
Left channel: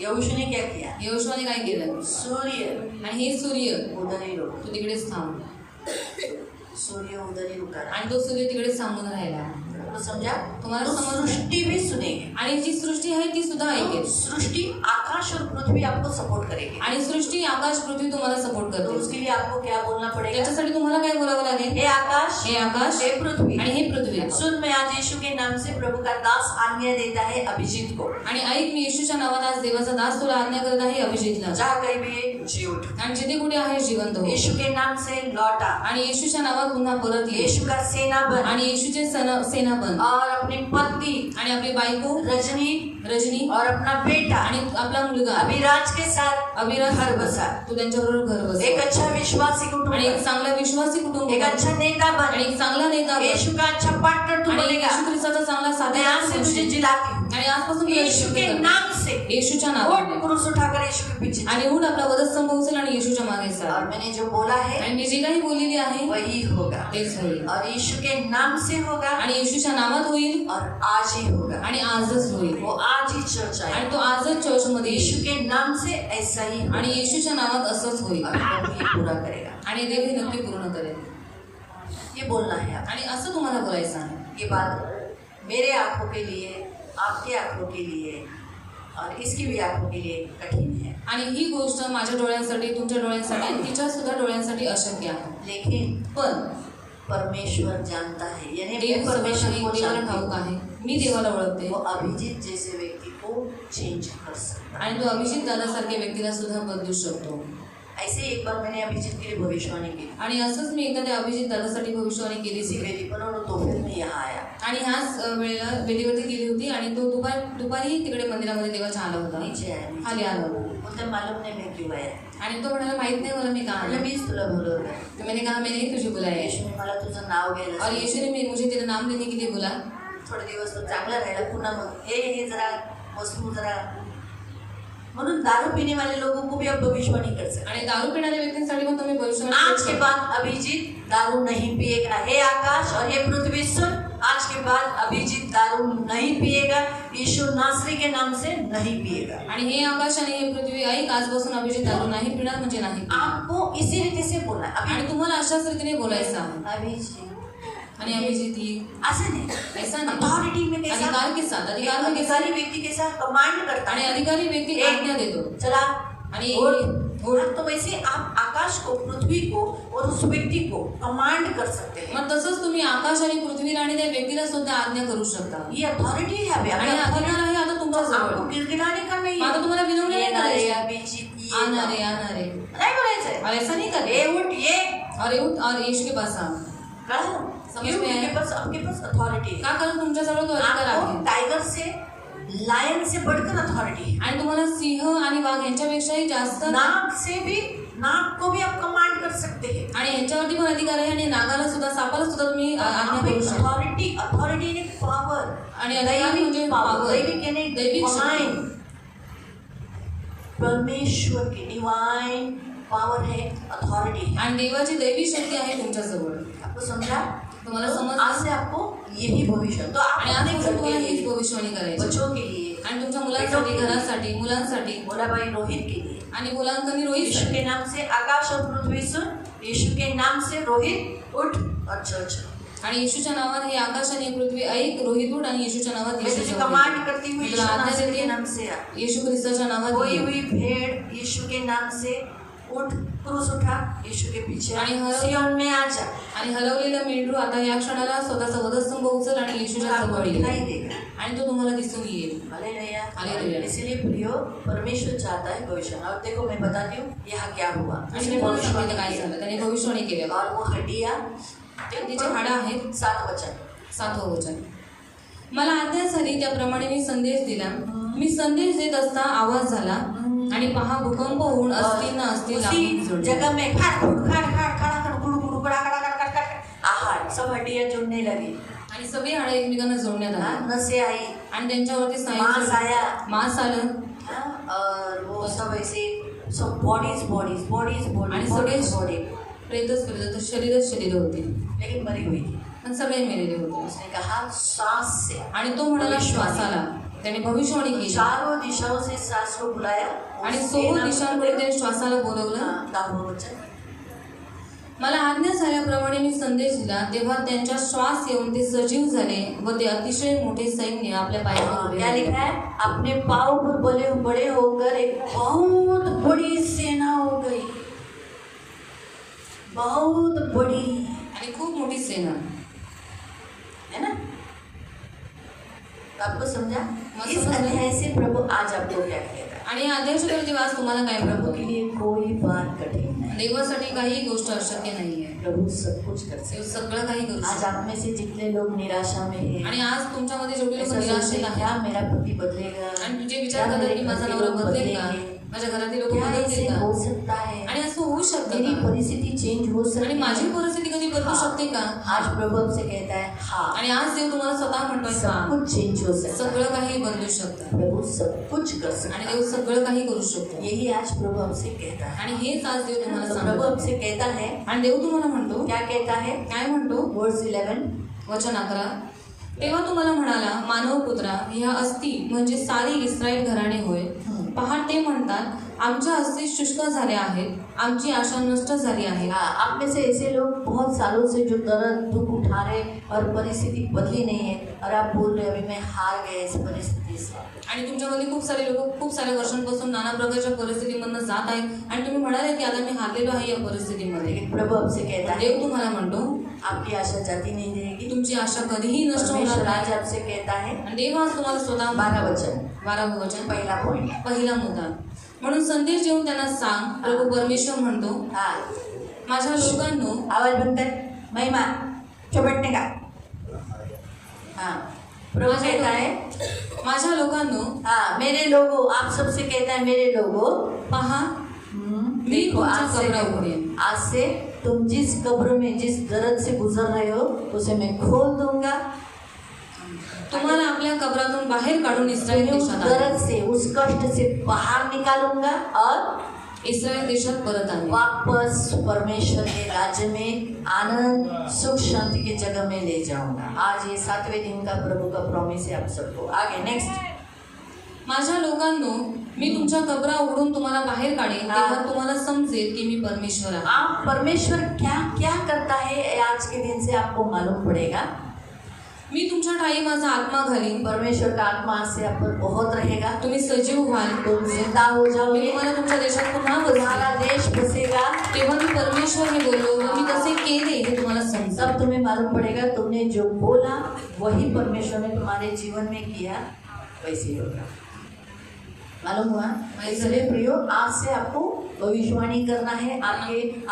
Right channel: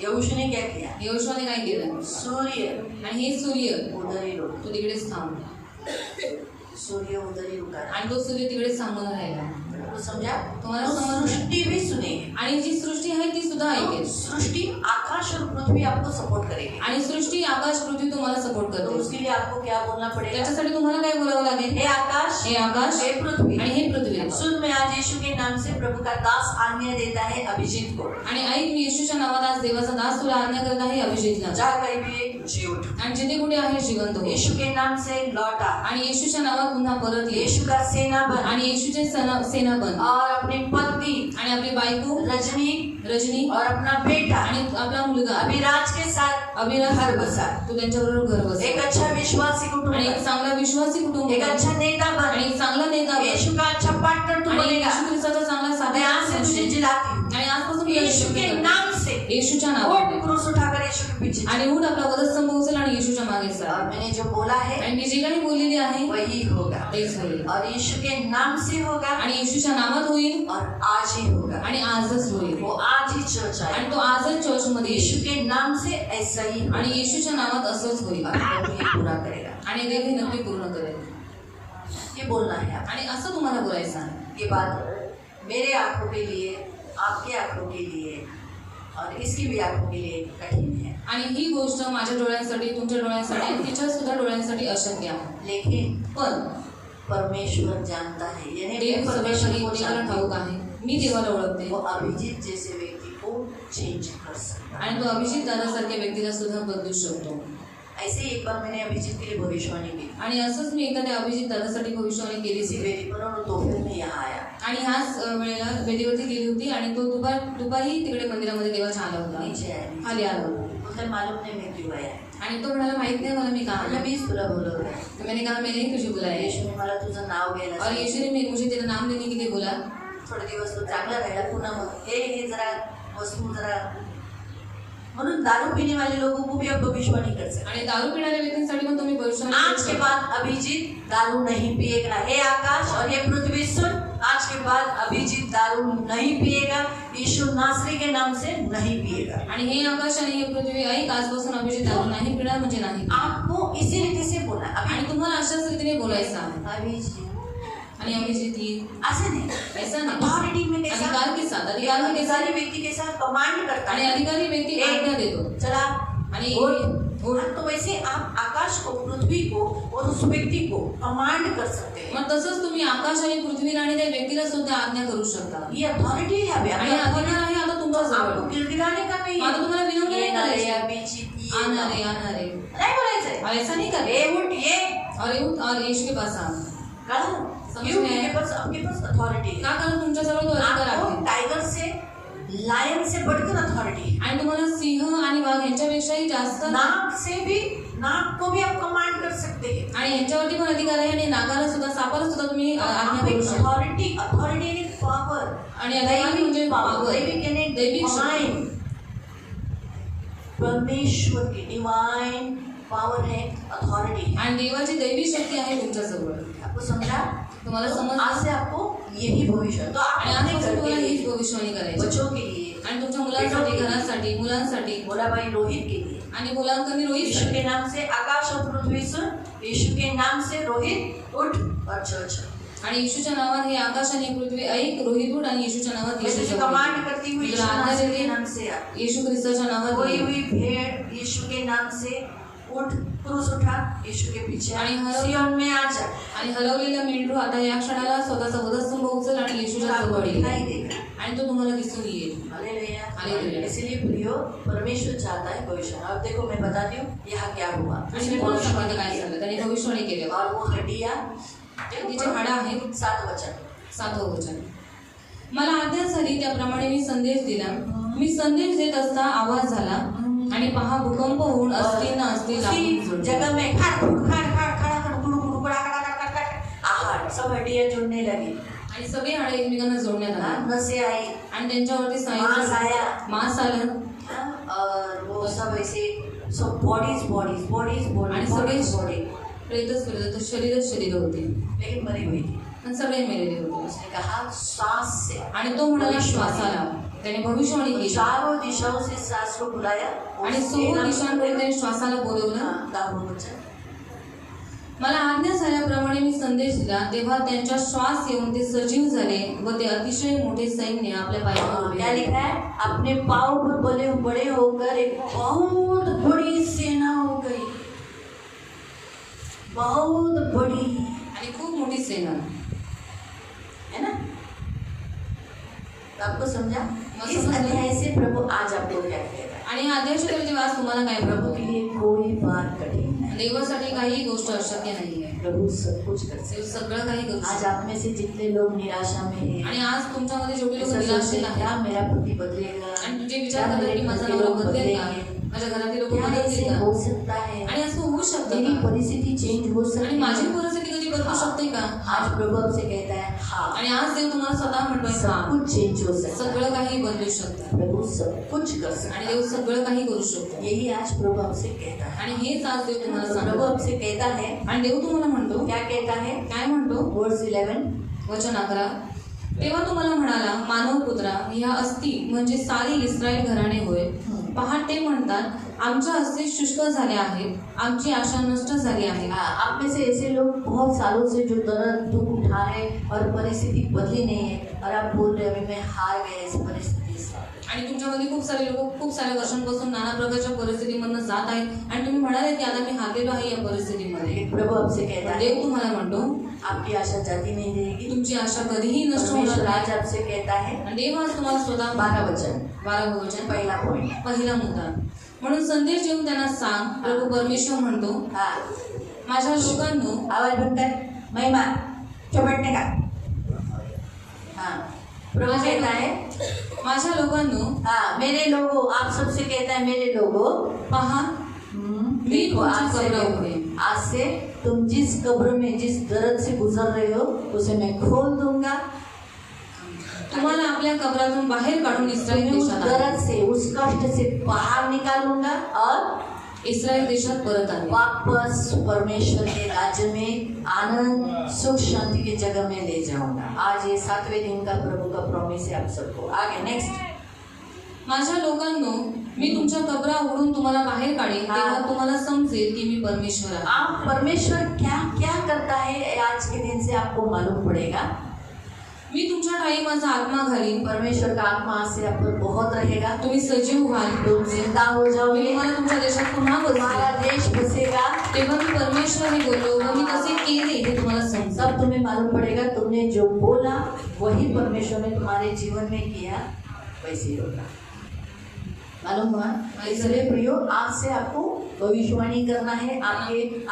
यहोशू ने क्या किया? यहोशूने काय केलं? सूर्य आणि हे सूर्य, उधर ही रुक, तू तिकडेच थांब, सूर्य उधर ही रुका। आणि तो सूर्य तिकडेच थांबून राहिला। तो समझा? तुम्हाला तो समजलं? सृष्टि भी सुनेगी, आणि जी सृष्टी आहे ती सुद्धा ऐकेल, सृष्टि आकाश और पृथ्वी आपको सपोर्ट करेगी। आणि सृष्टी आकाश पृथ्वी तुम्हाला सपोर्ट तो करते। उसके लिए आपको क्या बोलना पड़ेगा? त्याच्यासाठी तुम्हाला काय बोलावं लागेल? हे आकाश, हे आकाश, हे पृथ्वी आणि हे पृथ्वी। सुन, मैं आज यीशु के नाम से प्रभु का दास आज्ञा देता है अभिजीत को, आणि ऐक, मी येशूच्या नावाने आज देवाचा दास तुला आज्ञा करत आहे अभिजितला। जहाँ कहीं भी जी उठ, आणि जिथे कुठे आहे जिवंत हो, यीशु के नाम से लौटा, आणि येशूच्या नावात पुन्हा परत ये, यीशु का सेना बन, आणि येशूचे सेना बन, और अपनी पत्नी आणि आपली बायको रजनी और अपना बेटा आणि आपला मुलगा अभिराज के साथ अभिराज घर बसा, तू त्यांच्याबरोबर घर बस, एक अच्छा विश्वासी कुटुंब, आणि एक चांगला विश्वासी कुटुंब, एक अच्छा नेता आणि बन, एक चांगला नेता बन, यीशु का अच्छा पार्टनर तू आणि बनेगा। येशू ख्रिस्ताचा चांगला मैं आज से तुझे साथी, जिलाती हूँ आणि आजपासून तुला यीशु के करते। नाम से। येशूच्या और नावाने, पुरुष उठाकर यीशु के पीछे चल। आणि उठ आपला वधस्तंभ उचल आणि येशूच्या मागे और चल, मैंने जो बोला है आणि मी जे काही बोललेली आहे वही होगा, तेच होईल, और यीशु के नाम से होगा, आणि येशूच्या नावात होईल, और आज ही होगा। आणि आजच होईल, वो आज ही चर्च आए, आणि तो आजच चर्चमध्ये येईल, यीशु के नाम से ऐसा ही होगा। आणि येशूच्या नावात असंच होईल, और प्रभु ये पूरा करेगा। आणि देव हे नक्की पूर्ण करेल। ये बोलना है आप। आणि असं तुम्हाला बोलायचं आहे। ये बात मेरे आंखों के लिए, आपके आंखों के लिए और इसकी भी आंखों के लिए कठिन है, आणि ही गोष्ट माझ्या डोळ्यांसाठी, तुमच्या डोळ्यांसाठी आणि तिच्या सुद्धा डोळ्यांसाठी अशक्य आहे, लेकिन पण परमेश्वर जानता है, यानी देव मैं परमेश्वर को देवाला जानती ठाऊक हूँ। आहे, मी देवाला ओळखते, वो अभिजीत जैसे व्यक्ति को चेंज कर सकता है। आणि तो अभिजित दादासारख्या व्यक्तीला सुद्धा बदलू शकतो। ऐसे ही एक बार मैंने अभिजीत के लिए भविष्यवाणी की, आणि असंच मी एखाद्या अभिजित दादासाठी भविष्यवाणी केली इसी होती, वेदी पर, और तो फिर मैं यहाँ आया, आणि ह्याच वेळेला वेदीवरती गेली होती, आणि तो दुपारी तिकडे मंदिरामध्ये देवाच्या आला होता, नीचे आया, खाली आला होता, मुझे मालूम नहीं मैं क्यों आया, आणि तो म्हणाला माहित नाही मला मी कहा मैंने आया। भी तुला बोलवलं, तो मैंने कहा मैंने ही तुझे बुलाया, यीशुने मला तुझं नाव घ्यायला और सांगितलं। यीशु ने मुझे तेरा नाम लेने के लिए बोला। थोडे दिवस तो चांगला राहिला, पुन्हा मग हे जरा वस्तू जरा, म्हणून दारू पीने वाले लोगों को भी अब भविष्यवाणी कर सकते। आणि दारू पिणाऱ्या व्यक्तींसाठी पण तुम्ही भविष्यवाणी करू आज के शकता। बाद अभिजीत दारू नहीं पिएगा, हे आकाश और ये पृथ्वी सुन, आज के बाद अभिजीत दारू नहीं पिएगा, यीशु नासरी के नाम से नहीं पिएगा। आणि हे आकाश आणि हे पृथ्वी ऐक, आजपासून अभिजित दारू नाही पिणार म्हणजे नाही, आपको इसी रीति से बोलना है। आणि तुम्हाला अशाच रीतीने बोलायचं आहे। अभिजीत आणि अभिजित ही ऐसा नहीं, ऐसा नाही, अथॉरिटी में कैसा, अधिकार के साथ, अधिकार में कैसा, अधिकारी व्यक्ति कैसा कमांड करता आणि है, अधिकारी व्यक्ती आज्ञा देतो, चला आणि और तो वैसे आप आकाश को, पृथ्वी को और उस व्यक्ति को कमांड कर सकते हैं। मग तसंच तुम्ही आकाश आणि पृथ्वीला आणि त्या व्यक्तीला सुद्धा आज्ञा करू शकता. ये अथॉरिटी है अभी आणि अधिकार आहे आता तुमच्या आपको जवळ. गिड़गिड़ाने का नहीं आता तुम्हाला विनवणी नाही करायची. अभी जीत आणारे नहीं बोलायचं और ऐसा नहीं करते. ए उठ ये और यीशु के पास आओ. समझ में आया? आपके पास अथॉरिटी है। का कारण तुमच्या जवळ तो अधिकार आपको आहे. टाइगर से, लायन से बढ़कर अथॉरिटी है। आणि तुम्हाला सिंह आणि वाघ यांच्यापेक्षाही जास्त नाग से भी, नाग को भी आप कमांड कर सकते हैं। आणि यांच्यावरती पण अधिकार आहे आणि नागाला सुद्धा, सापाला सुद्धा तुम्ही आज्ञा करू शकता. अथॉरिटी, अथॉरिटी यानी पॉवर आणि अधिकार म्हणजे पावर, दैविक यानी दैविक डिवाइन, परमेश्वर की डिवाइन पावर है, अथॉरिटी है। आणि देवाची दैवी शक्ती आहे तुमच्या जवळ. आपको समझा? तुम्हाला समजलं? आज से आपको यही भविष्य, तो आणि आपने आज घर तुम्हाला के हीच लिए, भविष्यवाणी करायची बच्चों के लिए, आणि तुमच्या मुलांसाठी, घरासाठी, मुलांसाठी बोला भाई रोहित के लिए, आणि मुलांकनी रोहित यीशु के नाम से आकाश और पृथ्वी सुन, यीशु के नाम से रोहित उठ और चल चल। आणि येशूच्या नावात हे आकाश आणि पृथ्वी ऐक, रोहित उठ आणि येशूच्या नावात मैं तुझे येशूच्या कमांड करती हूँ यीशु आज्ञा के देते नाम से आ। येशू ख्रिस्ताच्या नावात कोई ये. भी भेड़ यीशु के नाम से उठ, क्रूस उठा, यीशु के पीछे आ, आणि सियोन में आ जा। आणि हलवलेला मेंढरू आता या क्षणाला स्वतःचा वधस्तंभ उचल आणि येशूच्या आपको जवळ दिखाई येईल देगा। आणि तो तुम्हाला दिसून येईल. हालेलुया। हालेलुया. इसलिए प्रियो, परमेश्वर चाहता है भविष्य। अब देखो मैं बताती हूँ यहाँ क्या हुआ। आणि मी तुम्हाला सांगते काय झालं. त्याने भविष्यवाणी केलं. और वो हड्डियाँ, तिचे हाडं आहेत. 7 वचन, 7वं वचन. मला आज्ञा झाली त्याप्रमाणे मी संदेश दिला. मी संदेश देत असता आवाज झाला आणि पहा भूकंप होऊन असतील ना असतील लागून उसी जोडले. जगह में खड़ खड़ खड़ खड़ खड़ खड़ गुड़ गुड़ खड़ा खड़ा खड़ खड़ खड़ आहार सब हड्डियाँ जुड़ने लगी। आणि सगळे हाडे एकमेकांना जोडण्यात आले नसें आई, आणि त्यांच्यावरती मांस आया, मांस आलं और वो सब ऐसे सब बॉडीज बॉडीज बॉडीज आणि बॉडीज सगळे बॉडी, प्रेतच शरीरच शरीर होते लेकिन मरी हुई थी। आणि सगळे मेलेले होते. उसने कहा सांस से, आणि तो म्हणाला श्वासाला. त्याने भविष्यवाणी केली चारों दिशाओं से सांस को बुलाया आणि 6 दिशांकडे त्याने श्वासाला बोलवलं. 10वें वचन, मला आज्ञा झाल्याप्रमाणे मी संदेश दिला तेव्हा त्यांच्या श्वास येऊन ते सजीव झाले व ते अतिशय मोठे सैन्य आपल्या पायावर उभे क्या राहिले. लिखा है? अपने पाँव पर बड़े बड़े होकर एक बहुत बड़ी सेना हो गई, बहुत बड़ी, आणि खूप मोठी सेना. है ना? तो आपको समझा? हाँ, इस समझ गई। अध्याय से प्रभु आज आपको क्या कह रहा है? आणि या अध्यायाचे आज तुम्हाला काय प्रभु प्रभू के लिए कोई बात कठिन नहीं, देवासाठी काही गोष्ट अशक्य नाहीये. प्रभु सब कुछ कर सकते देव सगळं काही करू हैं। आज शकतो. आप में से जितने लोग निराशा में हैं, आणि आज तुमच्यामध्ये जेवढे लोक ऐसा निराशेत सोचते हैं, आहेत क्या मेरा पति बदलेगा, आणि तुझे विचार क्या करतात मेरे की माझा घर के नवरा लोग बदलेल का, बदलेंगे, माझ्या घरातील लोक क्या बदलतील ऐसे का, हो सकता है, आणि असं होऊ शकतं मेरी का? परिस्थिति चेंज हो आणि सकती माझी है। परिस्थिती कधी बदलू शकते का? आज प्रभु आपसे कहता है हाँ, आणि आज देव तुम्हाला स्वतः म्हणतोय सब हा, कुछ चेंज हो सकता है, सगळं काही बदलू शकतं प्रभु सब कुछ कर सकता आणि है। देव सगळं काही करू शकतो. यही आज प्रभु आपसे कहता है। आणि हेच आज देव तुम्हाला तो प्रभु सांगतो. आपसे कहता है, आणि देव तुम्हाला म्हणतो, क्या कहता है? काय म्हणतो? वर्स 11, वचन 11. तेव्हा तुम्हाला म्हणाला, मानव पुत्रा, ह्या अस्थी म्हणजे सारी इस्रायल घराणे होय. पहा ते म्हणतात, आमच्या अस्थी शुष्क झाल्या आहेत, आमची आशा नष्ट झाली आहे. आप में से ऐसे लोग बहुत सालों से जो दर्द दुख उठा रहे और परिस्थिति बदली नहीं है और आप बोल रहे अभी मैं हार गए इस परिस्थिति से। आणि तुमच्यामध्ये खूप सारे लोक खूप साऱ्या वर्षांपासून नाना प्रकारच्या परिस्थितीमधून जात आहेत आणि तुम्ही म्हणाले की आता मी हारलेलो आहे या परिस्थितीमध्ये. लेकिन प्रभु आपसे कहता है देव तुम्हाला म्हणतो, आपकी आशा जाती नहीं रहेगी। तुमची आशा कधीही नष्ट होणार परमेश्वर आज नाही. आपसे कहता है, आणि देव आज तुम्हाला स्वतः 12 वचन, 12 वचन, पहला पॉइंट, पहिला मुद्दा. म्हणून संदेश देऊन त्यांना सांग, प्रभू परमेश्वर म्हणतो, हाँ माझ्या लोकांनो, आवाज बंद कर, महिमा चपटने का। हाँ प्रभु कहता है, माझ्या लोकांनो, हाँ मेरे लोगों, आप सबसे कहता है मेरे लोगों, पहा मी देखो तुमच्या कबरापुढे. आज से तुम जिस कब्र में जिस दर्द से गुजर रहे हो उसे मैं खोल दूंगा, तुम्हाला आपल्या कबरातून बाहेर काढून इस्रायल उस देशात आणेन. दर्द से उस कष्ट से बाहर निकालूंगा और इस्रायल देशात परत आले वापस परमेश्वर के राज्य में आनंद सुख शांति की जगह में ले जाऊंगा। आज ये 7वें दिन का प्रभु का प्रॉमिस है आप सबको। आगे नेक्स्ट, माझ्या लोकांनो, मी तुमच्या कबरा उघडून तुम्हाला बाहेर काढेन, तेव्हा तुम्हाला समजेल की मी परमेश्वर आहे. आप परमेश्वर क्या क्या करता है आज के दिन से आपको मालूम पड़ेगा। मी तुमच्या ठाई माझा आत्मा घालीन. परमेश्वर का आत्मा से आप पर बहुत रहेगा. तुम्ही सजीव व्हाल. तुम जिंदा हो मी जाओगे. तुम्हाला तुमच्या देशात पुन्हा बसवेन. तुम्हारा देश बसेगा. तेव्हा मी परमेश्वर हे बोललो व मी तसे केले हे तुम्हाला समजा. सब तुम्हें मालूम पड़ेगा तुमने जो बोला वही परमेश्वर ने तुम्हारे जीवन में किया वैसे ही होगा. मालूम हुआ. इसलिए प्रियो आज से आपको भविष्यवाणी करना है.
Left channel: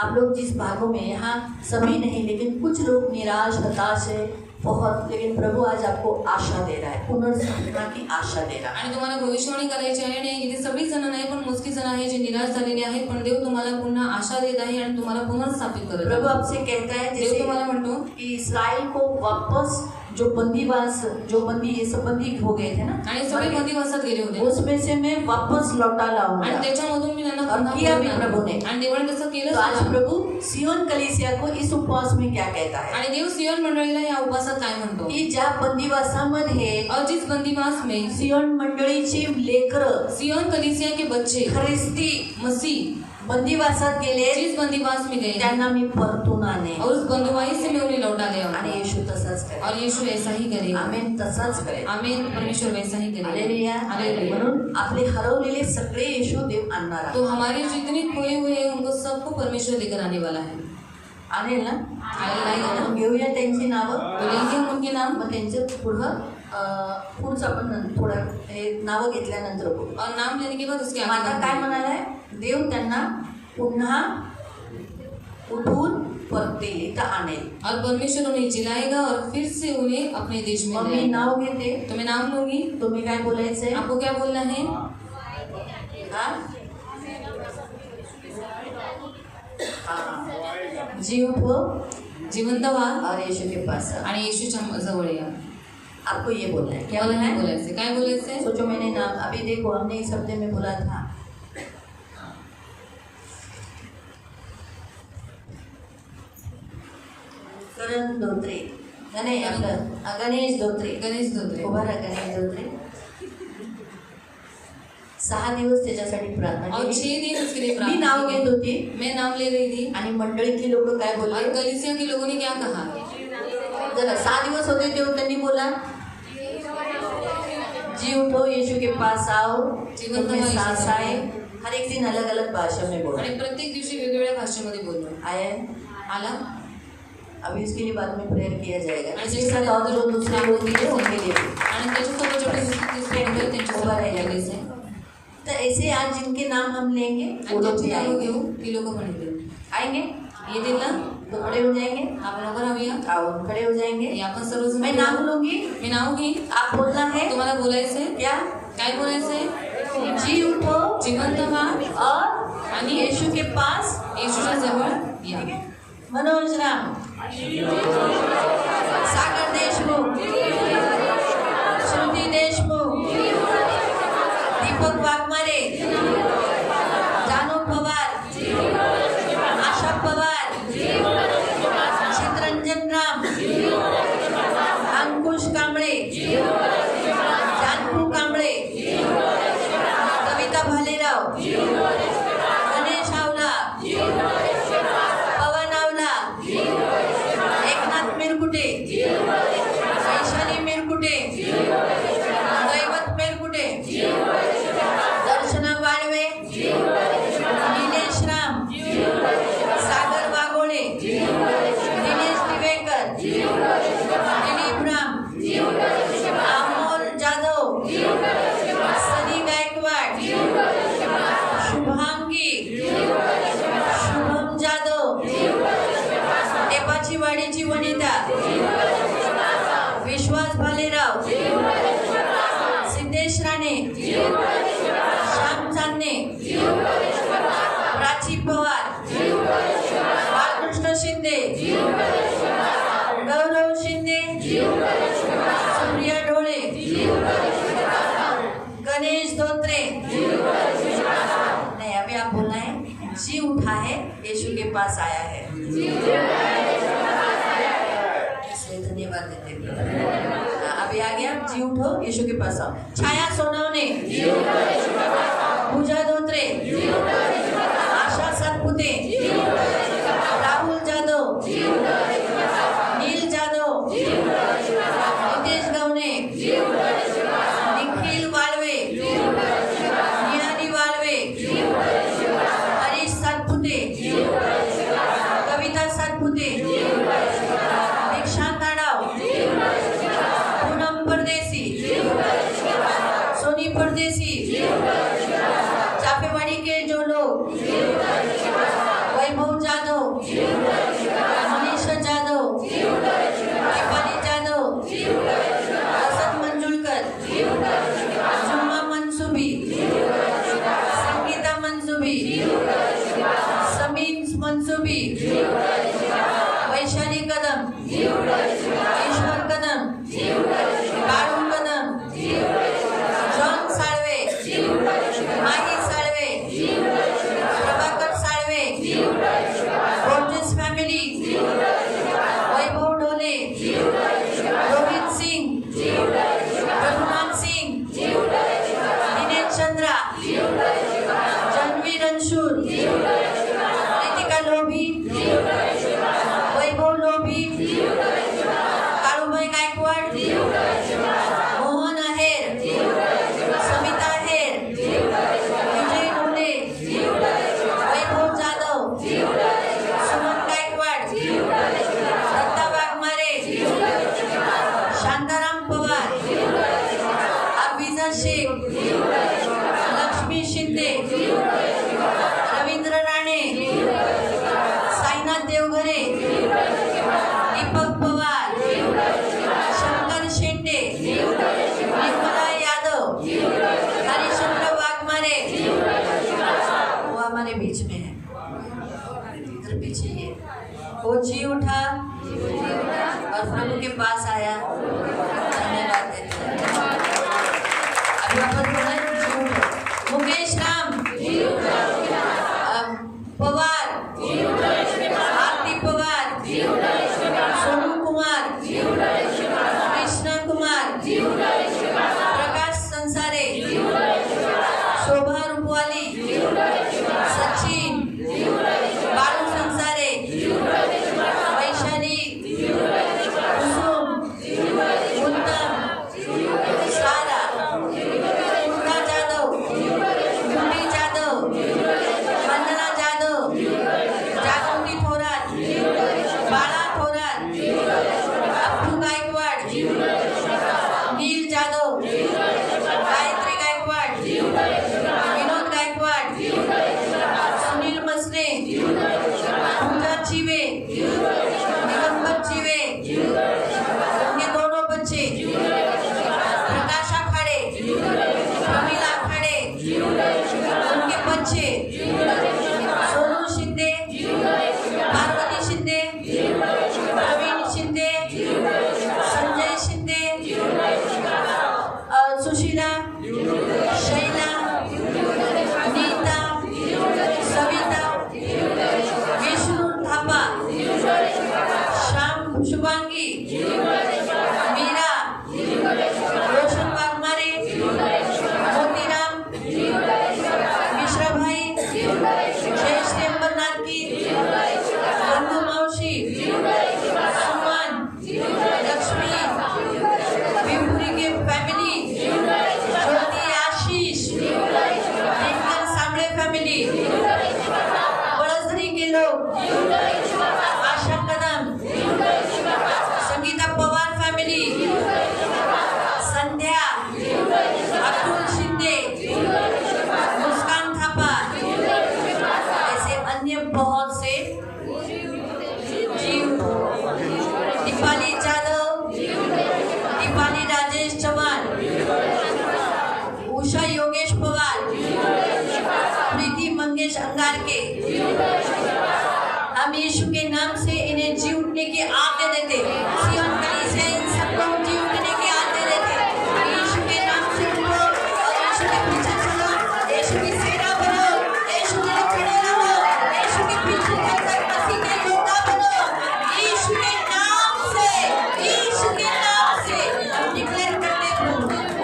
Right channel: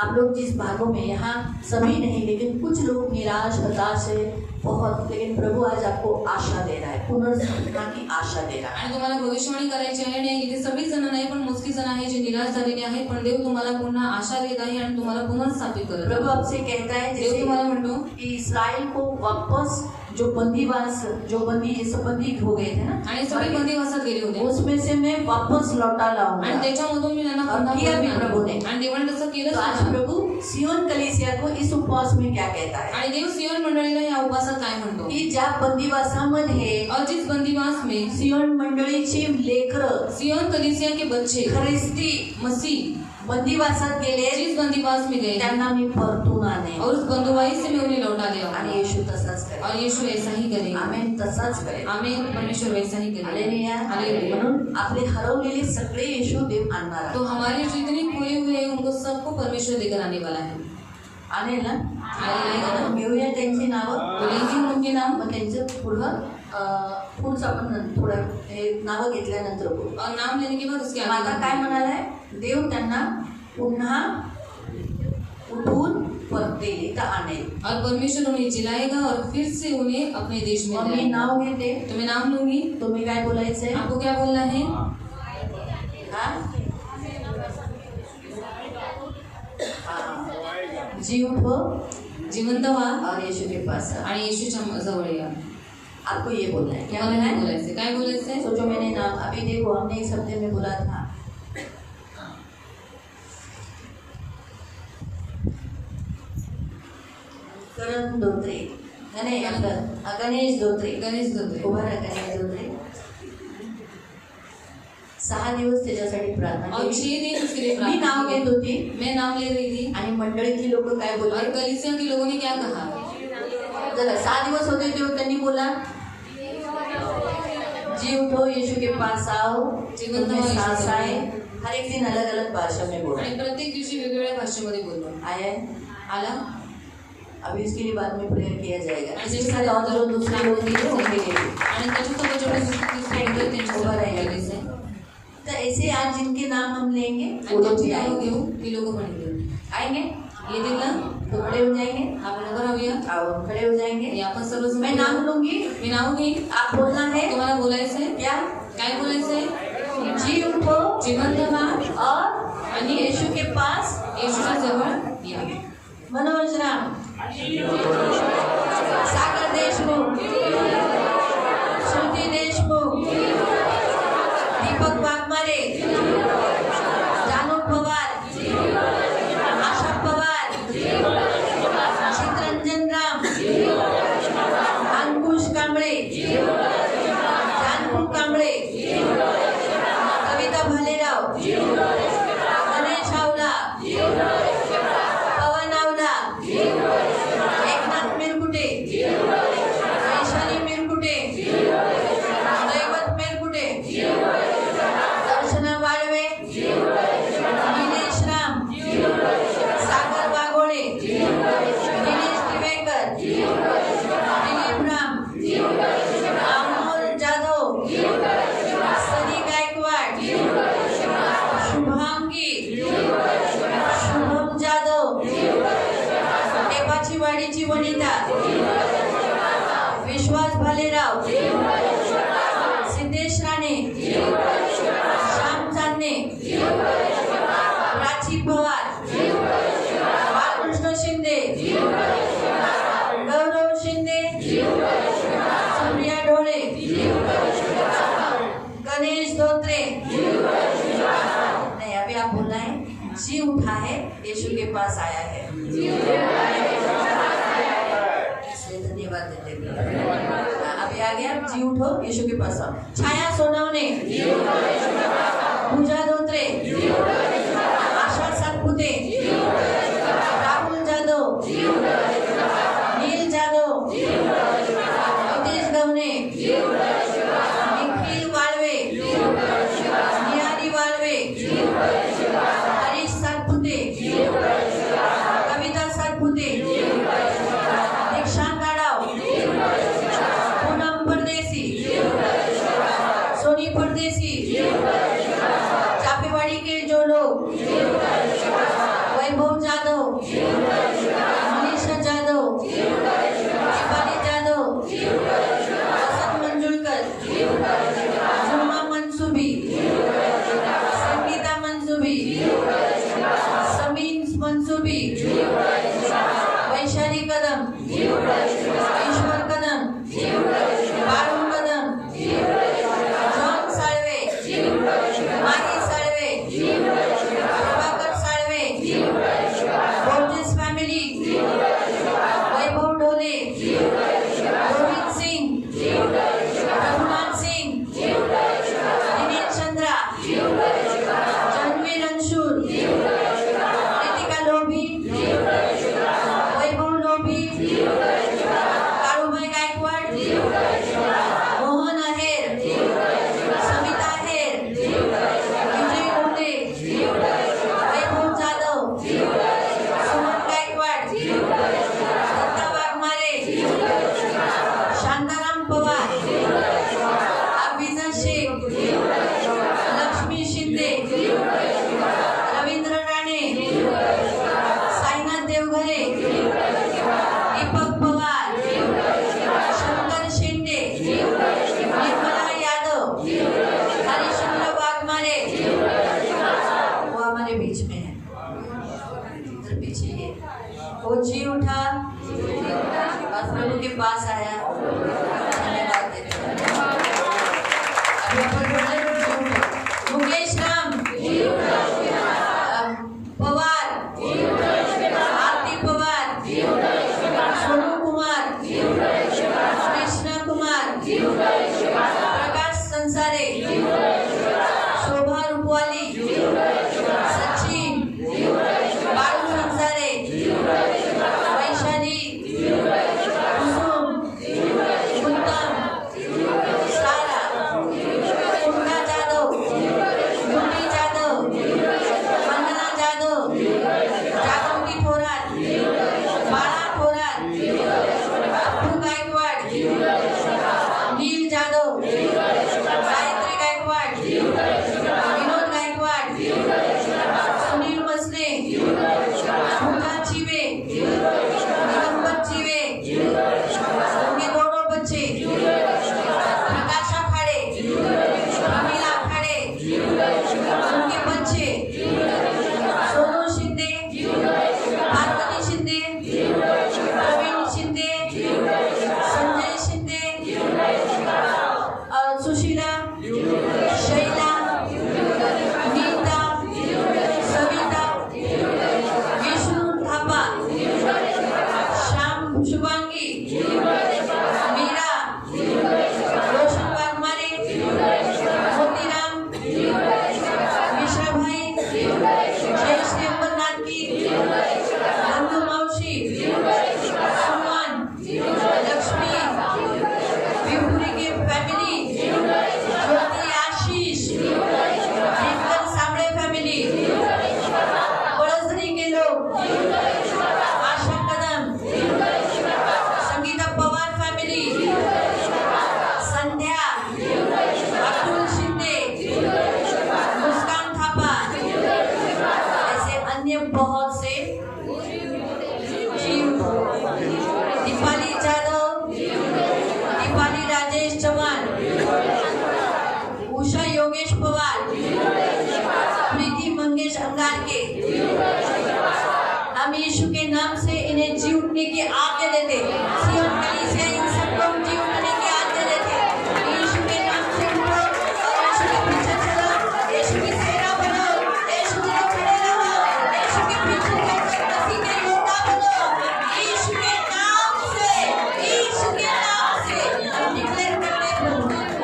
आप लोग जिस भागों में यहाँ सभी नहीं लेकिन कुछ लोग निराश हताश है बहुत, लेकिन प्रभु आज आपको आशा दे रहा है, पुनर्स्थापना की आशा दे रहा है. आणि तुम्हाला भविष्यवाणी करायची आहे. नाही इथे सगळी जण नाही पण मोजकी जण आहे जे निराश झालेले आहेत, पण देव तुम्हाला पुन्हा आशा देत आहे आणि तुम्हाला पुनर्स्थापित करत आहे. प्रभु आपसे कहता है देव जैसे तुम्हाला म्हणतो कि इसराइल को वापस जो बंदी ये सब बंदी हो गए थे ना, आणि सगळे बंदीवासात गेले होते उसमें से मैं वापस लौटा आणि लाऊंगा. त्याच्यामधून मी त्यांना और पुन्हा किया भी परत प्रभु ने. आणलं. आणि देवाने तसं तो केलं आज सुद्धा. प्रभु सियोन कलीसिया को इस उपवास में क्या कहता है आणि देव सियोन मंडळीला या उपवासात काय म्हणतो की ज्या बंदिवासामध्ये और जिस बंदीवास में सियोन मंडळीची लेकरं सियोन कलीसिया के बच्चे ख्रिस्ती मसीह बंदिवासात गेले जिस बंदीवास में गए त्यांना मी परतून आणेन. और उस बंधुवाई से मैं उन्हें लौटा ले आऊंगा. आणि येशू तसाच करेल. और यीशु ऐसा ही करेगा. आमेन. तसाच करेल. आमीन. परमेश्वर वैसा ही करेगा. हालेलुया. हालेलुया. म्हणून आपले हरवलेले सगळे येशू देव आणणार आहे. तो हमारे जितने खोए हुए हैं उनको सबको परमेश्वर लेकर आने वाला है. आणेल ना. आएगा ना. घेऊया त्यांची नावं. बोलेंगे हम उनके नाम मग त्यांचं पुढचं आपण थोडं हे नावं घेतल्यानंतर बघू. और नाम लेने के बाद उसके आता आगे काय म्हणाल आहे देव त्यांना पुन्हा उठून परत इथं आणेल. और परमेश्वर उन्हें जिलाएगा और फिर से उन्हें अपने देश में मग मी लाएगा. नाव घेते. तो मैं नाम लूंगी. तुम्ही काय बोलायचंय. आपको क्या बोलना है. जी उठो जिवंत व्हा और यीशु के पास आओ. आणि येशूच्या जवळ या. आपको ये बोलना है. क्या मला बोलना नाही है. बोलायचं. काय बोलायचंय. सोचो मैंने नाम अभी देखो हमने इस हफ्ते में बोला था करण धोत्रे. नाही आपलं गणेश धोत्रे. गणेश धोत्रे. उभा राहा. गणेश धोत्रे 6 दिवस त्याच्यासाठी प्रार्थना और 6 केली. दिन उसके लिए मी प्रार्थना नाव की. घेत होती मैं नाम ले रही थी आणि मंडळीतली लोक काय और बोलले. कलीसिया के लोगों ने क्या कहा. जरा 6 दिवस होते तेव्हा त्यांनी बोला जी उठो यीशु के पास आओ जिनमें सांस आए. हर एक दिन अलग अलग भाषा में बोला. आणि प्रत्येक दिवशी वेगवेगळ्या भाषेमध्ये बोललो. आया आला. अभी इसके लिए बाद में प्रेयर किया जाएगा. आणि इसके साथ और जो दूसरे लोग भी हैं, उनके लिए भी. आणि त्याच्यासोबत जेवढे दुसरे होते त्यांच्यासोबत राहिलेले. तो ऐसे आज जिनके नाम हम लेंगे वो लोग भी नाव आएंगे. घेऊ ती लोक म्हणले आएंगे येतील ना. तो खड़े हो जाएंगे. आपण उभं राहूया. आओ खड़े हो जाएंगे. हे आपण सर्वजण मैं नाम लूंगी. मी नाव घेईन. आप बोलना है तुम्हाला बोलायचंय. क्या. काय बोलायचंय. जी उठो जिवंत व्हा और आणि यीशु के पास येशूच्या जवळ या. मनोज राम, सागर देशमुख, श्रुती देशमुख, दीपक वाघमारे, जानू पवार, आशा पवार, चित्रंजन राम, अंकुश कांबळे, जानू कांबळे, कविता भालेराव, गणेश आवला, पवन आवला, एकनाथ मिरकुटे, वैशाली मिरकुटे, दैवत मिरकुटे, दर्शना वाळवे, निलेश राम, सागर वाघोळे, दिनेश दिवेकर, दिलीप राम, अमोल जाधव, सनी गायकवाड, शुभांगी, शुभम जाधव, टेपाची वाडीची वनिता, विश्वास भालेराव, सिद्धेश राणे, श्याम चांदणे, प्राची पवार, बाळकृष्ण शिंदे, गौरव शिंदे, सूर्या डोळे, गणेश धोत्रे. नहीं अभी आप बोलना है जी उठा है यीशु के पास आया है. इसलिए धन्यवाद देते हैं. अभी आ गया जी उठो यीशु के पास आओ. छाया सोनवणे, पूजा धोत्रे, आशा सातपुते, राहुल जाधव, नील जाधव, रोहित सिंह, रघुमान सिंह, दिनेश चंद्रा, जनवीर अंशुल, रितिका लोभी, वैभव लोभी, काळूबाई गायकवाड, मोहन आहेर, समिता आहेर, विजय ढोले, वैभव जाधव, सुमन गायकवाड, दत्ता वाघमारे, शांताराम पवार, अभिजा शेख, लक्ष्मी शिंदे, रवींद्र राणे, साईनाथ देवघरे, दीपक पवार, शंकर शेंडे, निर्मला यादव, हरिशंकर वाघमारे, वो हमारे बीच में है, इधर पीछे ये वो जी उठा और प्रभु के पास आया। धन्यवाद देते हैं। अभी अपन बोले जी उठा। मुकेश राम पवार, आरती पवार, सोनू कुमार, कृष्णा कुमार, प्रकाश संसारे, शोभा रूपवाली, सचिन, बाळू संसारे, वैशाली, कुसुम, उत्तम, सारा, पूर्णा जाधव, मुन्नी जाधव, वंदना जाधव, जागृती थोरात, बाळा थोरात, अप्पू गायकवाड, नील जाधव, गायत्री गायकवाड, विनोद गायकवाड, सुनील मसने, पूजा चिवे, दिगंबर चिवे, उनके दोनों बच्चे, प्रकाश आखाड़े, प्रमीला आखाड़े, उनके बच्चे, सोनू शिंदे, पार्वती शिंदे, प्रवीण शिंदे, संजय शिंदे, सुशीला, शैला, नीता, सविता, विष्णु थापा, श्याम शुभांगी, मीरा, रोशन वाघमारे, मोतीराम, मिश्राभाई, जयश्री अंबरनाथ की, बंधू मौसी, सुमन, लक्ष्मी, विभूरी के फैमिली, ज्योति आशीष, टिंकल सामड़े फैमिली, बड़सरी के लोग, आशा कदम, संगीता पवार फैमिली, संध्या, अतुल शिंदे, मुस्कान थापा, ऐसे अन्य बहुत से जीव, दीपाली जाधव, दीपाली राजेश चौहान, उषा योगेश पवार, प्रीति मंगेश अंगारके, हम यीशु के नाम से इन्हें जी उठने की आज्ञा देते। सियोन कलीसिया इन सबको जी उठने की आज्ञा देते। यीशु के नाम से उठो और यीशु के पीछे चलो। यीशु की सेना बनो, यीशु के लिए खड़े रहो, यीशु के पीछे चलकर मसीह के योद्धा बनो। यीशु के नाम से हम डिक्लेयर करते हैं,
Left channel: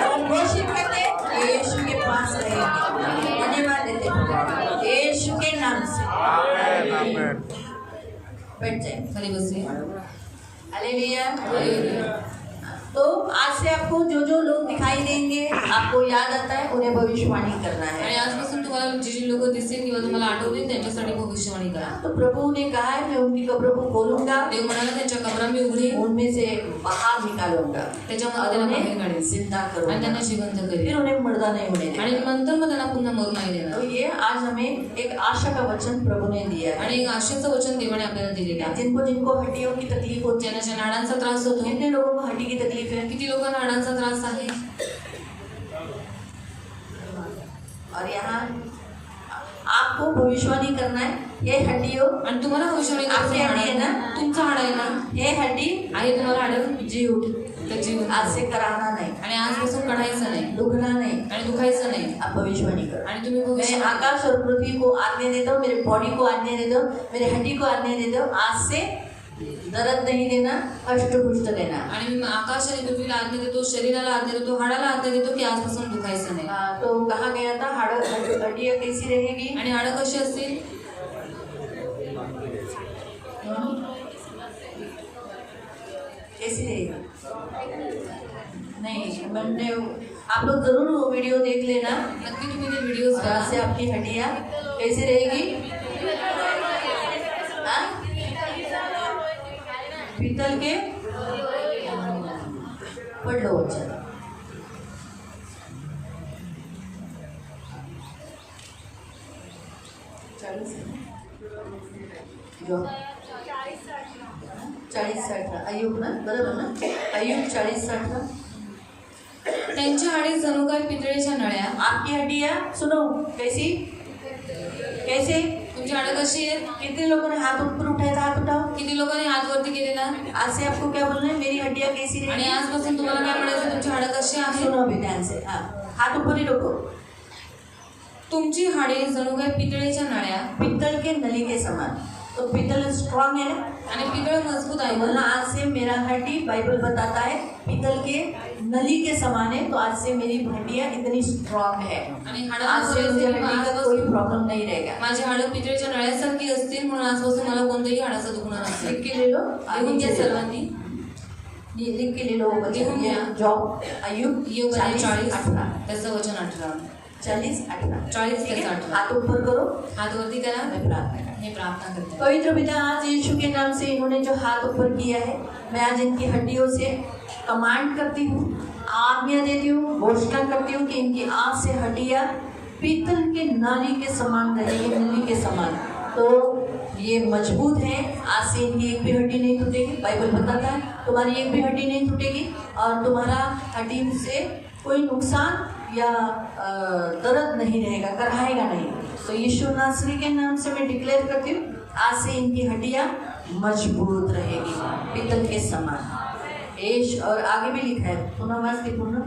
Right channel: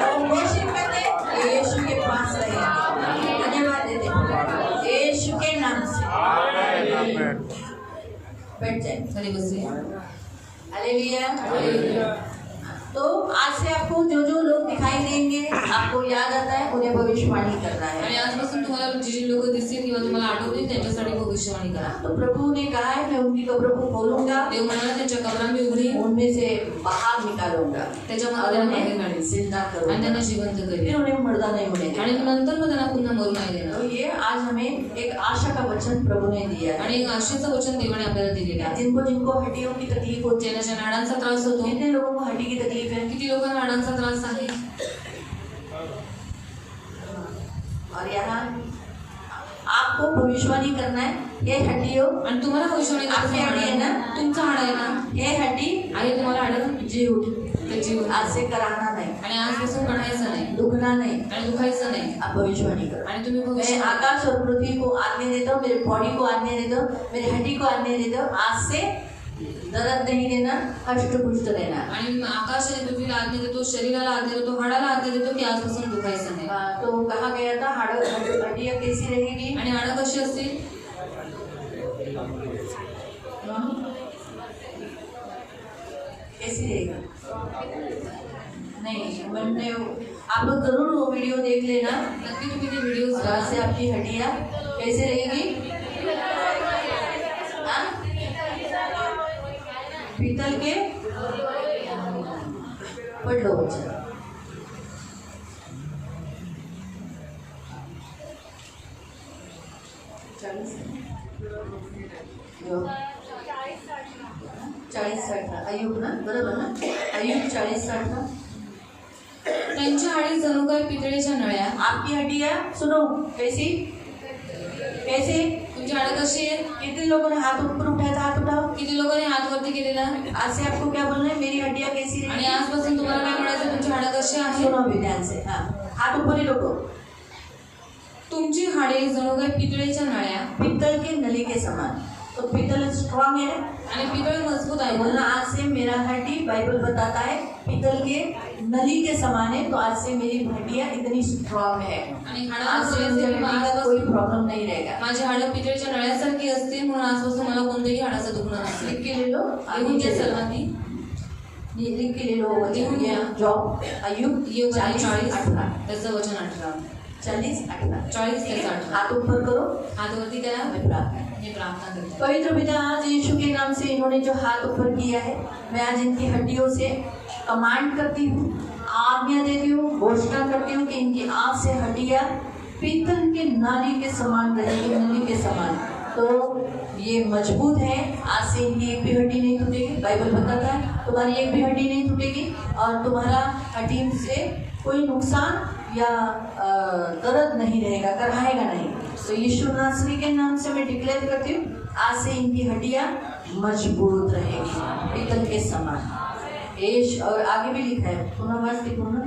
हम घोषित करते हैं, ये यीशु के पास रहेंगे। धन्यवाद देते हैं यीशु के नाम से। आमेन। बैठ जाए। खड़ी बसे। हालेलुया। तो आज से आपको जो जो लोग दिखाई देंगे, आपको याद आता है, उन्हें भविष्यवाणी करना आणि है। आजपासून तुम्हाला जी लोक दिसतील किंवा तुम्हाला आठवतील त्यांच्यासाठी भविष्यवाणी करा. तो प्रभु ने कहा है, मैं उनकी कब्रों को खोलूंगा, ते म्हणाले त्यांच्या कबरा मी उघडीन, उनमें से बाहर निकालूंगा, त्याच्यामध्ये त्यांना बाहेर काढीन जिंदा आणि करूंगा, त्यांना जिवंत फिर करीन उन्हें मुर्दा नहीं होने देना। आणि नंतर मग त्यांना पुन्हा मरू नाही तो देणार. ये आज हमें एक आशा का वचन प्रभु ने दिया है। आणि एक आशेचं वचन देवाने आपल्याला दिलेले आहे. जिनको जिनको हड्डियों की तकलीफ होती है, ज्यांना नाडांचा त्रास होतो, कितने लोगों को हड्डी की तकलीफ है, किती लोकांना नाडांचा त्रास आहे. और यहाँ आपको भविष्यवाणी करना है। ये हड्डियों, आणि तुम्हाला भविष्यवाणी आपली हड्डी आहे ना, तुमचं हाड आहे ना, ये हड्डी आहे तुम्हाला हाड जी उठ, ते जीवन आज से कराना नहीं, आणि आजपासून कढायचं नाही दुखना नहीं, आणि दुखायचं नाही. आप भविष्यवाणी करो। आणि तुम्ही मैं भविष्य आकाश और पृथ्वी को आज्ञा देता हूँ, मेरे बॉडी को आज्ञा देता हूँ, मेरे हड्डी को आज्ञा देता हूँ, आज से दर्द नहीं देना, हष्टपुष्ट रहना। आणि आकाश आणि पृथ्वीला आज्ञा देतो, शरीराला आज्ञा देतो, हाडाला आज्ञा देतो की आजपासून दुखायचं नाही. तो कहा गया था हड्डियाँ कैसी रहेगी? आणि हाडं कशी असतील? कैसी रहेगी? नहीं, मैंने आप लोग जरूर वो वीडियो देख लेना। नक्की तुम्ही ते व्हिडिओज वहाँ से आपकी हड्डियाँ कैसे रहेगी? हाँ? पीतल के पढ़ लो बच्चा। जो 40-60 अयुब ना, बरोबर ना? अयुब 40-60। त्यांची हाडे जणू काय पितळेच्या नळ्या. आपकी हड्डियाँ सुनो कैसी कैसे? तुमची हाडं कशी आहे? कितने लोगों ने हाथ ऊपर उठाया था? हाथ उठाओ। किती लोकांनी हात वरती केलेला? आज से आपको क्या बोलना है? मेरी हड्डियाँ कैसी आणि रहेगी? आजपासून तुम्हाला काय म्हणायचं? तुमची हाडं कशी आहे? सुनो अभी ध्यान से। हाँ, हाथ ऊपर ही रखो। तुमची हाडे जणू काय पितळेच्या नळ्या. पित्तल के नली के समान। तो पित्तल स्ट्रांग है आणि पितळ मजबूत आहे बोलना, ना. आज से मेरा हड्डी बाइबल बताता है पित्तल के नली के समान है। तो आज से मेरी हड्डियाँ इतनी स्ट्रांग है, आणि आज से मुझे हड्डी का कोई प्रॉब्लम नहीं रहेगा। माझी हाडं पितळेच्या नळ्यासारखी असतील म्हणून आजपासून मला कोणत्याही हाडाचं दुखणं नसेल. लिख के ले लो, लिहून घ्या सर्वांनी. ये लिख के ले लो बच्चे। लिहून घ्या. जॉब अयुब योग 40 40-18 त्याचं वचन 18. 40-18 40 ठीक है? त्याचं 18. हाथ ऊपर करो, हात वरती करा. मैं प्रार्थना करती हूँ। हे प्रार्थना करते. पवित्र पिता, आज यीशु के नाम से इन्होंने जो हाथ ऊपर किया है, मैं आज इनकी हड्डियों से कमांड करती हूँ, आज्ञा देती हूँ, घोषणा करती हूँ कि इनकी आँख से हड्डियाँ पीतल के नाली के समान रहेगी, नली के समान। तो ये मजबूत है, आज से इनकी एक भी हड्डी नहीं टूटेगी। बाइबल बताता है तुम्हारी एक भी हड्डी नहीं टूटेगी और तुम्हारा हड्डी से कोई नुकसान या दर्द नहीं रहेगा, कराएगा नहीं। तो यीशु नासरी के नाम से मैं डिक्लेयर करती हूँ, आज से इनकी हड्डियाँ मजबूत रहेगी, पीतल के समान। एश और आगे भी लिखा है, पुनर्वास लिखो ना।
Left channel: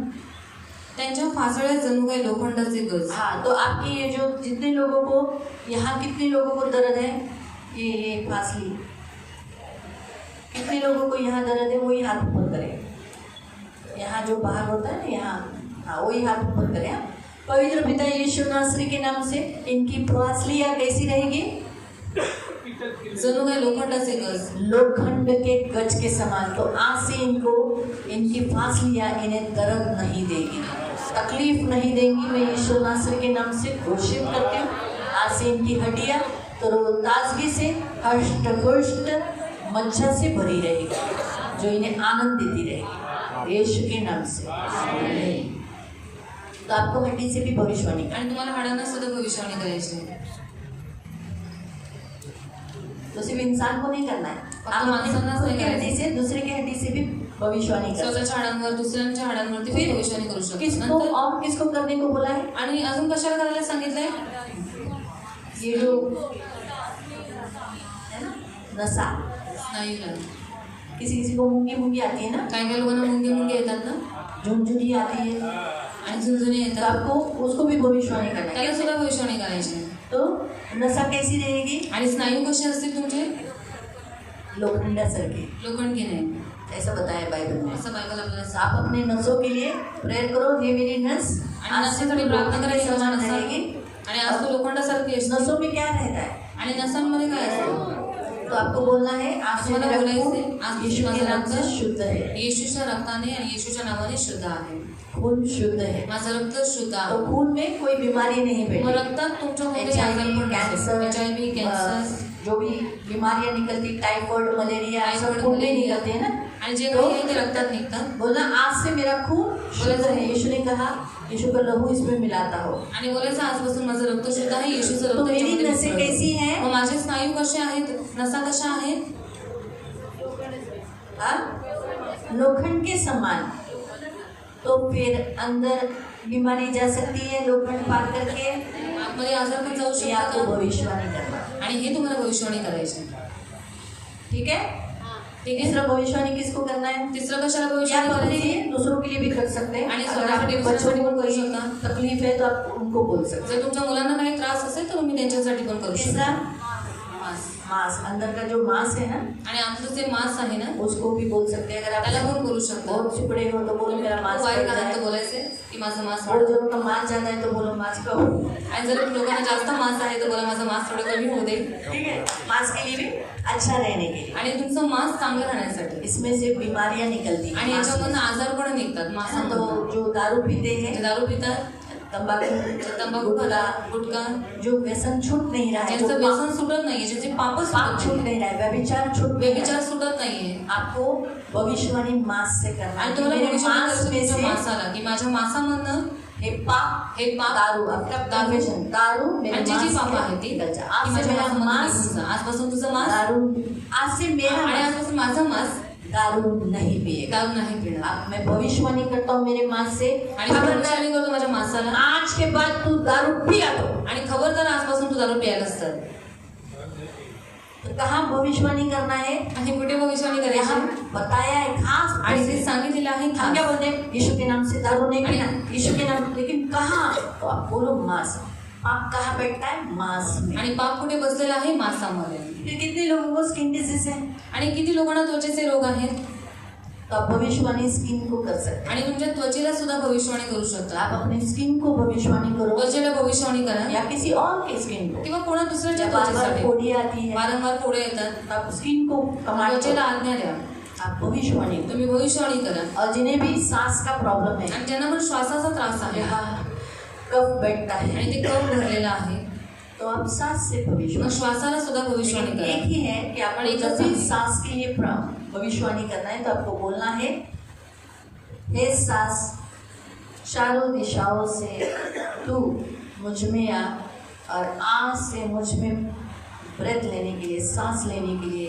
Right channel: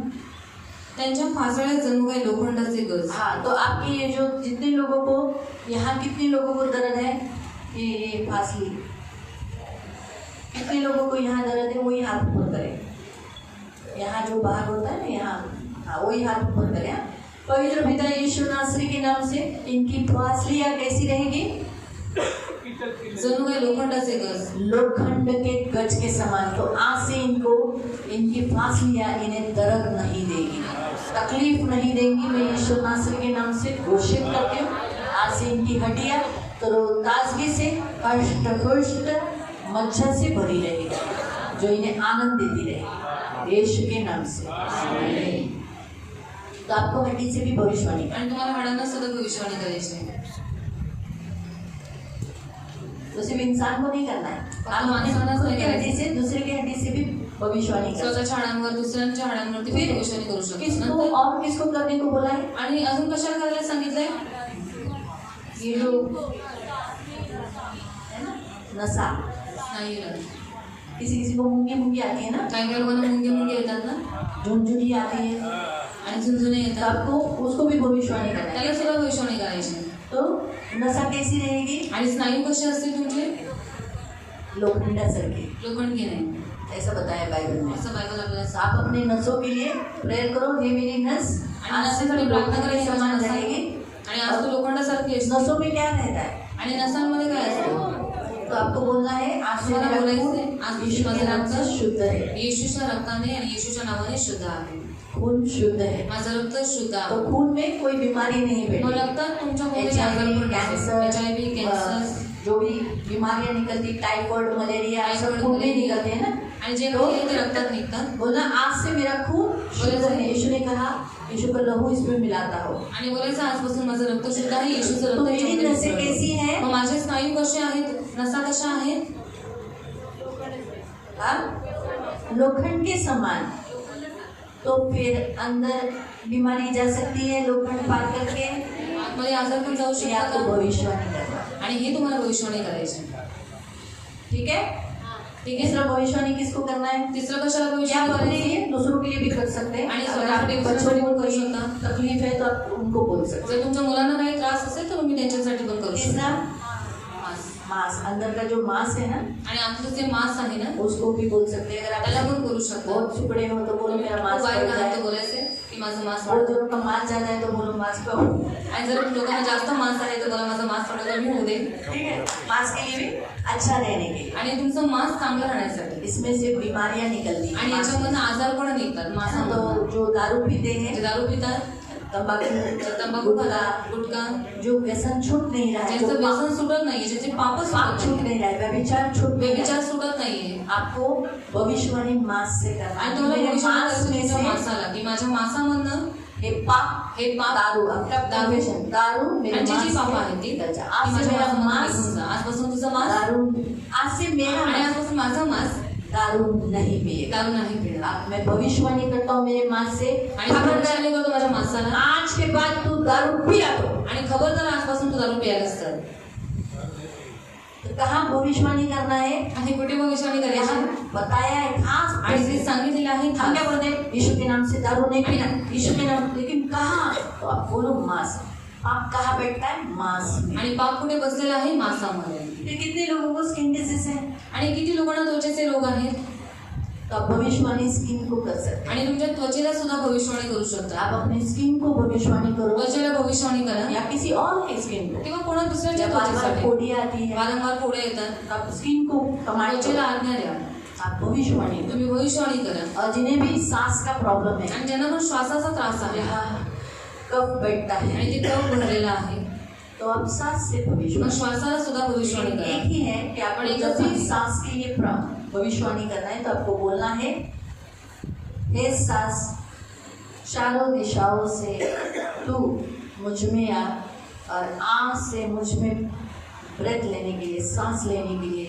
त्यांच्या फासळ्यात जणू काही लोखंडाचे गज. हाँ, तो आपकी ये जो जितने लोगों को यहाँ कितने लोगों को दर्द है, ये फासली, कितने लोगों को यहाँ दर्द है, वही हाथ ऊपर करें। यहाँ जो बाहर होता है ना, यहाँ हाँ वही हाथ ऊपर करें। हाँ? पवित्र पिता यीशु नासरी के नाम से इनकी फासलियाँ कैसी रहेगी? जणू काही लोखंडाचे गज. लोखंड के गज के समान। तो आज से इनको इनकी फासलियाँ इन्हें दर्द नहीं देगी, तकलीफ नहीं देंगी। मैं यीशु नासरी के नाम से घोषित करती हूँ, आज से इनकी हड्डियाँ ताजगी से हष्ट पुष्ट मज्जा से भरी रहेगी, जो इन्हें आनंद देती रहेगी यीशु के नाम से। आमीन। तो आपको हड्डी से भी भविष्यवाणी आणि तुम्हाला हाडांना सुद्धा भविष्यवाणी करायची आहे. तो सिर्फ इंसान को नहीं करना है, आप माणसांना खुद की हड्डी से दूसरे की हड्डी से भी भविष्यवाणी कर सकते स्वतःच्या हाडांवर दुसऱ्यांच्या हाडांवरती फिर भविष्यवाणी करू हैं। शकतो. किसको नंतर और किसको करने को बोला है? आणि अजून कशाला करायला सांगितलंय? ये जो है ना नसा, स्नायूला. किसी किसी को मूंगी मूंगी आती है ना, काही काही लोकांना मुंगे मुंगे येतात ना, झुंझुनी आती है, आणि झुंझुने तो येतात. आपको उसको भी भविष्यवाणी करना है। त्याला सुद्धा भविष्यवाणी करायची आहे. तो नसा कैसी रहेगी? आणि स्नायू कसे असतील तुमचे? लोखंडासारखी, लोखंडी नाही, ऐसा बताया बाइबल में। असं बायबल आपल्याला सांगतं. आप अपने नसों के लिए प्रेयर करो, हे मेरी नस आणि आज से नसांसाठी प्रार्थना लोखंड के करायची समान नसां- रहेगी। आणि आज तो लोखंडासारखी असतो. नसों में क्या रहता है? आणि नसांमध्ये काय असतं? तो आपको बोलना है आज से तुम्हाला मेरा बोलायचंय, खून आज यीशु के माझं नाम से रक्त शुद्ध है, येशूच्या रक्ताने आणि येशूच्या नावाने शुद्ध आहे. खून शुद्ध है। माझं रक्त शुद्ध तो आहे. खून में कोई बीमारी नहीं मग बैठेगी। रक्तात तुमच्या कोणते HIV, आजार कैंसर, HIV, कॅन्सर, जो भी बीमारियां निकलती, टाइफाइड, मलेरिया, टाइफाइड, सब खून में मलेरिया, निकलते हैं ना। आणि जे तो काही आहे ते रक्तात निघतात. बोला आज से मेरा खून शुद्ध है। यीशु ने कहा, यीशु का लहू इसमें मिलाता हो। आणि बोलायचं आजपासून माझं रक्त शुद्ध आहे, येशूचं तो रक्त मेरी याच्यामध्ये नसें मिसळलं. कैसी हैं? मग माझे स्नायू कसे आहेत? नसा कशा आहेत? हाँ? लोखंड के समान। तो फिर अंदर बीमारी जा सकती है लोखंड पार करके, आतमध्ये आजार पण जाऊ या तो शकतो. भविष्यवाणी करना। आणि हे तुम्हाला भविष्यवाणी करायची. ठीक है? ठीक आहे. तीसरा भविष्यवाणी किसको करना है? तिसरं कशाला या भविष्यवाणी तो अपने करायची? लिए दूसरों के लिए भी कर सकते हैं। आणि अगर स्वतःसाठी आपके दुसऱ्यांसाठी बच्चों को पण करू कोई शकता. तकलीफ है तो आप उनको बोल सकते जर तुमच्या मुलांना काही त्रास असेल तर तुम्ही त्यांच्यासाठी पण करू हैं। शकता. तीसरा मांस, अंदर का जो मांस है ना, आणि आमचं जे मांस आहे ना उसको भी बोल सकते हैं। अगर त्याला आप पण बोलू शकतो. बहुत सुकड़े हो तो बोलो मेरा मांस वाईट बढ़ आहे जाए। तर बोलायचे की माझं मांस और जनों का मांस ज्यादा है तो बोलो मांस कम। आणि जर लोकांना जास्त मांस आहे तर बोला माझं मांस थोडं कमी होऊ दे. ठीक है, मांस के लिए भी अच्छा रहने के लिए। आणि तुमचं मांस चांगलं राहण्यासाठी इसमें से बीमारियां निकलती आणि हैं। याच्यामधून आजार पण निघतात तो मांसामधून. जो दारू पीते जे हैं, दारू पितात, तंबाकू गुटखा, गुटखा, जो व्यसन छूट नहीं रहा है, ज्यांचं जो व्यसन सुटत नाहीये, ज्याचे पापच पाप सुटत छूट नाही, नहीं रहा है, व्यभिचार छूट नहीं रहा व्यभिचार है, सुटत नाहीये, आपको भविष्यवाणी मांस से करना आणि है। तुम्हाला मेरे भविष्यात मांस में तुमच्या से मांसाला की माझ्या मांसामधनं हे पाप दारू, आपका दारू, confession, दारू मेरे आणि जी मांस पाप में आहे ती निकल जा। की आज से माझ्या मेरा मांसामधून मांस निघून जा. आजपासून तुझं मांस दारू, आज से मेरा आणि मांस आजपासून माझं मांस दारू नहीं पिएगा। दारू नाही पिणार. अब मैं भविष्यवाणी करता हूँ मेरे मांस से, आणि खबरदारी करतो माझ्या मांसाला, आज के बाद तू दारू पिया तो। आणि खबरदार आजपासून तू दारू प्यायलाच तर. तो कहाँ भविष्यवाणी करना है? आणि कुठे भविष्यवाणी यहाँ करायची बताया है खास, आणि ते सांगितलेलं आहे हम क्या खास. बोलते हैं? यीशु के नाम से दारू नहीं पीना, यीशु के नाम, लेकिन कहाँ? तो आप बोलो मांस। पाप कहाँ बैठता है? मांस में। आणि पाप कुठे बसलेला आहे? मांसामध्ये. फिर कितने लोगों को स्किन डिसीज है? आणि किती लोकांना त्वचेचे रोग आहेत. तो आप भविष्यवाणी स्किन को कर सकते आणि तुमच्या त्वचेला सुद्धा भविष्यवाणी करू हैं। शकता. आप अपनी स्किन को भविष्यवाणी करो त्वचेला भविष्यवाणी करा या किसी और की स्किन को। किंवा कोणा दुसऱ्याच्या जब बार बार त्वचेसाठी फोड़ी आती है, वारंवार फोडे येतात, तो आप स्किन को कमांड त्वचेला करो, आज्ञा द्या, आप भविष्यवाणी करो। तुम्ही भविष्यवाणी करा. और जिन्हें भी सांस का प्रॉब्लम है, आणि ज्यांना पण श्वासाचा त्रास आहे यहाँ कफ बैठता है, आणि ते कफ भरलेला आहे, तो आप सांस से मग भविष्यवाणी। श्वासाला सुद्धा भविष्यवाणी लेकिन एक करा. ही है कि आपण एक जब ही भी सांस के लिए भविष्यवाणी करना है तो आपको बोलना है, हे सांस चारों दिशाओं से तू मुझ में आ, और आ से मुझ में ब्रेथ लेने के लिए, सांस लेने के लिए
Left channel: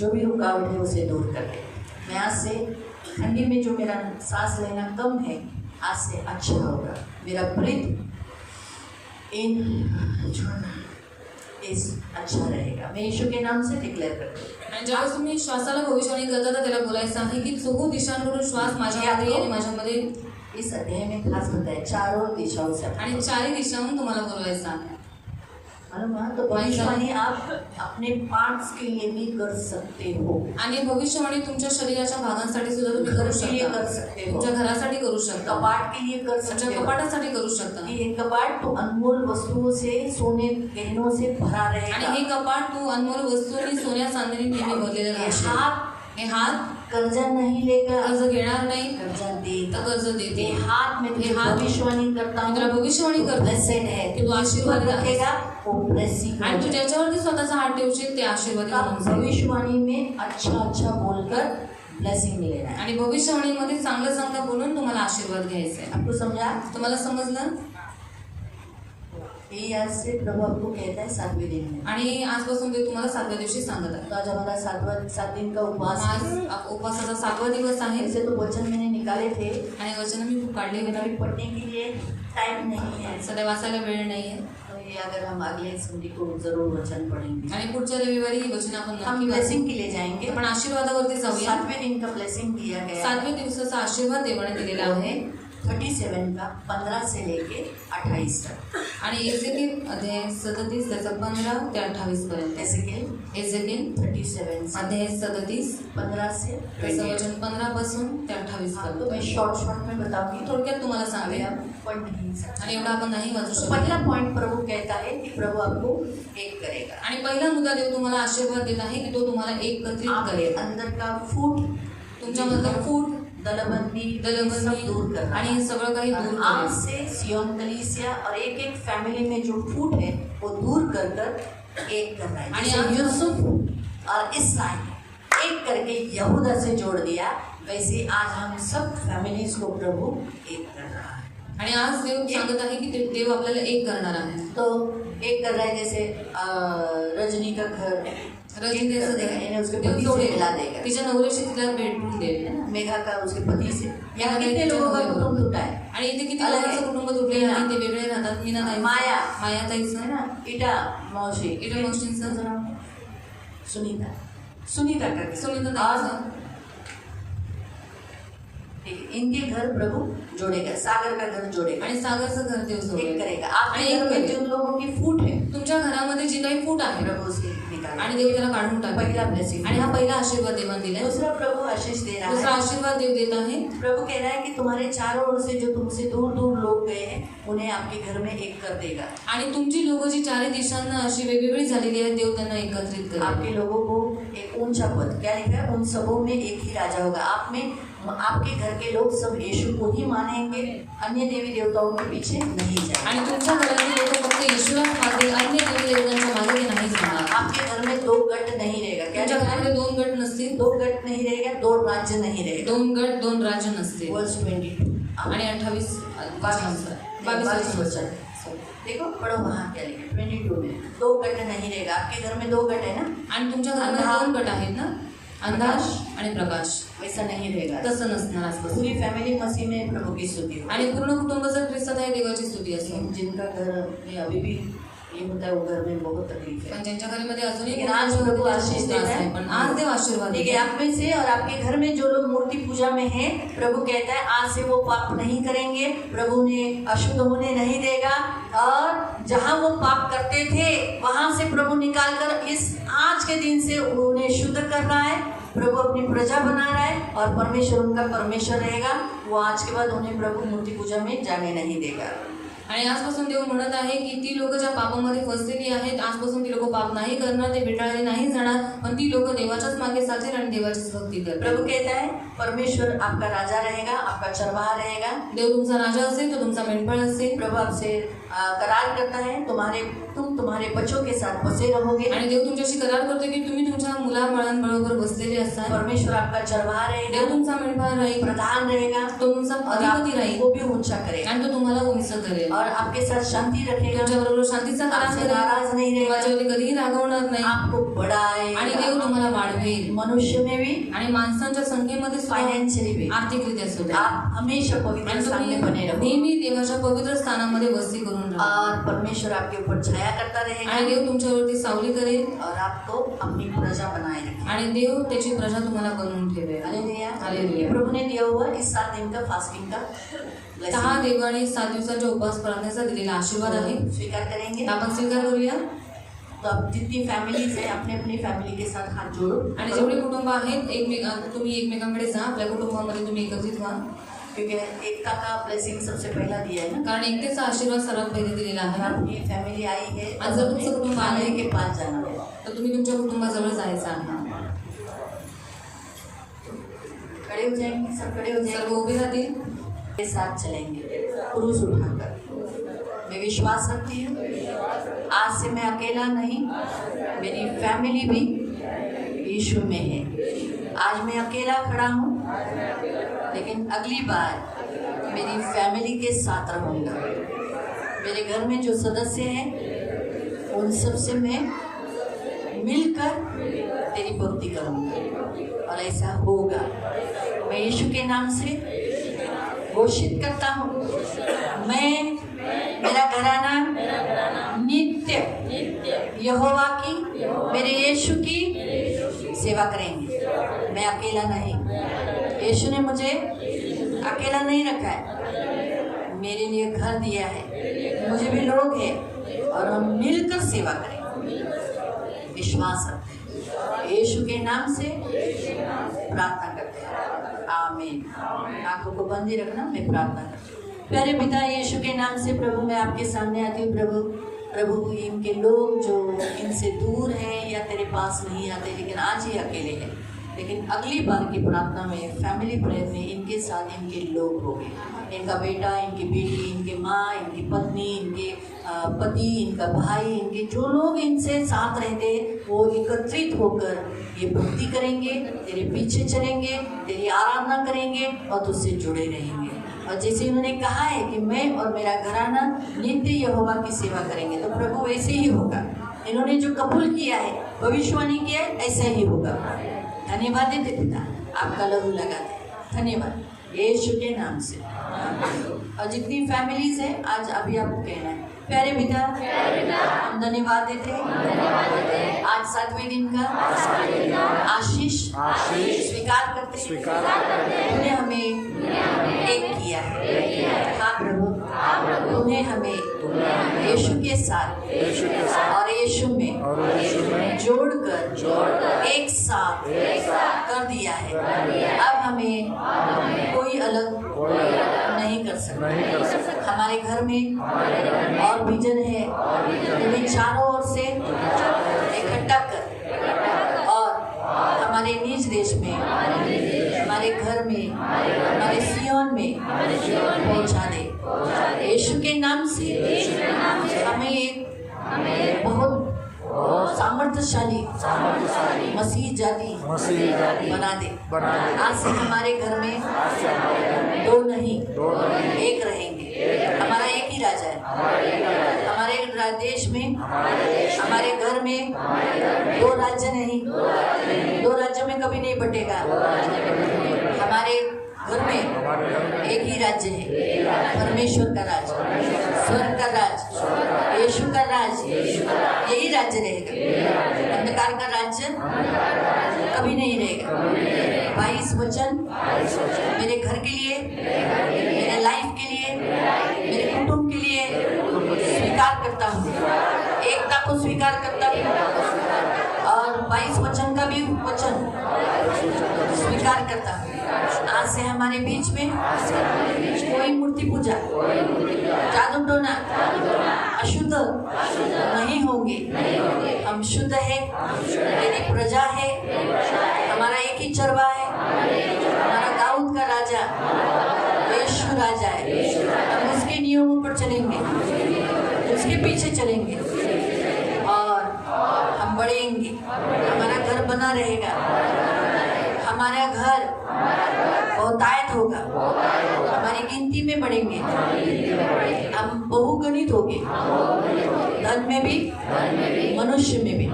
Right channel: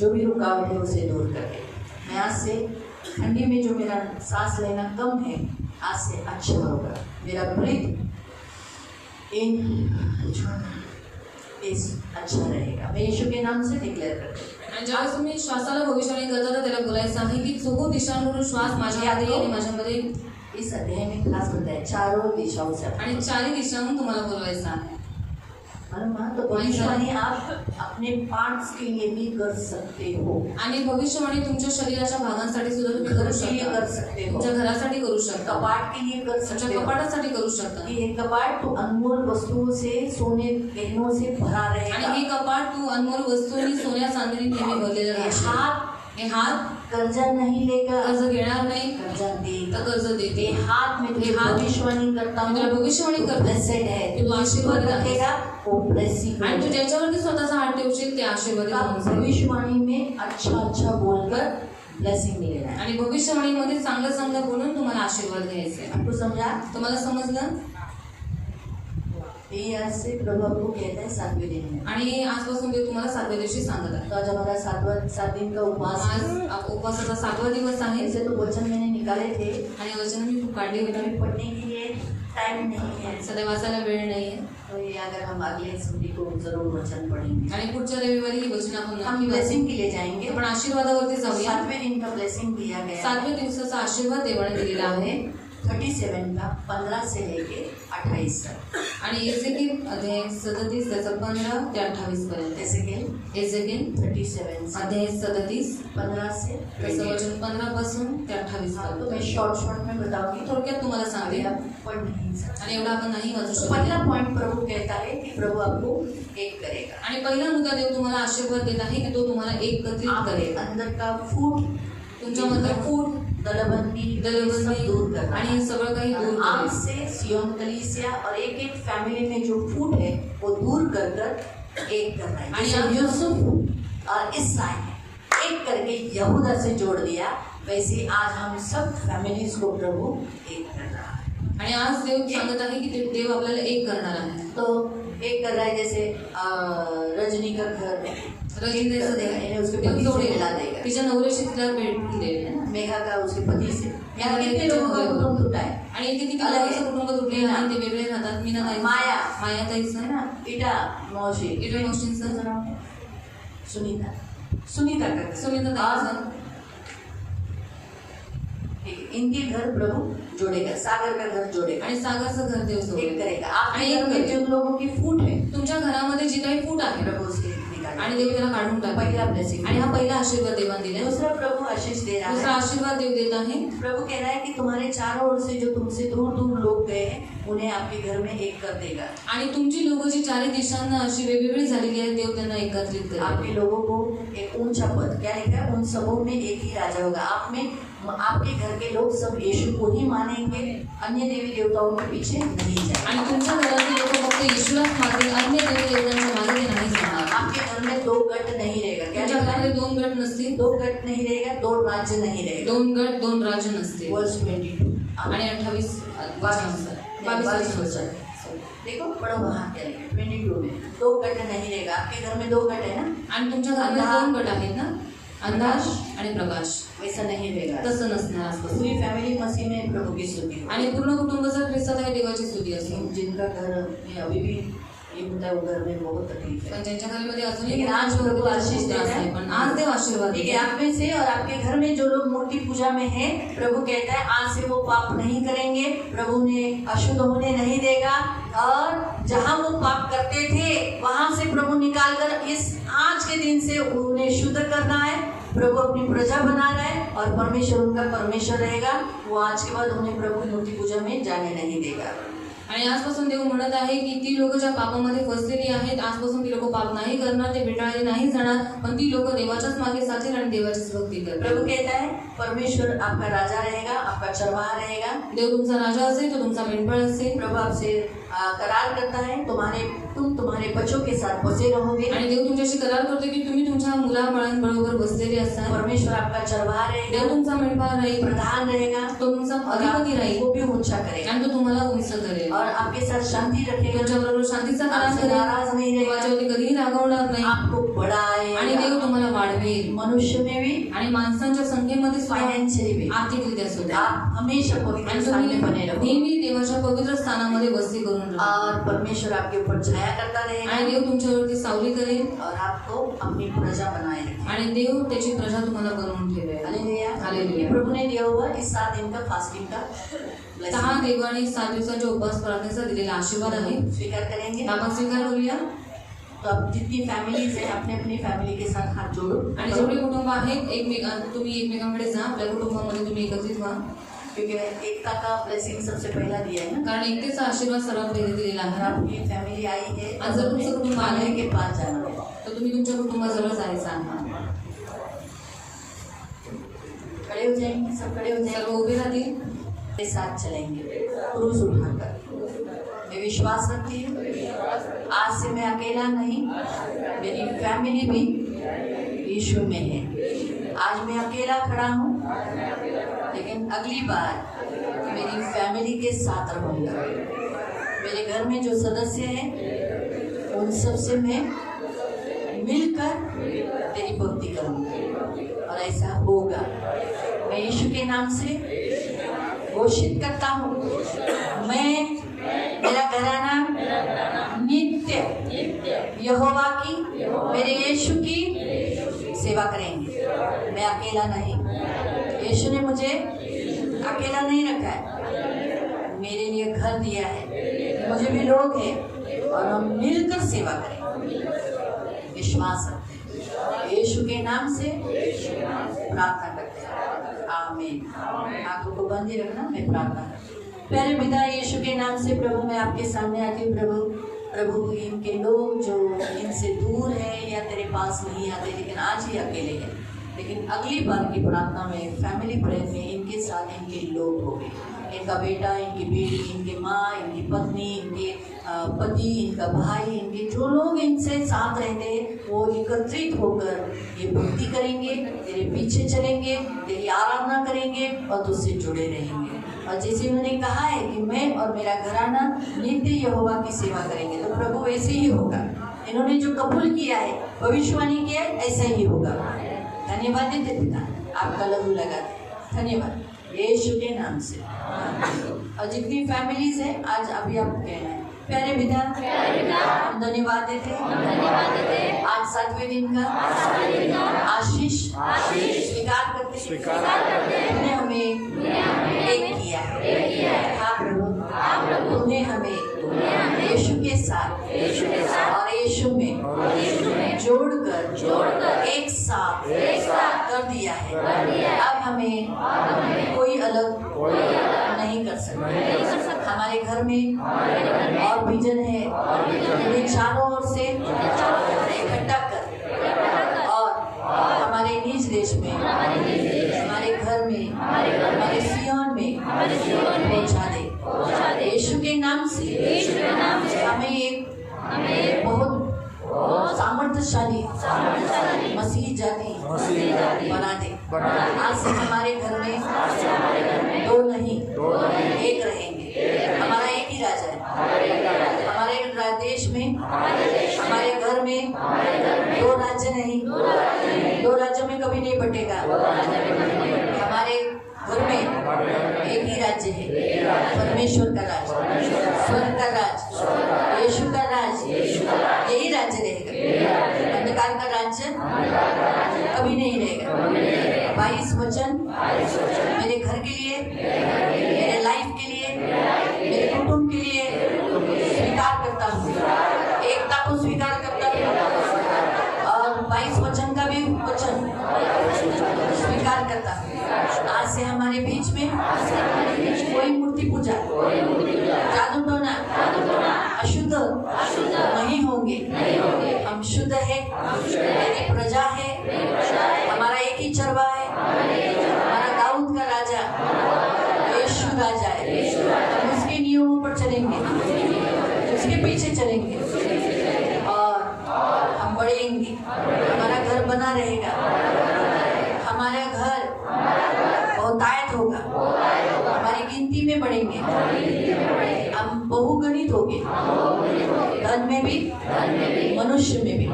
जो भी रुकावट है उसे दूर कर दे। मैं आज से ठंडी में जो मेरा सांस लेना कम है, आज से अच्छा होगा। मेरा ब्रीथ इन इस अच्छा रहेगा। मैं यीशु के नाम से डिक्लेयर करती हूँ। आणि ज्यावेळेस तुम्ही श्वासाला भविष्यवाणी करता तर त्याला बोलायचं आहे की चौहो दिशांवरून श्वास माझ्यामध्ये आणि माझ्यामध्ये, इस अध्याय में खास बताया चारों दिशाओं से। आणि चारही दिशांहून तुम्हाला बोलवायचं आहे. मालूम ना? तो भविष्यवाणी आप अपने पार्ट्स के लिए भी कर सकते हो, आणि भविष्यवाणी तुमच्या शरीराच्या भागांसाठी सुद्धा तुम्ही करू घर के लिए कर शकता, सकते हो, तुमच्या घरासाठी करू शकता, कपाट के लिए कर तुमच्या सकते हो। कपाटासाठी करू शकता. कि ये कपाट तो अनमोल वस्तुओं से, सोने गहनों से भरा आणि रहेगा। हे कपाट तू अनमोल वस्तूंनी, सोन्या चांदीने नेहमी भरलेलं ये राहशील. हाथ हे हात कर्जा नहीं लेगा, कर्ज घेणार नाही कर्जा देगा। तर कर्ज देते. ये हाथ में ये तुझे हाथ भविष्यवाणी करता मी तुला हूँ, भविष्यवाणी करते ब्लेसेड है। की तू आशीर्वादी आहेस. रखेगा वो ब्लेसिंग आणि तू ज्याच्यावरती स्वतःचा हात ठेवशील ते आशीर्वादी होऊन जाईल. भविष्यवाणी में अच्छा अच्छा बोलकर ब्लेसिंग मिलेगा। आणि भविष्यवाणीमध्ये चांगलं चांगलं बोलून तुम्हाला आशीर्वाद घ्यायचे आहे. आपको समझा? तुम्हाला समजलं? ये आज से प्रभु आपको कहता है 7वें दिन में। आणि आजपासून ते तुम्हाला 7व्या दिवशी सांगत आहे. तो आज हमारा 7 दिन का उपवास है। आज उपवासाचा 7वा दिवस आहे. ऐसे तो वचन मैंने निकाले थे, आणि वचन मी काढले लेकिन होते, अभी पढ़ने के लिए टाइम नहीं है। सध्या वाचायला वेळ नाहीये. तो ये अगर हम अगले संडे को जरूर वचन पढ़ेंगे। आणि पुढच्या रविवारी ही वचन आपण हम नक्की वाचू. ब्लेसिंग के लिए जाएंगे। आपण आशीर्वादावरती जाऊया. 7वें दिन का ब्लेसिंग दिया गया है। 7व्या दिवसाचा आशीर्वाद देवाने दिलेला आहे. 37 का 15 से लेके 28 तक। आणि एजेकिल अध्याय 37 त्याचं 15 ते 28 पर्यंत. एजेकिल 37 अध्याय 37 15 से त्याचं 28। वचन 15 पासून ते 28 तो मैं पर्यंत. शॉर्ट में बताऊंगी, थोडक्यात तुम्हाला अभी सांगूया. आप पढ़ नहीं सकते। आणि एवढं आपण नाही वाचू शकत. पहला पॉइंट प्रभु कहता है कि प्रभु आपको एक करेगा। आणि पहिला मुद्दा देव तुम्हाला आशीर्वाद देत आहे की तो तुम्हाला एकत्रित आपके करेल. अंदर का फूट, तुमच्यामधलं फूट, दलबंदी सब दलबंदी दूर करना। आणि हे सगळं काही दूर आप करेल. से सियोन कलीसिया और एक एक फैमिली में जो फूट है वो दूर कर कर एक करना है। आणि जैसे आप- यूसुफ और इसराइल एक करके यहूदा से जोड़ दिया, वैसे आज हम सब फैमिलीज को प्रभु एक कर रहा है। आणि आज देव सांगत आहे की देव आपल्याला एक करणार आहे. तो एक कर रहा है, जैसे रजनी का घर रजनी एक कर देगा, यानी उसके देव पति से जोडेल. मिला देगा। तिच्या नवऱ्याशी तिला भेटून देईल. मेघा का उसके पति से, या या कितने लोगों का कुटुंब टूटा है, आणि इथे किती अलग लोकांचं आहे. कुटुंब तुटले नाही, ते वेगळे राहतात. मीना ताई, माया ताईचं है ना, इटा मौसी, इटा मौसींचं, सुनीता का सुनीता ताईचं. इनके घर प्रभु जोड़ेगा, सागर का घर जोड़ेगा, आणि सागरचं घर देव एक जोडेल. करेगा। आणि आपके घर में एक जिन लोगों की फूट है तुमच्या घरामध्ये जी काही फूट आहे प्रभु उसके निकाल निकाला, आणि देव त्याला काढून टाकले. पहला ब्लेसिंग. आणि हा पहिला आशीर्वाद देवाने दिलाय. दूसरा प्रभु आशीष दे रहा दुसरा है. आशीर्वाद देव देत आहे. प्रभु कह रहा है कि तुम्हारे चारों ओर से जो तुमसे दूर दूर लोग गए हैं उन्हें आपके घर में एक कर देगा. आणि तुमची लोक जी चारही दिशांना अशी वेगवेगळी झालेली आहेत, देव त्यांना एकत्रित करेल. आपके लोगों को एक ऊंचा पद, क्या लिखा है, उन सबों में एक ही राजा होगा. आप में आपके घर के लोग सब यीशु को ही मानेंगे, अन्य देवी देवताओं के पीछे नहीं जाएंगे. आणि तुमच्या घरातील लोक फक्त येशूलाच मागतील, अन्य देवी देवतांच्या मागे नाही जाणार. आपके घर में दो गट नहीं रहेगा. क्या तुमच्या लिखा है? घरामध्ये 2 गट नसतील, दो गट नहीं रहेगा, दो राज्य नहीं रहेगा. 2 गट 2 राज्य नसतील. वर्ष 22 आणि 28 22 वर्ष. देखो पढ़ो वहाँ क्या लिखा है 22 में. दो गट नहीं रहेगा. आपके घर में दो गट है ना. आणि तुमच्या घरामध्ये 2 गट आहेत ना, अंधार आणि प्रकाश. वैसा नहीं रहेगा. तसं नसणार आजपासून. पूरी फैमिली मसीह में प्रभु की स्तुति. आणि पूर्ण कुटुंब जर ख्रिस्तात आहे, देवाची स्तुती असेल. लेकिन जिनका घर में अभी भी ये होता है वो घर में बहुत तकलीफ है. पण ज्यांच्या घरामध्ये अजूनही लेकिन आज प्रभु आशीष दे रहा है. पण आज देव आशीर्वाद ठीक देत है, आहे. आप में से और आपके घर में जो लोग मूर्ति पूजा में हैं, प्रभु कहता है आज से वो पाप नहीं करेंगे. प्रभु उन्हें अशुद्ध होने नहीं देगा. और जहाँ वो पाप करते थे वहां से प्रभु निकाल कर इस आज के दिन से उन्हें शुद्ध कर रहा है. प्रभु अपनी प्रजा बना रहा है और परमेश्वर उनका परमेश्वर रहेगा. वो आज के बाद उन्हें प्रभु मूर्ति पूजा में जाने नहीं देगा. आणि आजपासून देव म्हणत आहे की ती लोक ज्या पापामध्ये फसलेली आहेत, आजपासून ती लोक पाप नाही करणार, ते भेटाळले नाही जाणार, पण ती लोक देवाच्याच मागे चालतील आणि देवाचीच भक्ती करतील. प्रभु कहता है परमेश्वर आपका राजा रहेगा, आपका चरवाहा रहेगा. देव तुमचा राजा असेल, तो तुमचा मेंढपाळ असेल. प्रभु आपसे करार करता है तुम तुम्हारे बच्चों के साथ बसे रहोगे. आणि देव तुमच्याशी करार करतो की तुम्ही तुमच्या मुलाबाळांबरोबर बसलेले असाल. परमेश्वर आपका चरवाहा रहेगा, देव तुमचा मेंढपाळ राहील, प्रधान रहेगा, तो तुमचा अधिपती राहील, वो भी ऊंचा करेगा आणि तो तुम्हाला उंच करेल. और आपके साथ शांति रखेगा, तुमच्याबरोबर शांतीचा करार आपसे करेल, नाराज नहीं रहेगा, तुमच्यावरती कधीही रागवणार नाही, आपको आणि बढ़ाएगा. देव तुम्हाला वाढवेल. मनुष्य में भी, आणि माणसांच्या संख्येमध्ये सुद्धा, फाइनेंशियली भी आर्थिकरित्या सुद्धा. आप हमेशा पवित्र आणि स्थान में बने तुम्ही रहो. नेहमी देवाच्या पवित्र स्थानामध्ये वस्ती करून राहा. और परमेश्वर आपके ऊपर छाया करता आणि रहेगा देव तुमच्यावरती सावली करेल, और आपको अपनी प्रजा बनाए रखेगा. आणि देव त्याची प्रजा तुम्हाला बनवून ठेवेल. हालेलुया. हालेलुया. ये प्रभु ने दिया हुआ इस 7 दिन का फास्टिंग का 6 blessing. देवाने 7 दिवसांच्या उपवास प्रार्थनेचा दिलेला आशीर्वाद आहे. स्वीकार करेंगे. आपण स्वीकार करूया. तो अब जितनी फैमिलीज है अपने अपनी फैमिली के साथ हाथ जोड़ो. आणि जेवढे कुटुंब आहेत तुम्ही एकमेकांकडे जा, आपल्या कुटुंबामध्ये तुम्ही एकत्रित व्हा. क्योंकि एकता का ब्लेसिंग सबसे पहला दिया है ना. कारण एकतेचा आशीर्वाद सर्वात पहिले दिलेला अगर आहे. आपकी फैमिली आई है आज जर तुमचं कुटुंब खाने आलंय, के पास जाना है. तर तुम्ही तुमच्या कुटुंबाजवळ जायचं आहे. खड़े हो जाएंगे, सब खड़े हो सर्व जाएंगे, उभे राहतील. के साथ चलेंगे क्रूस उठाकर. मैं विश्वास रखती हूँ आज से मैं अकेला नहीं, मेरी फैमिली भी यीशु में है. आज मैं अकेला खड़ा हूँ, लेकिन अगली बार मेरी फैमिली के साथ रहूँगा. मेरे घर में जो सदस्य हैं उन सब से मैं मिलकर तेरी भक्ति करूँगा और ऐसा होगा. मैं यीशु के नाम से घोषित करता हूँ, मैं मेरा घराना नित्य यहोवा की, मेरे यीशु की सेवा करेंगे. मैं अकेला नहीं, यीशु ने मुझे अकेला नहीं रखा है, मेरे लिए घर दिया है, मुझे भी लोग हैं और हम मिलकर सेवा करेंगे. विश्वास रखते हैं, यीशु के नाम से प्रार्थना करते हैं. आमीन. आंखों को बंद ही रखना, मैं प्रार्थना करती हूँ. प्यारे पिता यीशु के नाम से प्रभु मैं आपके सामने आती हूँ. प्रभु इनके लोग जो इनसे दूर हैं या तेरे पास नहीं आते, लेकिन आज ही अकेले हैं, लेकिन अगली बार की प्रार्थना में फैमिली प्रेयर में इनके साथ इनके लोग होंगे. इनका बेटा, इनकी बेटी, इनकी माँ, इनकी पत्नी, इनके पति, इनका भाई, इनके जो लोग इनसे साथ रहते वो एकत्रित होकर ये भक्ति करेंगे, तेरे पीछे चलेंगे, तेरी आराधना करेंगे और तुझसे जुड़े रहेंगे. और जैसे उन्होंने कहा है कि मैं और मेरा घराना नित्य यहोवा की सेवा करेंगे, तो प्रभु ऐसे ही होगा. इन्होंने जो कबूल किया है, भविष्यवाणी किया है, ऐसा ही होगा. धन्यवाद देते पिता, आपका लहू लगाते. धन्यवाद यीशु के नाम से. और जितनी फैमिलीज है आज अभी आपको कहना है, प्यारे पिता हम धन्यवाद देते हैं आज 7वें दिन का आशीष स्वीकार करते हैं. हमें एक किया है। हाँ प्रभु, तूने हमें यीशु के साथ और यीशु में जोड़कर एक साथ कर दिया है। अब हमें कोई अलग नहीं कर सकता। हमारे घर में और विजन है, उन्हें चारों ओर से इकट्ठा कर और हमारे निज देश में, हमारे घर में, हमारे सियोन में पहुंचा दे। यीशु के नाम से हमें एक बहुत सामर्थ्यशाली मसीह जाति बना दे। आज से हमारे घर में दो नहीं एक रहेंगे। हमारा एक ही राजा है। हमारे देश में, हमारे घर में दो राज्य नहीं, दो राज्य में कभी नहीं बटेगा। हमारे घर में एक ही राज्य है, परमेश्वर का राज, स्वर्ग का राज, यीशु का राज, यही राज्य रहेगा। अंधकार का राज्य कभी नहीं रहेगा। 22 वचन मेरे घर के लिए, मेरे लाइफ के लिए, मेरे कुटुंब के लिए स्वीकार करता हूँ। एकता को स्वीकार करता हूँ और 22 वचन का भी वचन स्वीकार करता हूँ। आज से हमारे बीच में कोई मूर्ति पूजा, जादू टोना, अशुद्ध नहीं होंगे। हम शुद्ध है, मेरी प्रजा है, हमारा एक ही चरवा है, हमारा दाऊद का राजा यीशु राजा है। हम उसके नियमों पर चलेंगे, उसके पीछे चलेंगे और हम बढ़ेंगे। हमारा घर बना रहेगा, हमारा घर बहुतायत होगा, हमारी गिनती में बढ़ेंगे, हम बहुगणित होंगे, धन में भी, मनुष्य में भी,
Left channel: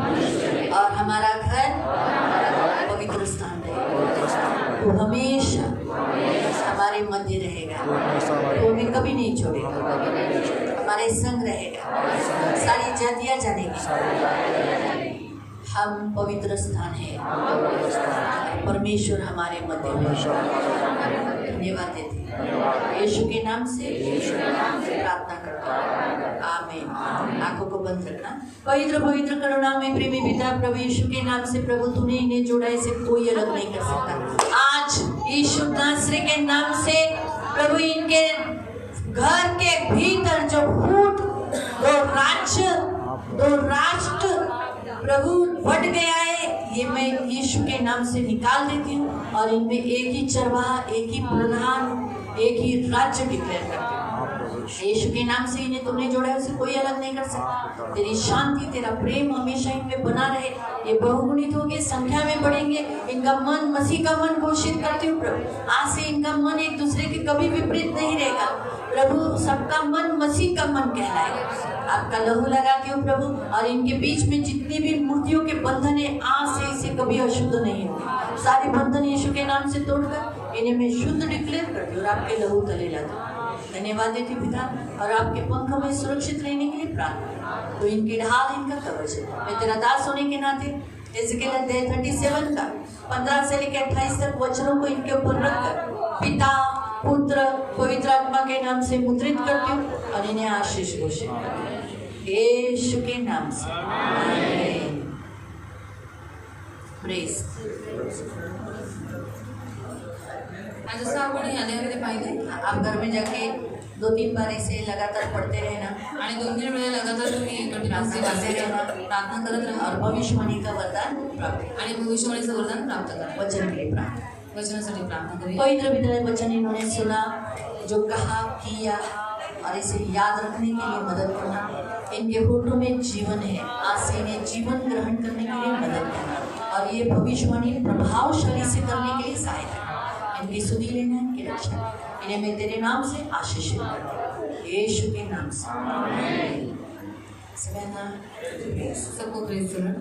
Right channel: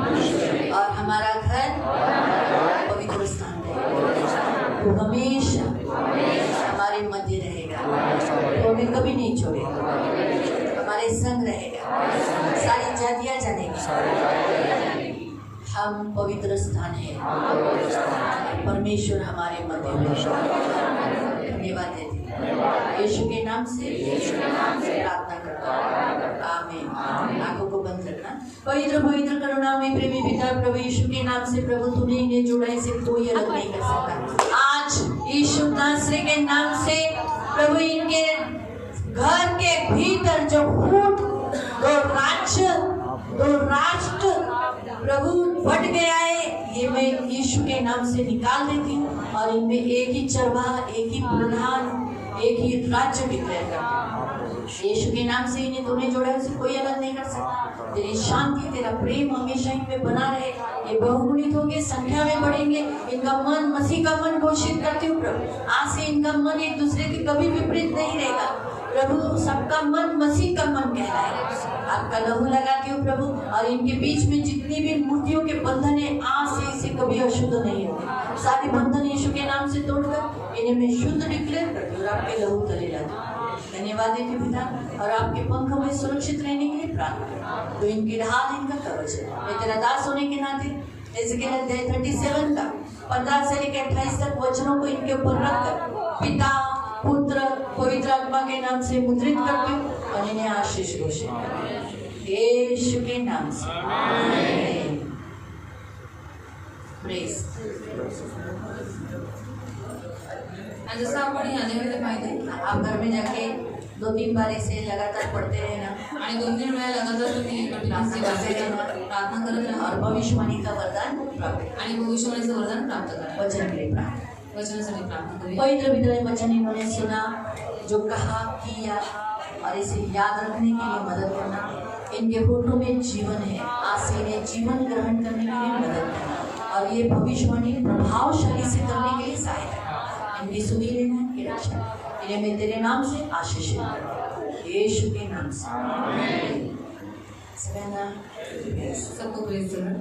और हमारा घर पवित्र स्थान रहेगा। वो हमेशा हमारे मध्य रहेगा, वो हमें कभी नहीं छोड़ेगा, हमारे संग रहेगा। सारी जातियां जानेंगी हम पवित्र स्थान है, परमेश्वर हमारे मध्य में। धन्यवाद देते हैं यीशु के नाम से प्रार्थना करता हूँ, आमीन। आंखों को बंद रखना। पवित्र पवित्र करुणामय प्रेमी पिता प्रभु यीशु के नाम से प्रभु तूने इन्हें जोड़ा, इसे कोई अलग नहीं कर सकता। आज यीशु नासरी के नाम से प्रभु इनके घर के भीतर जो फूट दो राज्य, दो राष्ट्र प्रभु बढ़ गया है, ये मैं यीशु के नाम से निकाल देती हूँ और इनमें एक ही चरवाहा, एक ही प्रधान, एक ही राज्य डिक्लेयर करते हैं। यीशु के नाम से इन्हें तूने जोड़ा है, उसे कोई अलग नहीं कर सकता। तेरी शांति, तेरा प्रेम हमेशा इनमें बना रहे। ये बहुगुणित होंगे, संख्या में बढ़ेंगे। इनका मन मसीह का मन घोषित करती हूँ प्रभु। आज से इनका मन एक दूसरे के कभी विपरीत नहीं रहेगा प्रभु। सबका मन मसीह का मन कहलाएगा। आपका लहू लगाती हूँ प्रभु, और इनके बीच में जितनी भी मूर्तियों के बंधन है, आज से इसे कभी अशुद्ध नहीं होंगे। सारे बंधन यीशु के नाम से तोड़कर इन्हें मैं शुद्ध डिक्लेयर करती हूँ और आपके लहू तले लाती हूँ। धन्यवाद देती पिता, और आपके पंखों में सुरक्षित रहने के लिए प्रार्थना। तो इनकी ढाल, इनका कवच है। मैं तेरा दास होने के नाते एज़ेकिएल अध्याय 37 का 15 से लेकर 28 तक वचनों को इनके ऊपर रखकर पिता, पुत्र, पवित्र आत्मा के नाम से मुद्रित करती हूँ और इन्हें आशीष घोषित करती हूँ यीशु के नाम से। आमीन। प्रेज। जसं आपण याद्यामध्ये पाहिजे, आप घर में जाके 2-3 बार इसे लगातार पढ़ते रहना आणि 2-3 वेळा लगातार तुम्ही प्रार्थना करते रहना, प्रार्थना करत राहा और भविष्यवाणी का वरदान प्राप्त आणि भविष्यवाणीचं वरदान प्राप्त करा। वचन के लिए प्रार्थना। वचनासाठी प्रार्थना करें। पवित्र पिता वचन इन्होंने सुना, जो कहा किया, और इसे याद रखने के लिए मदद करना। इनके होठों में जीवन है, आज से इन्हें जीवन ग्रहण करने के लिए मदद करना और ये भविष्यवाणी प्रभावशाली से करने के लिए सहायता करना। इनकी सुनी लेना, इनकी रक्षा, इन्हें मैं तेरे नाम से आशीषित करता हूँ यीशु के नाम से। सबको प्रेज करो।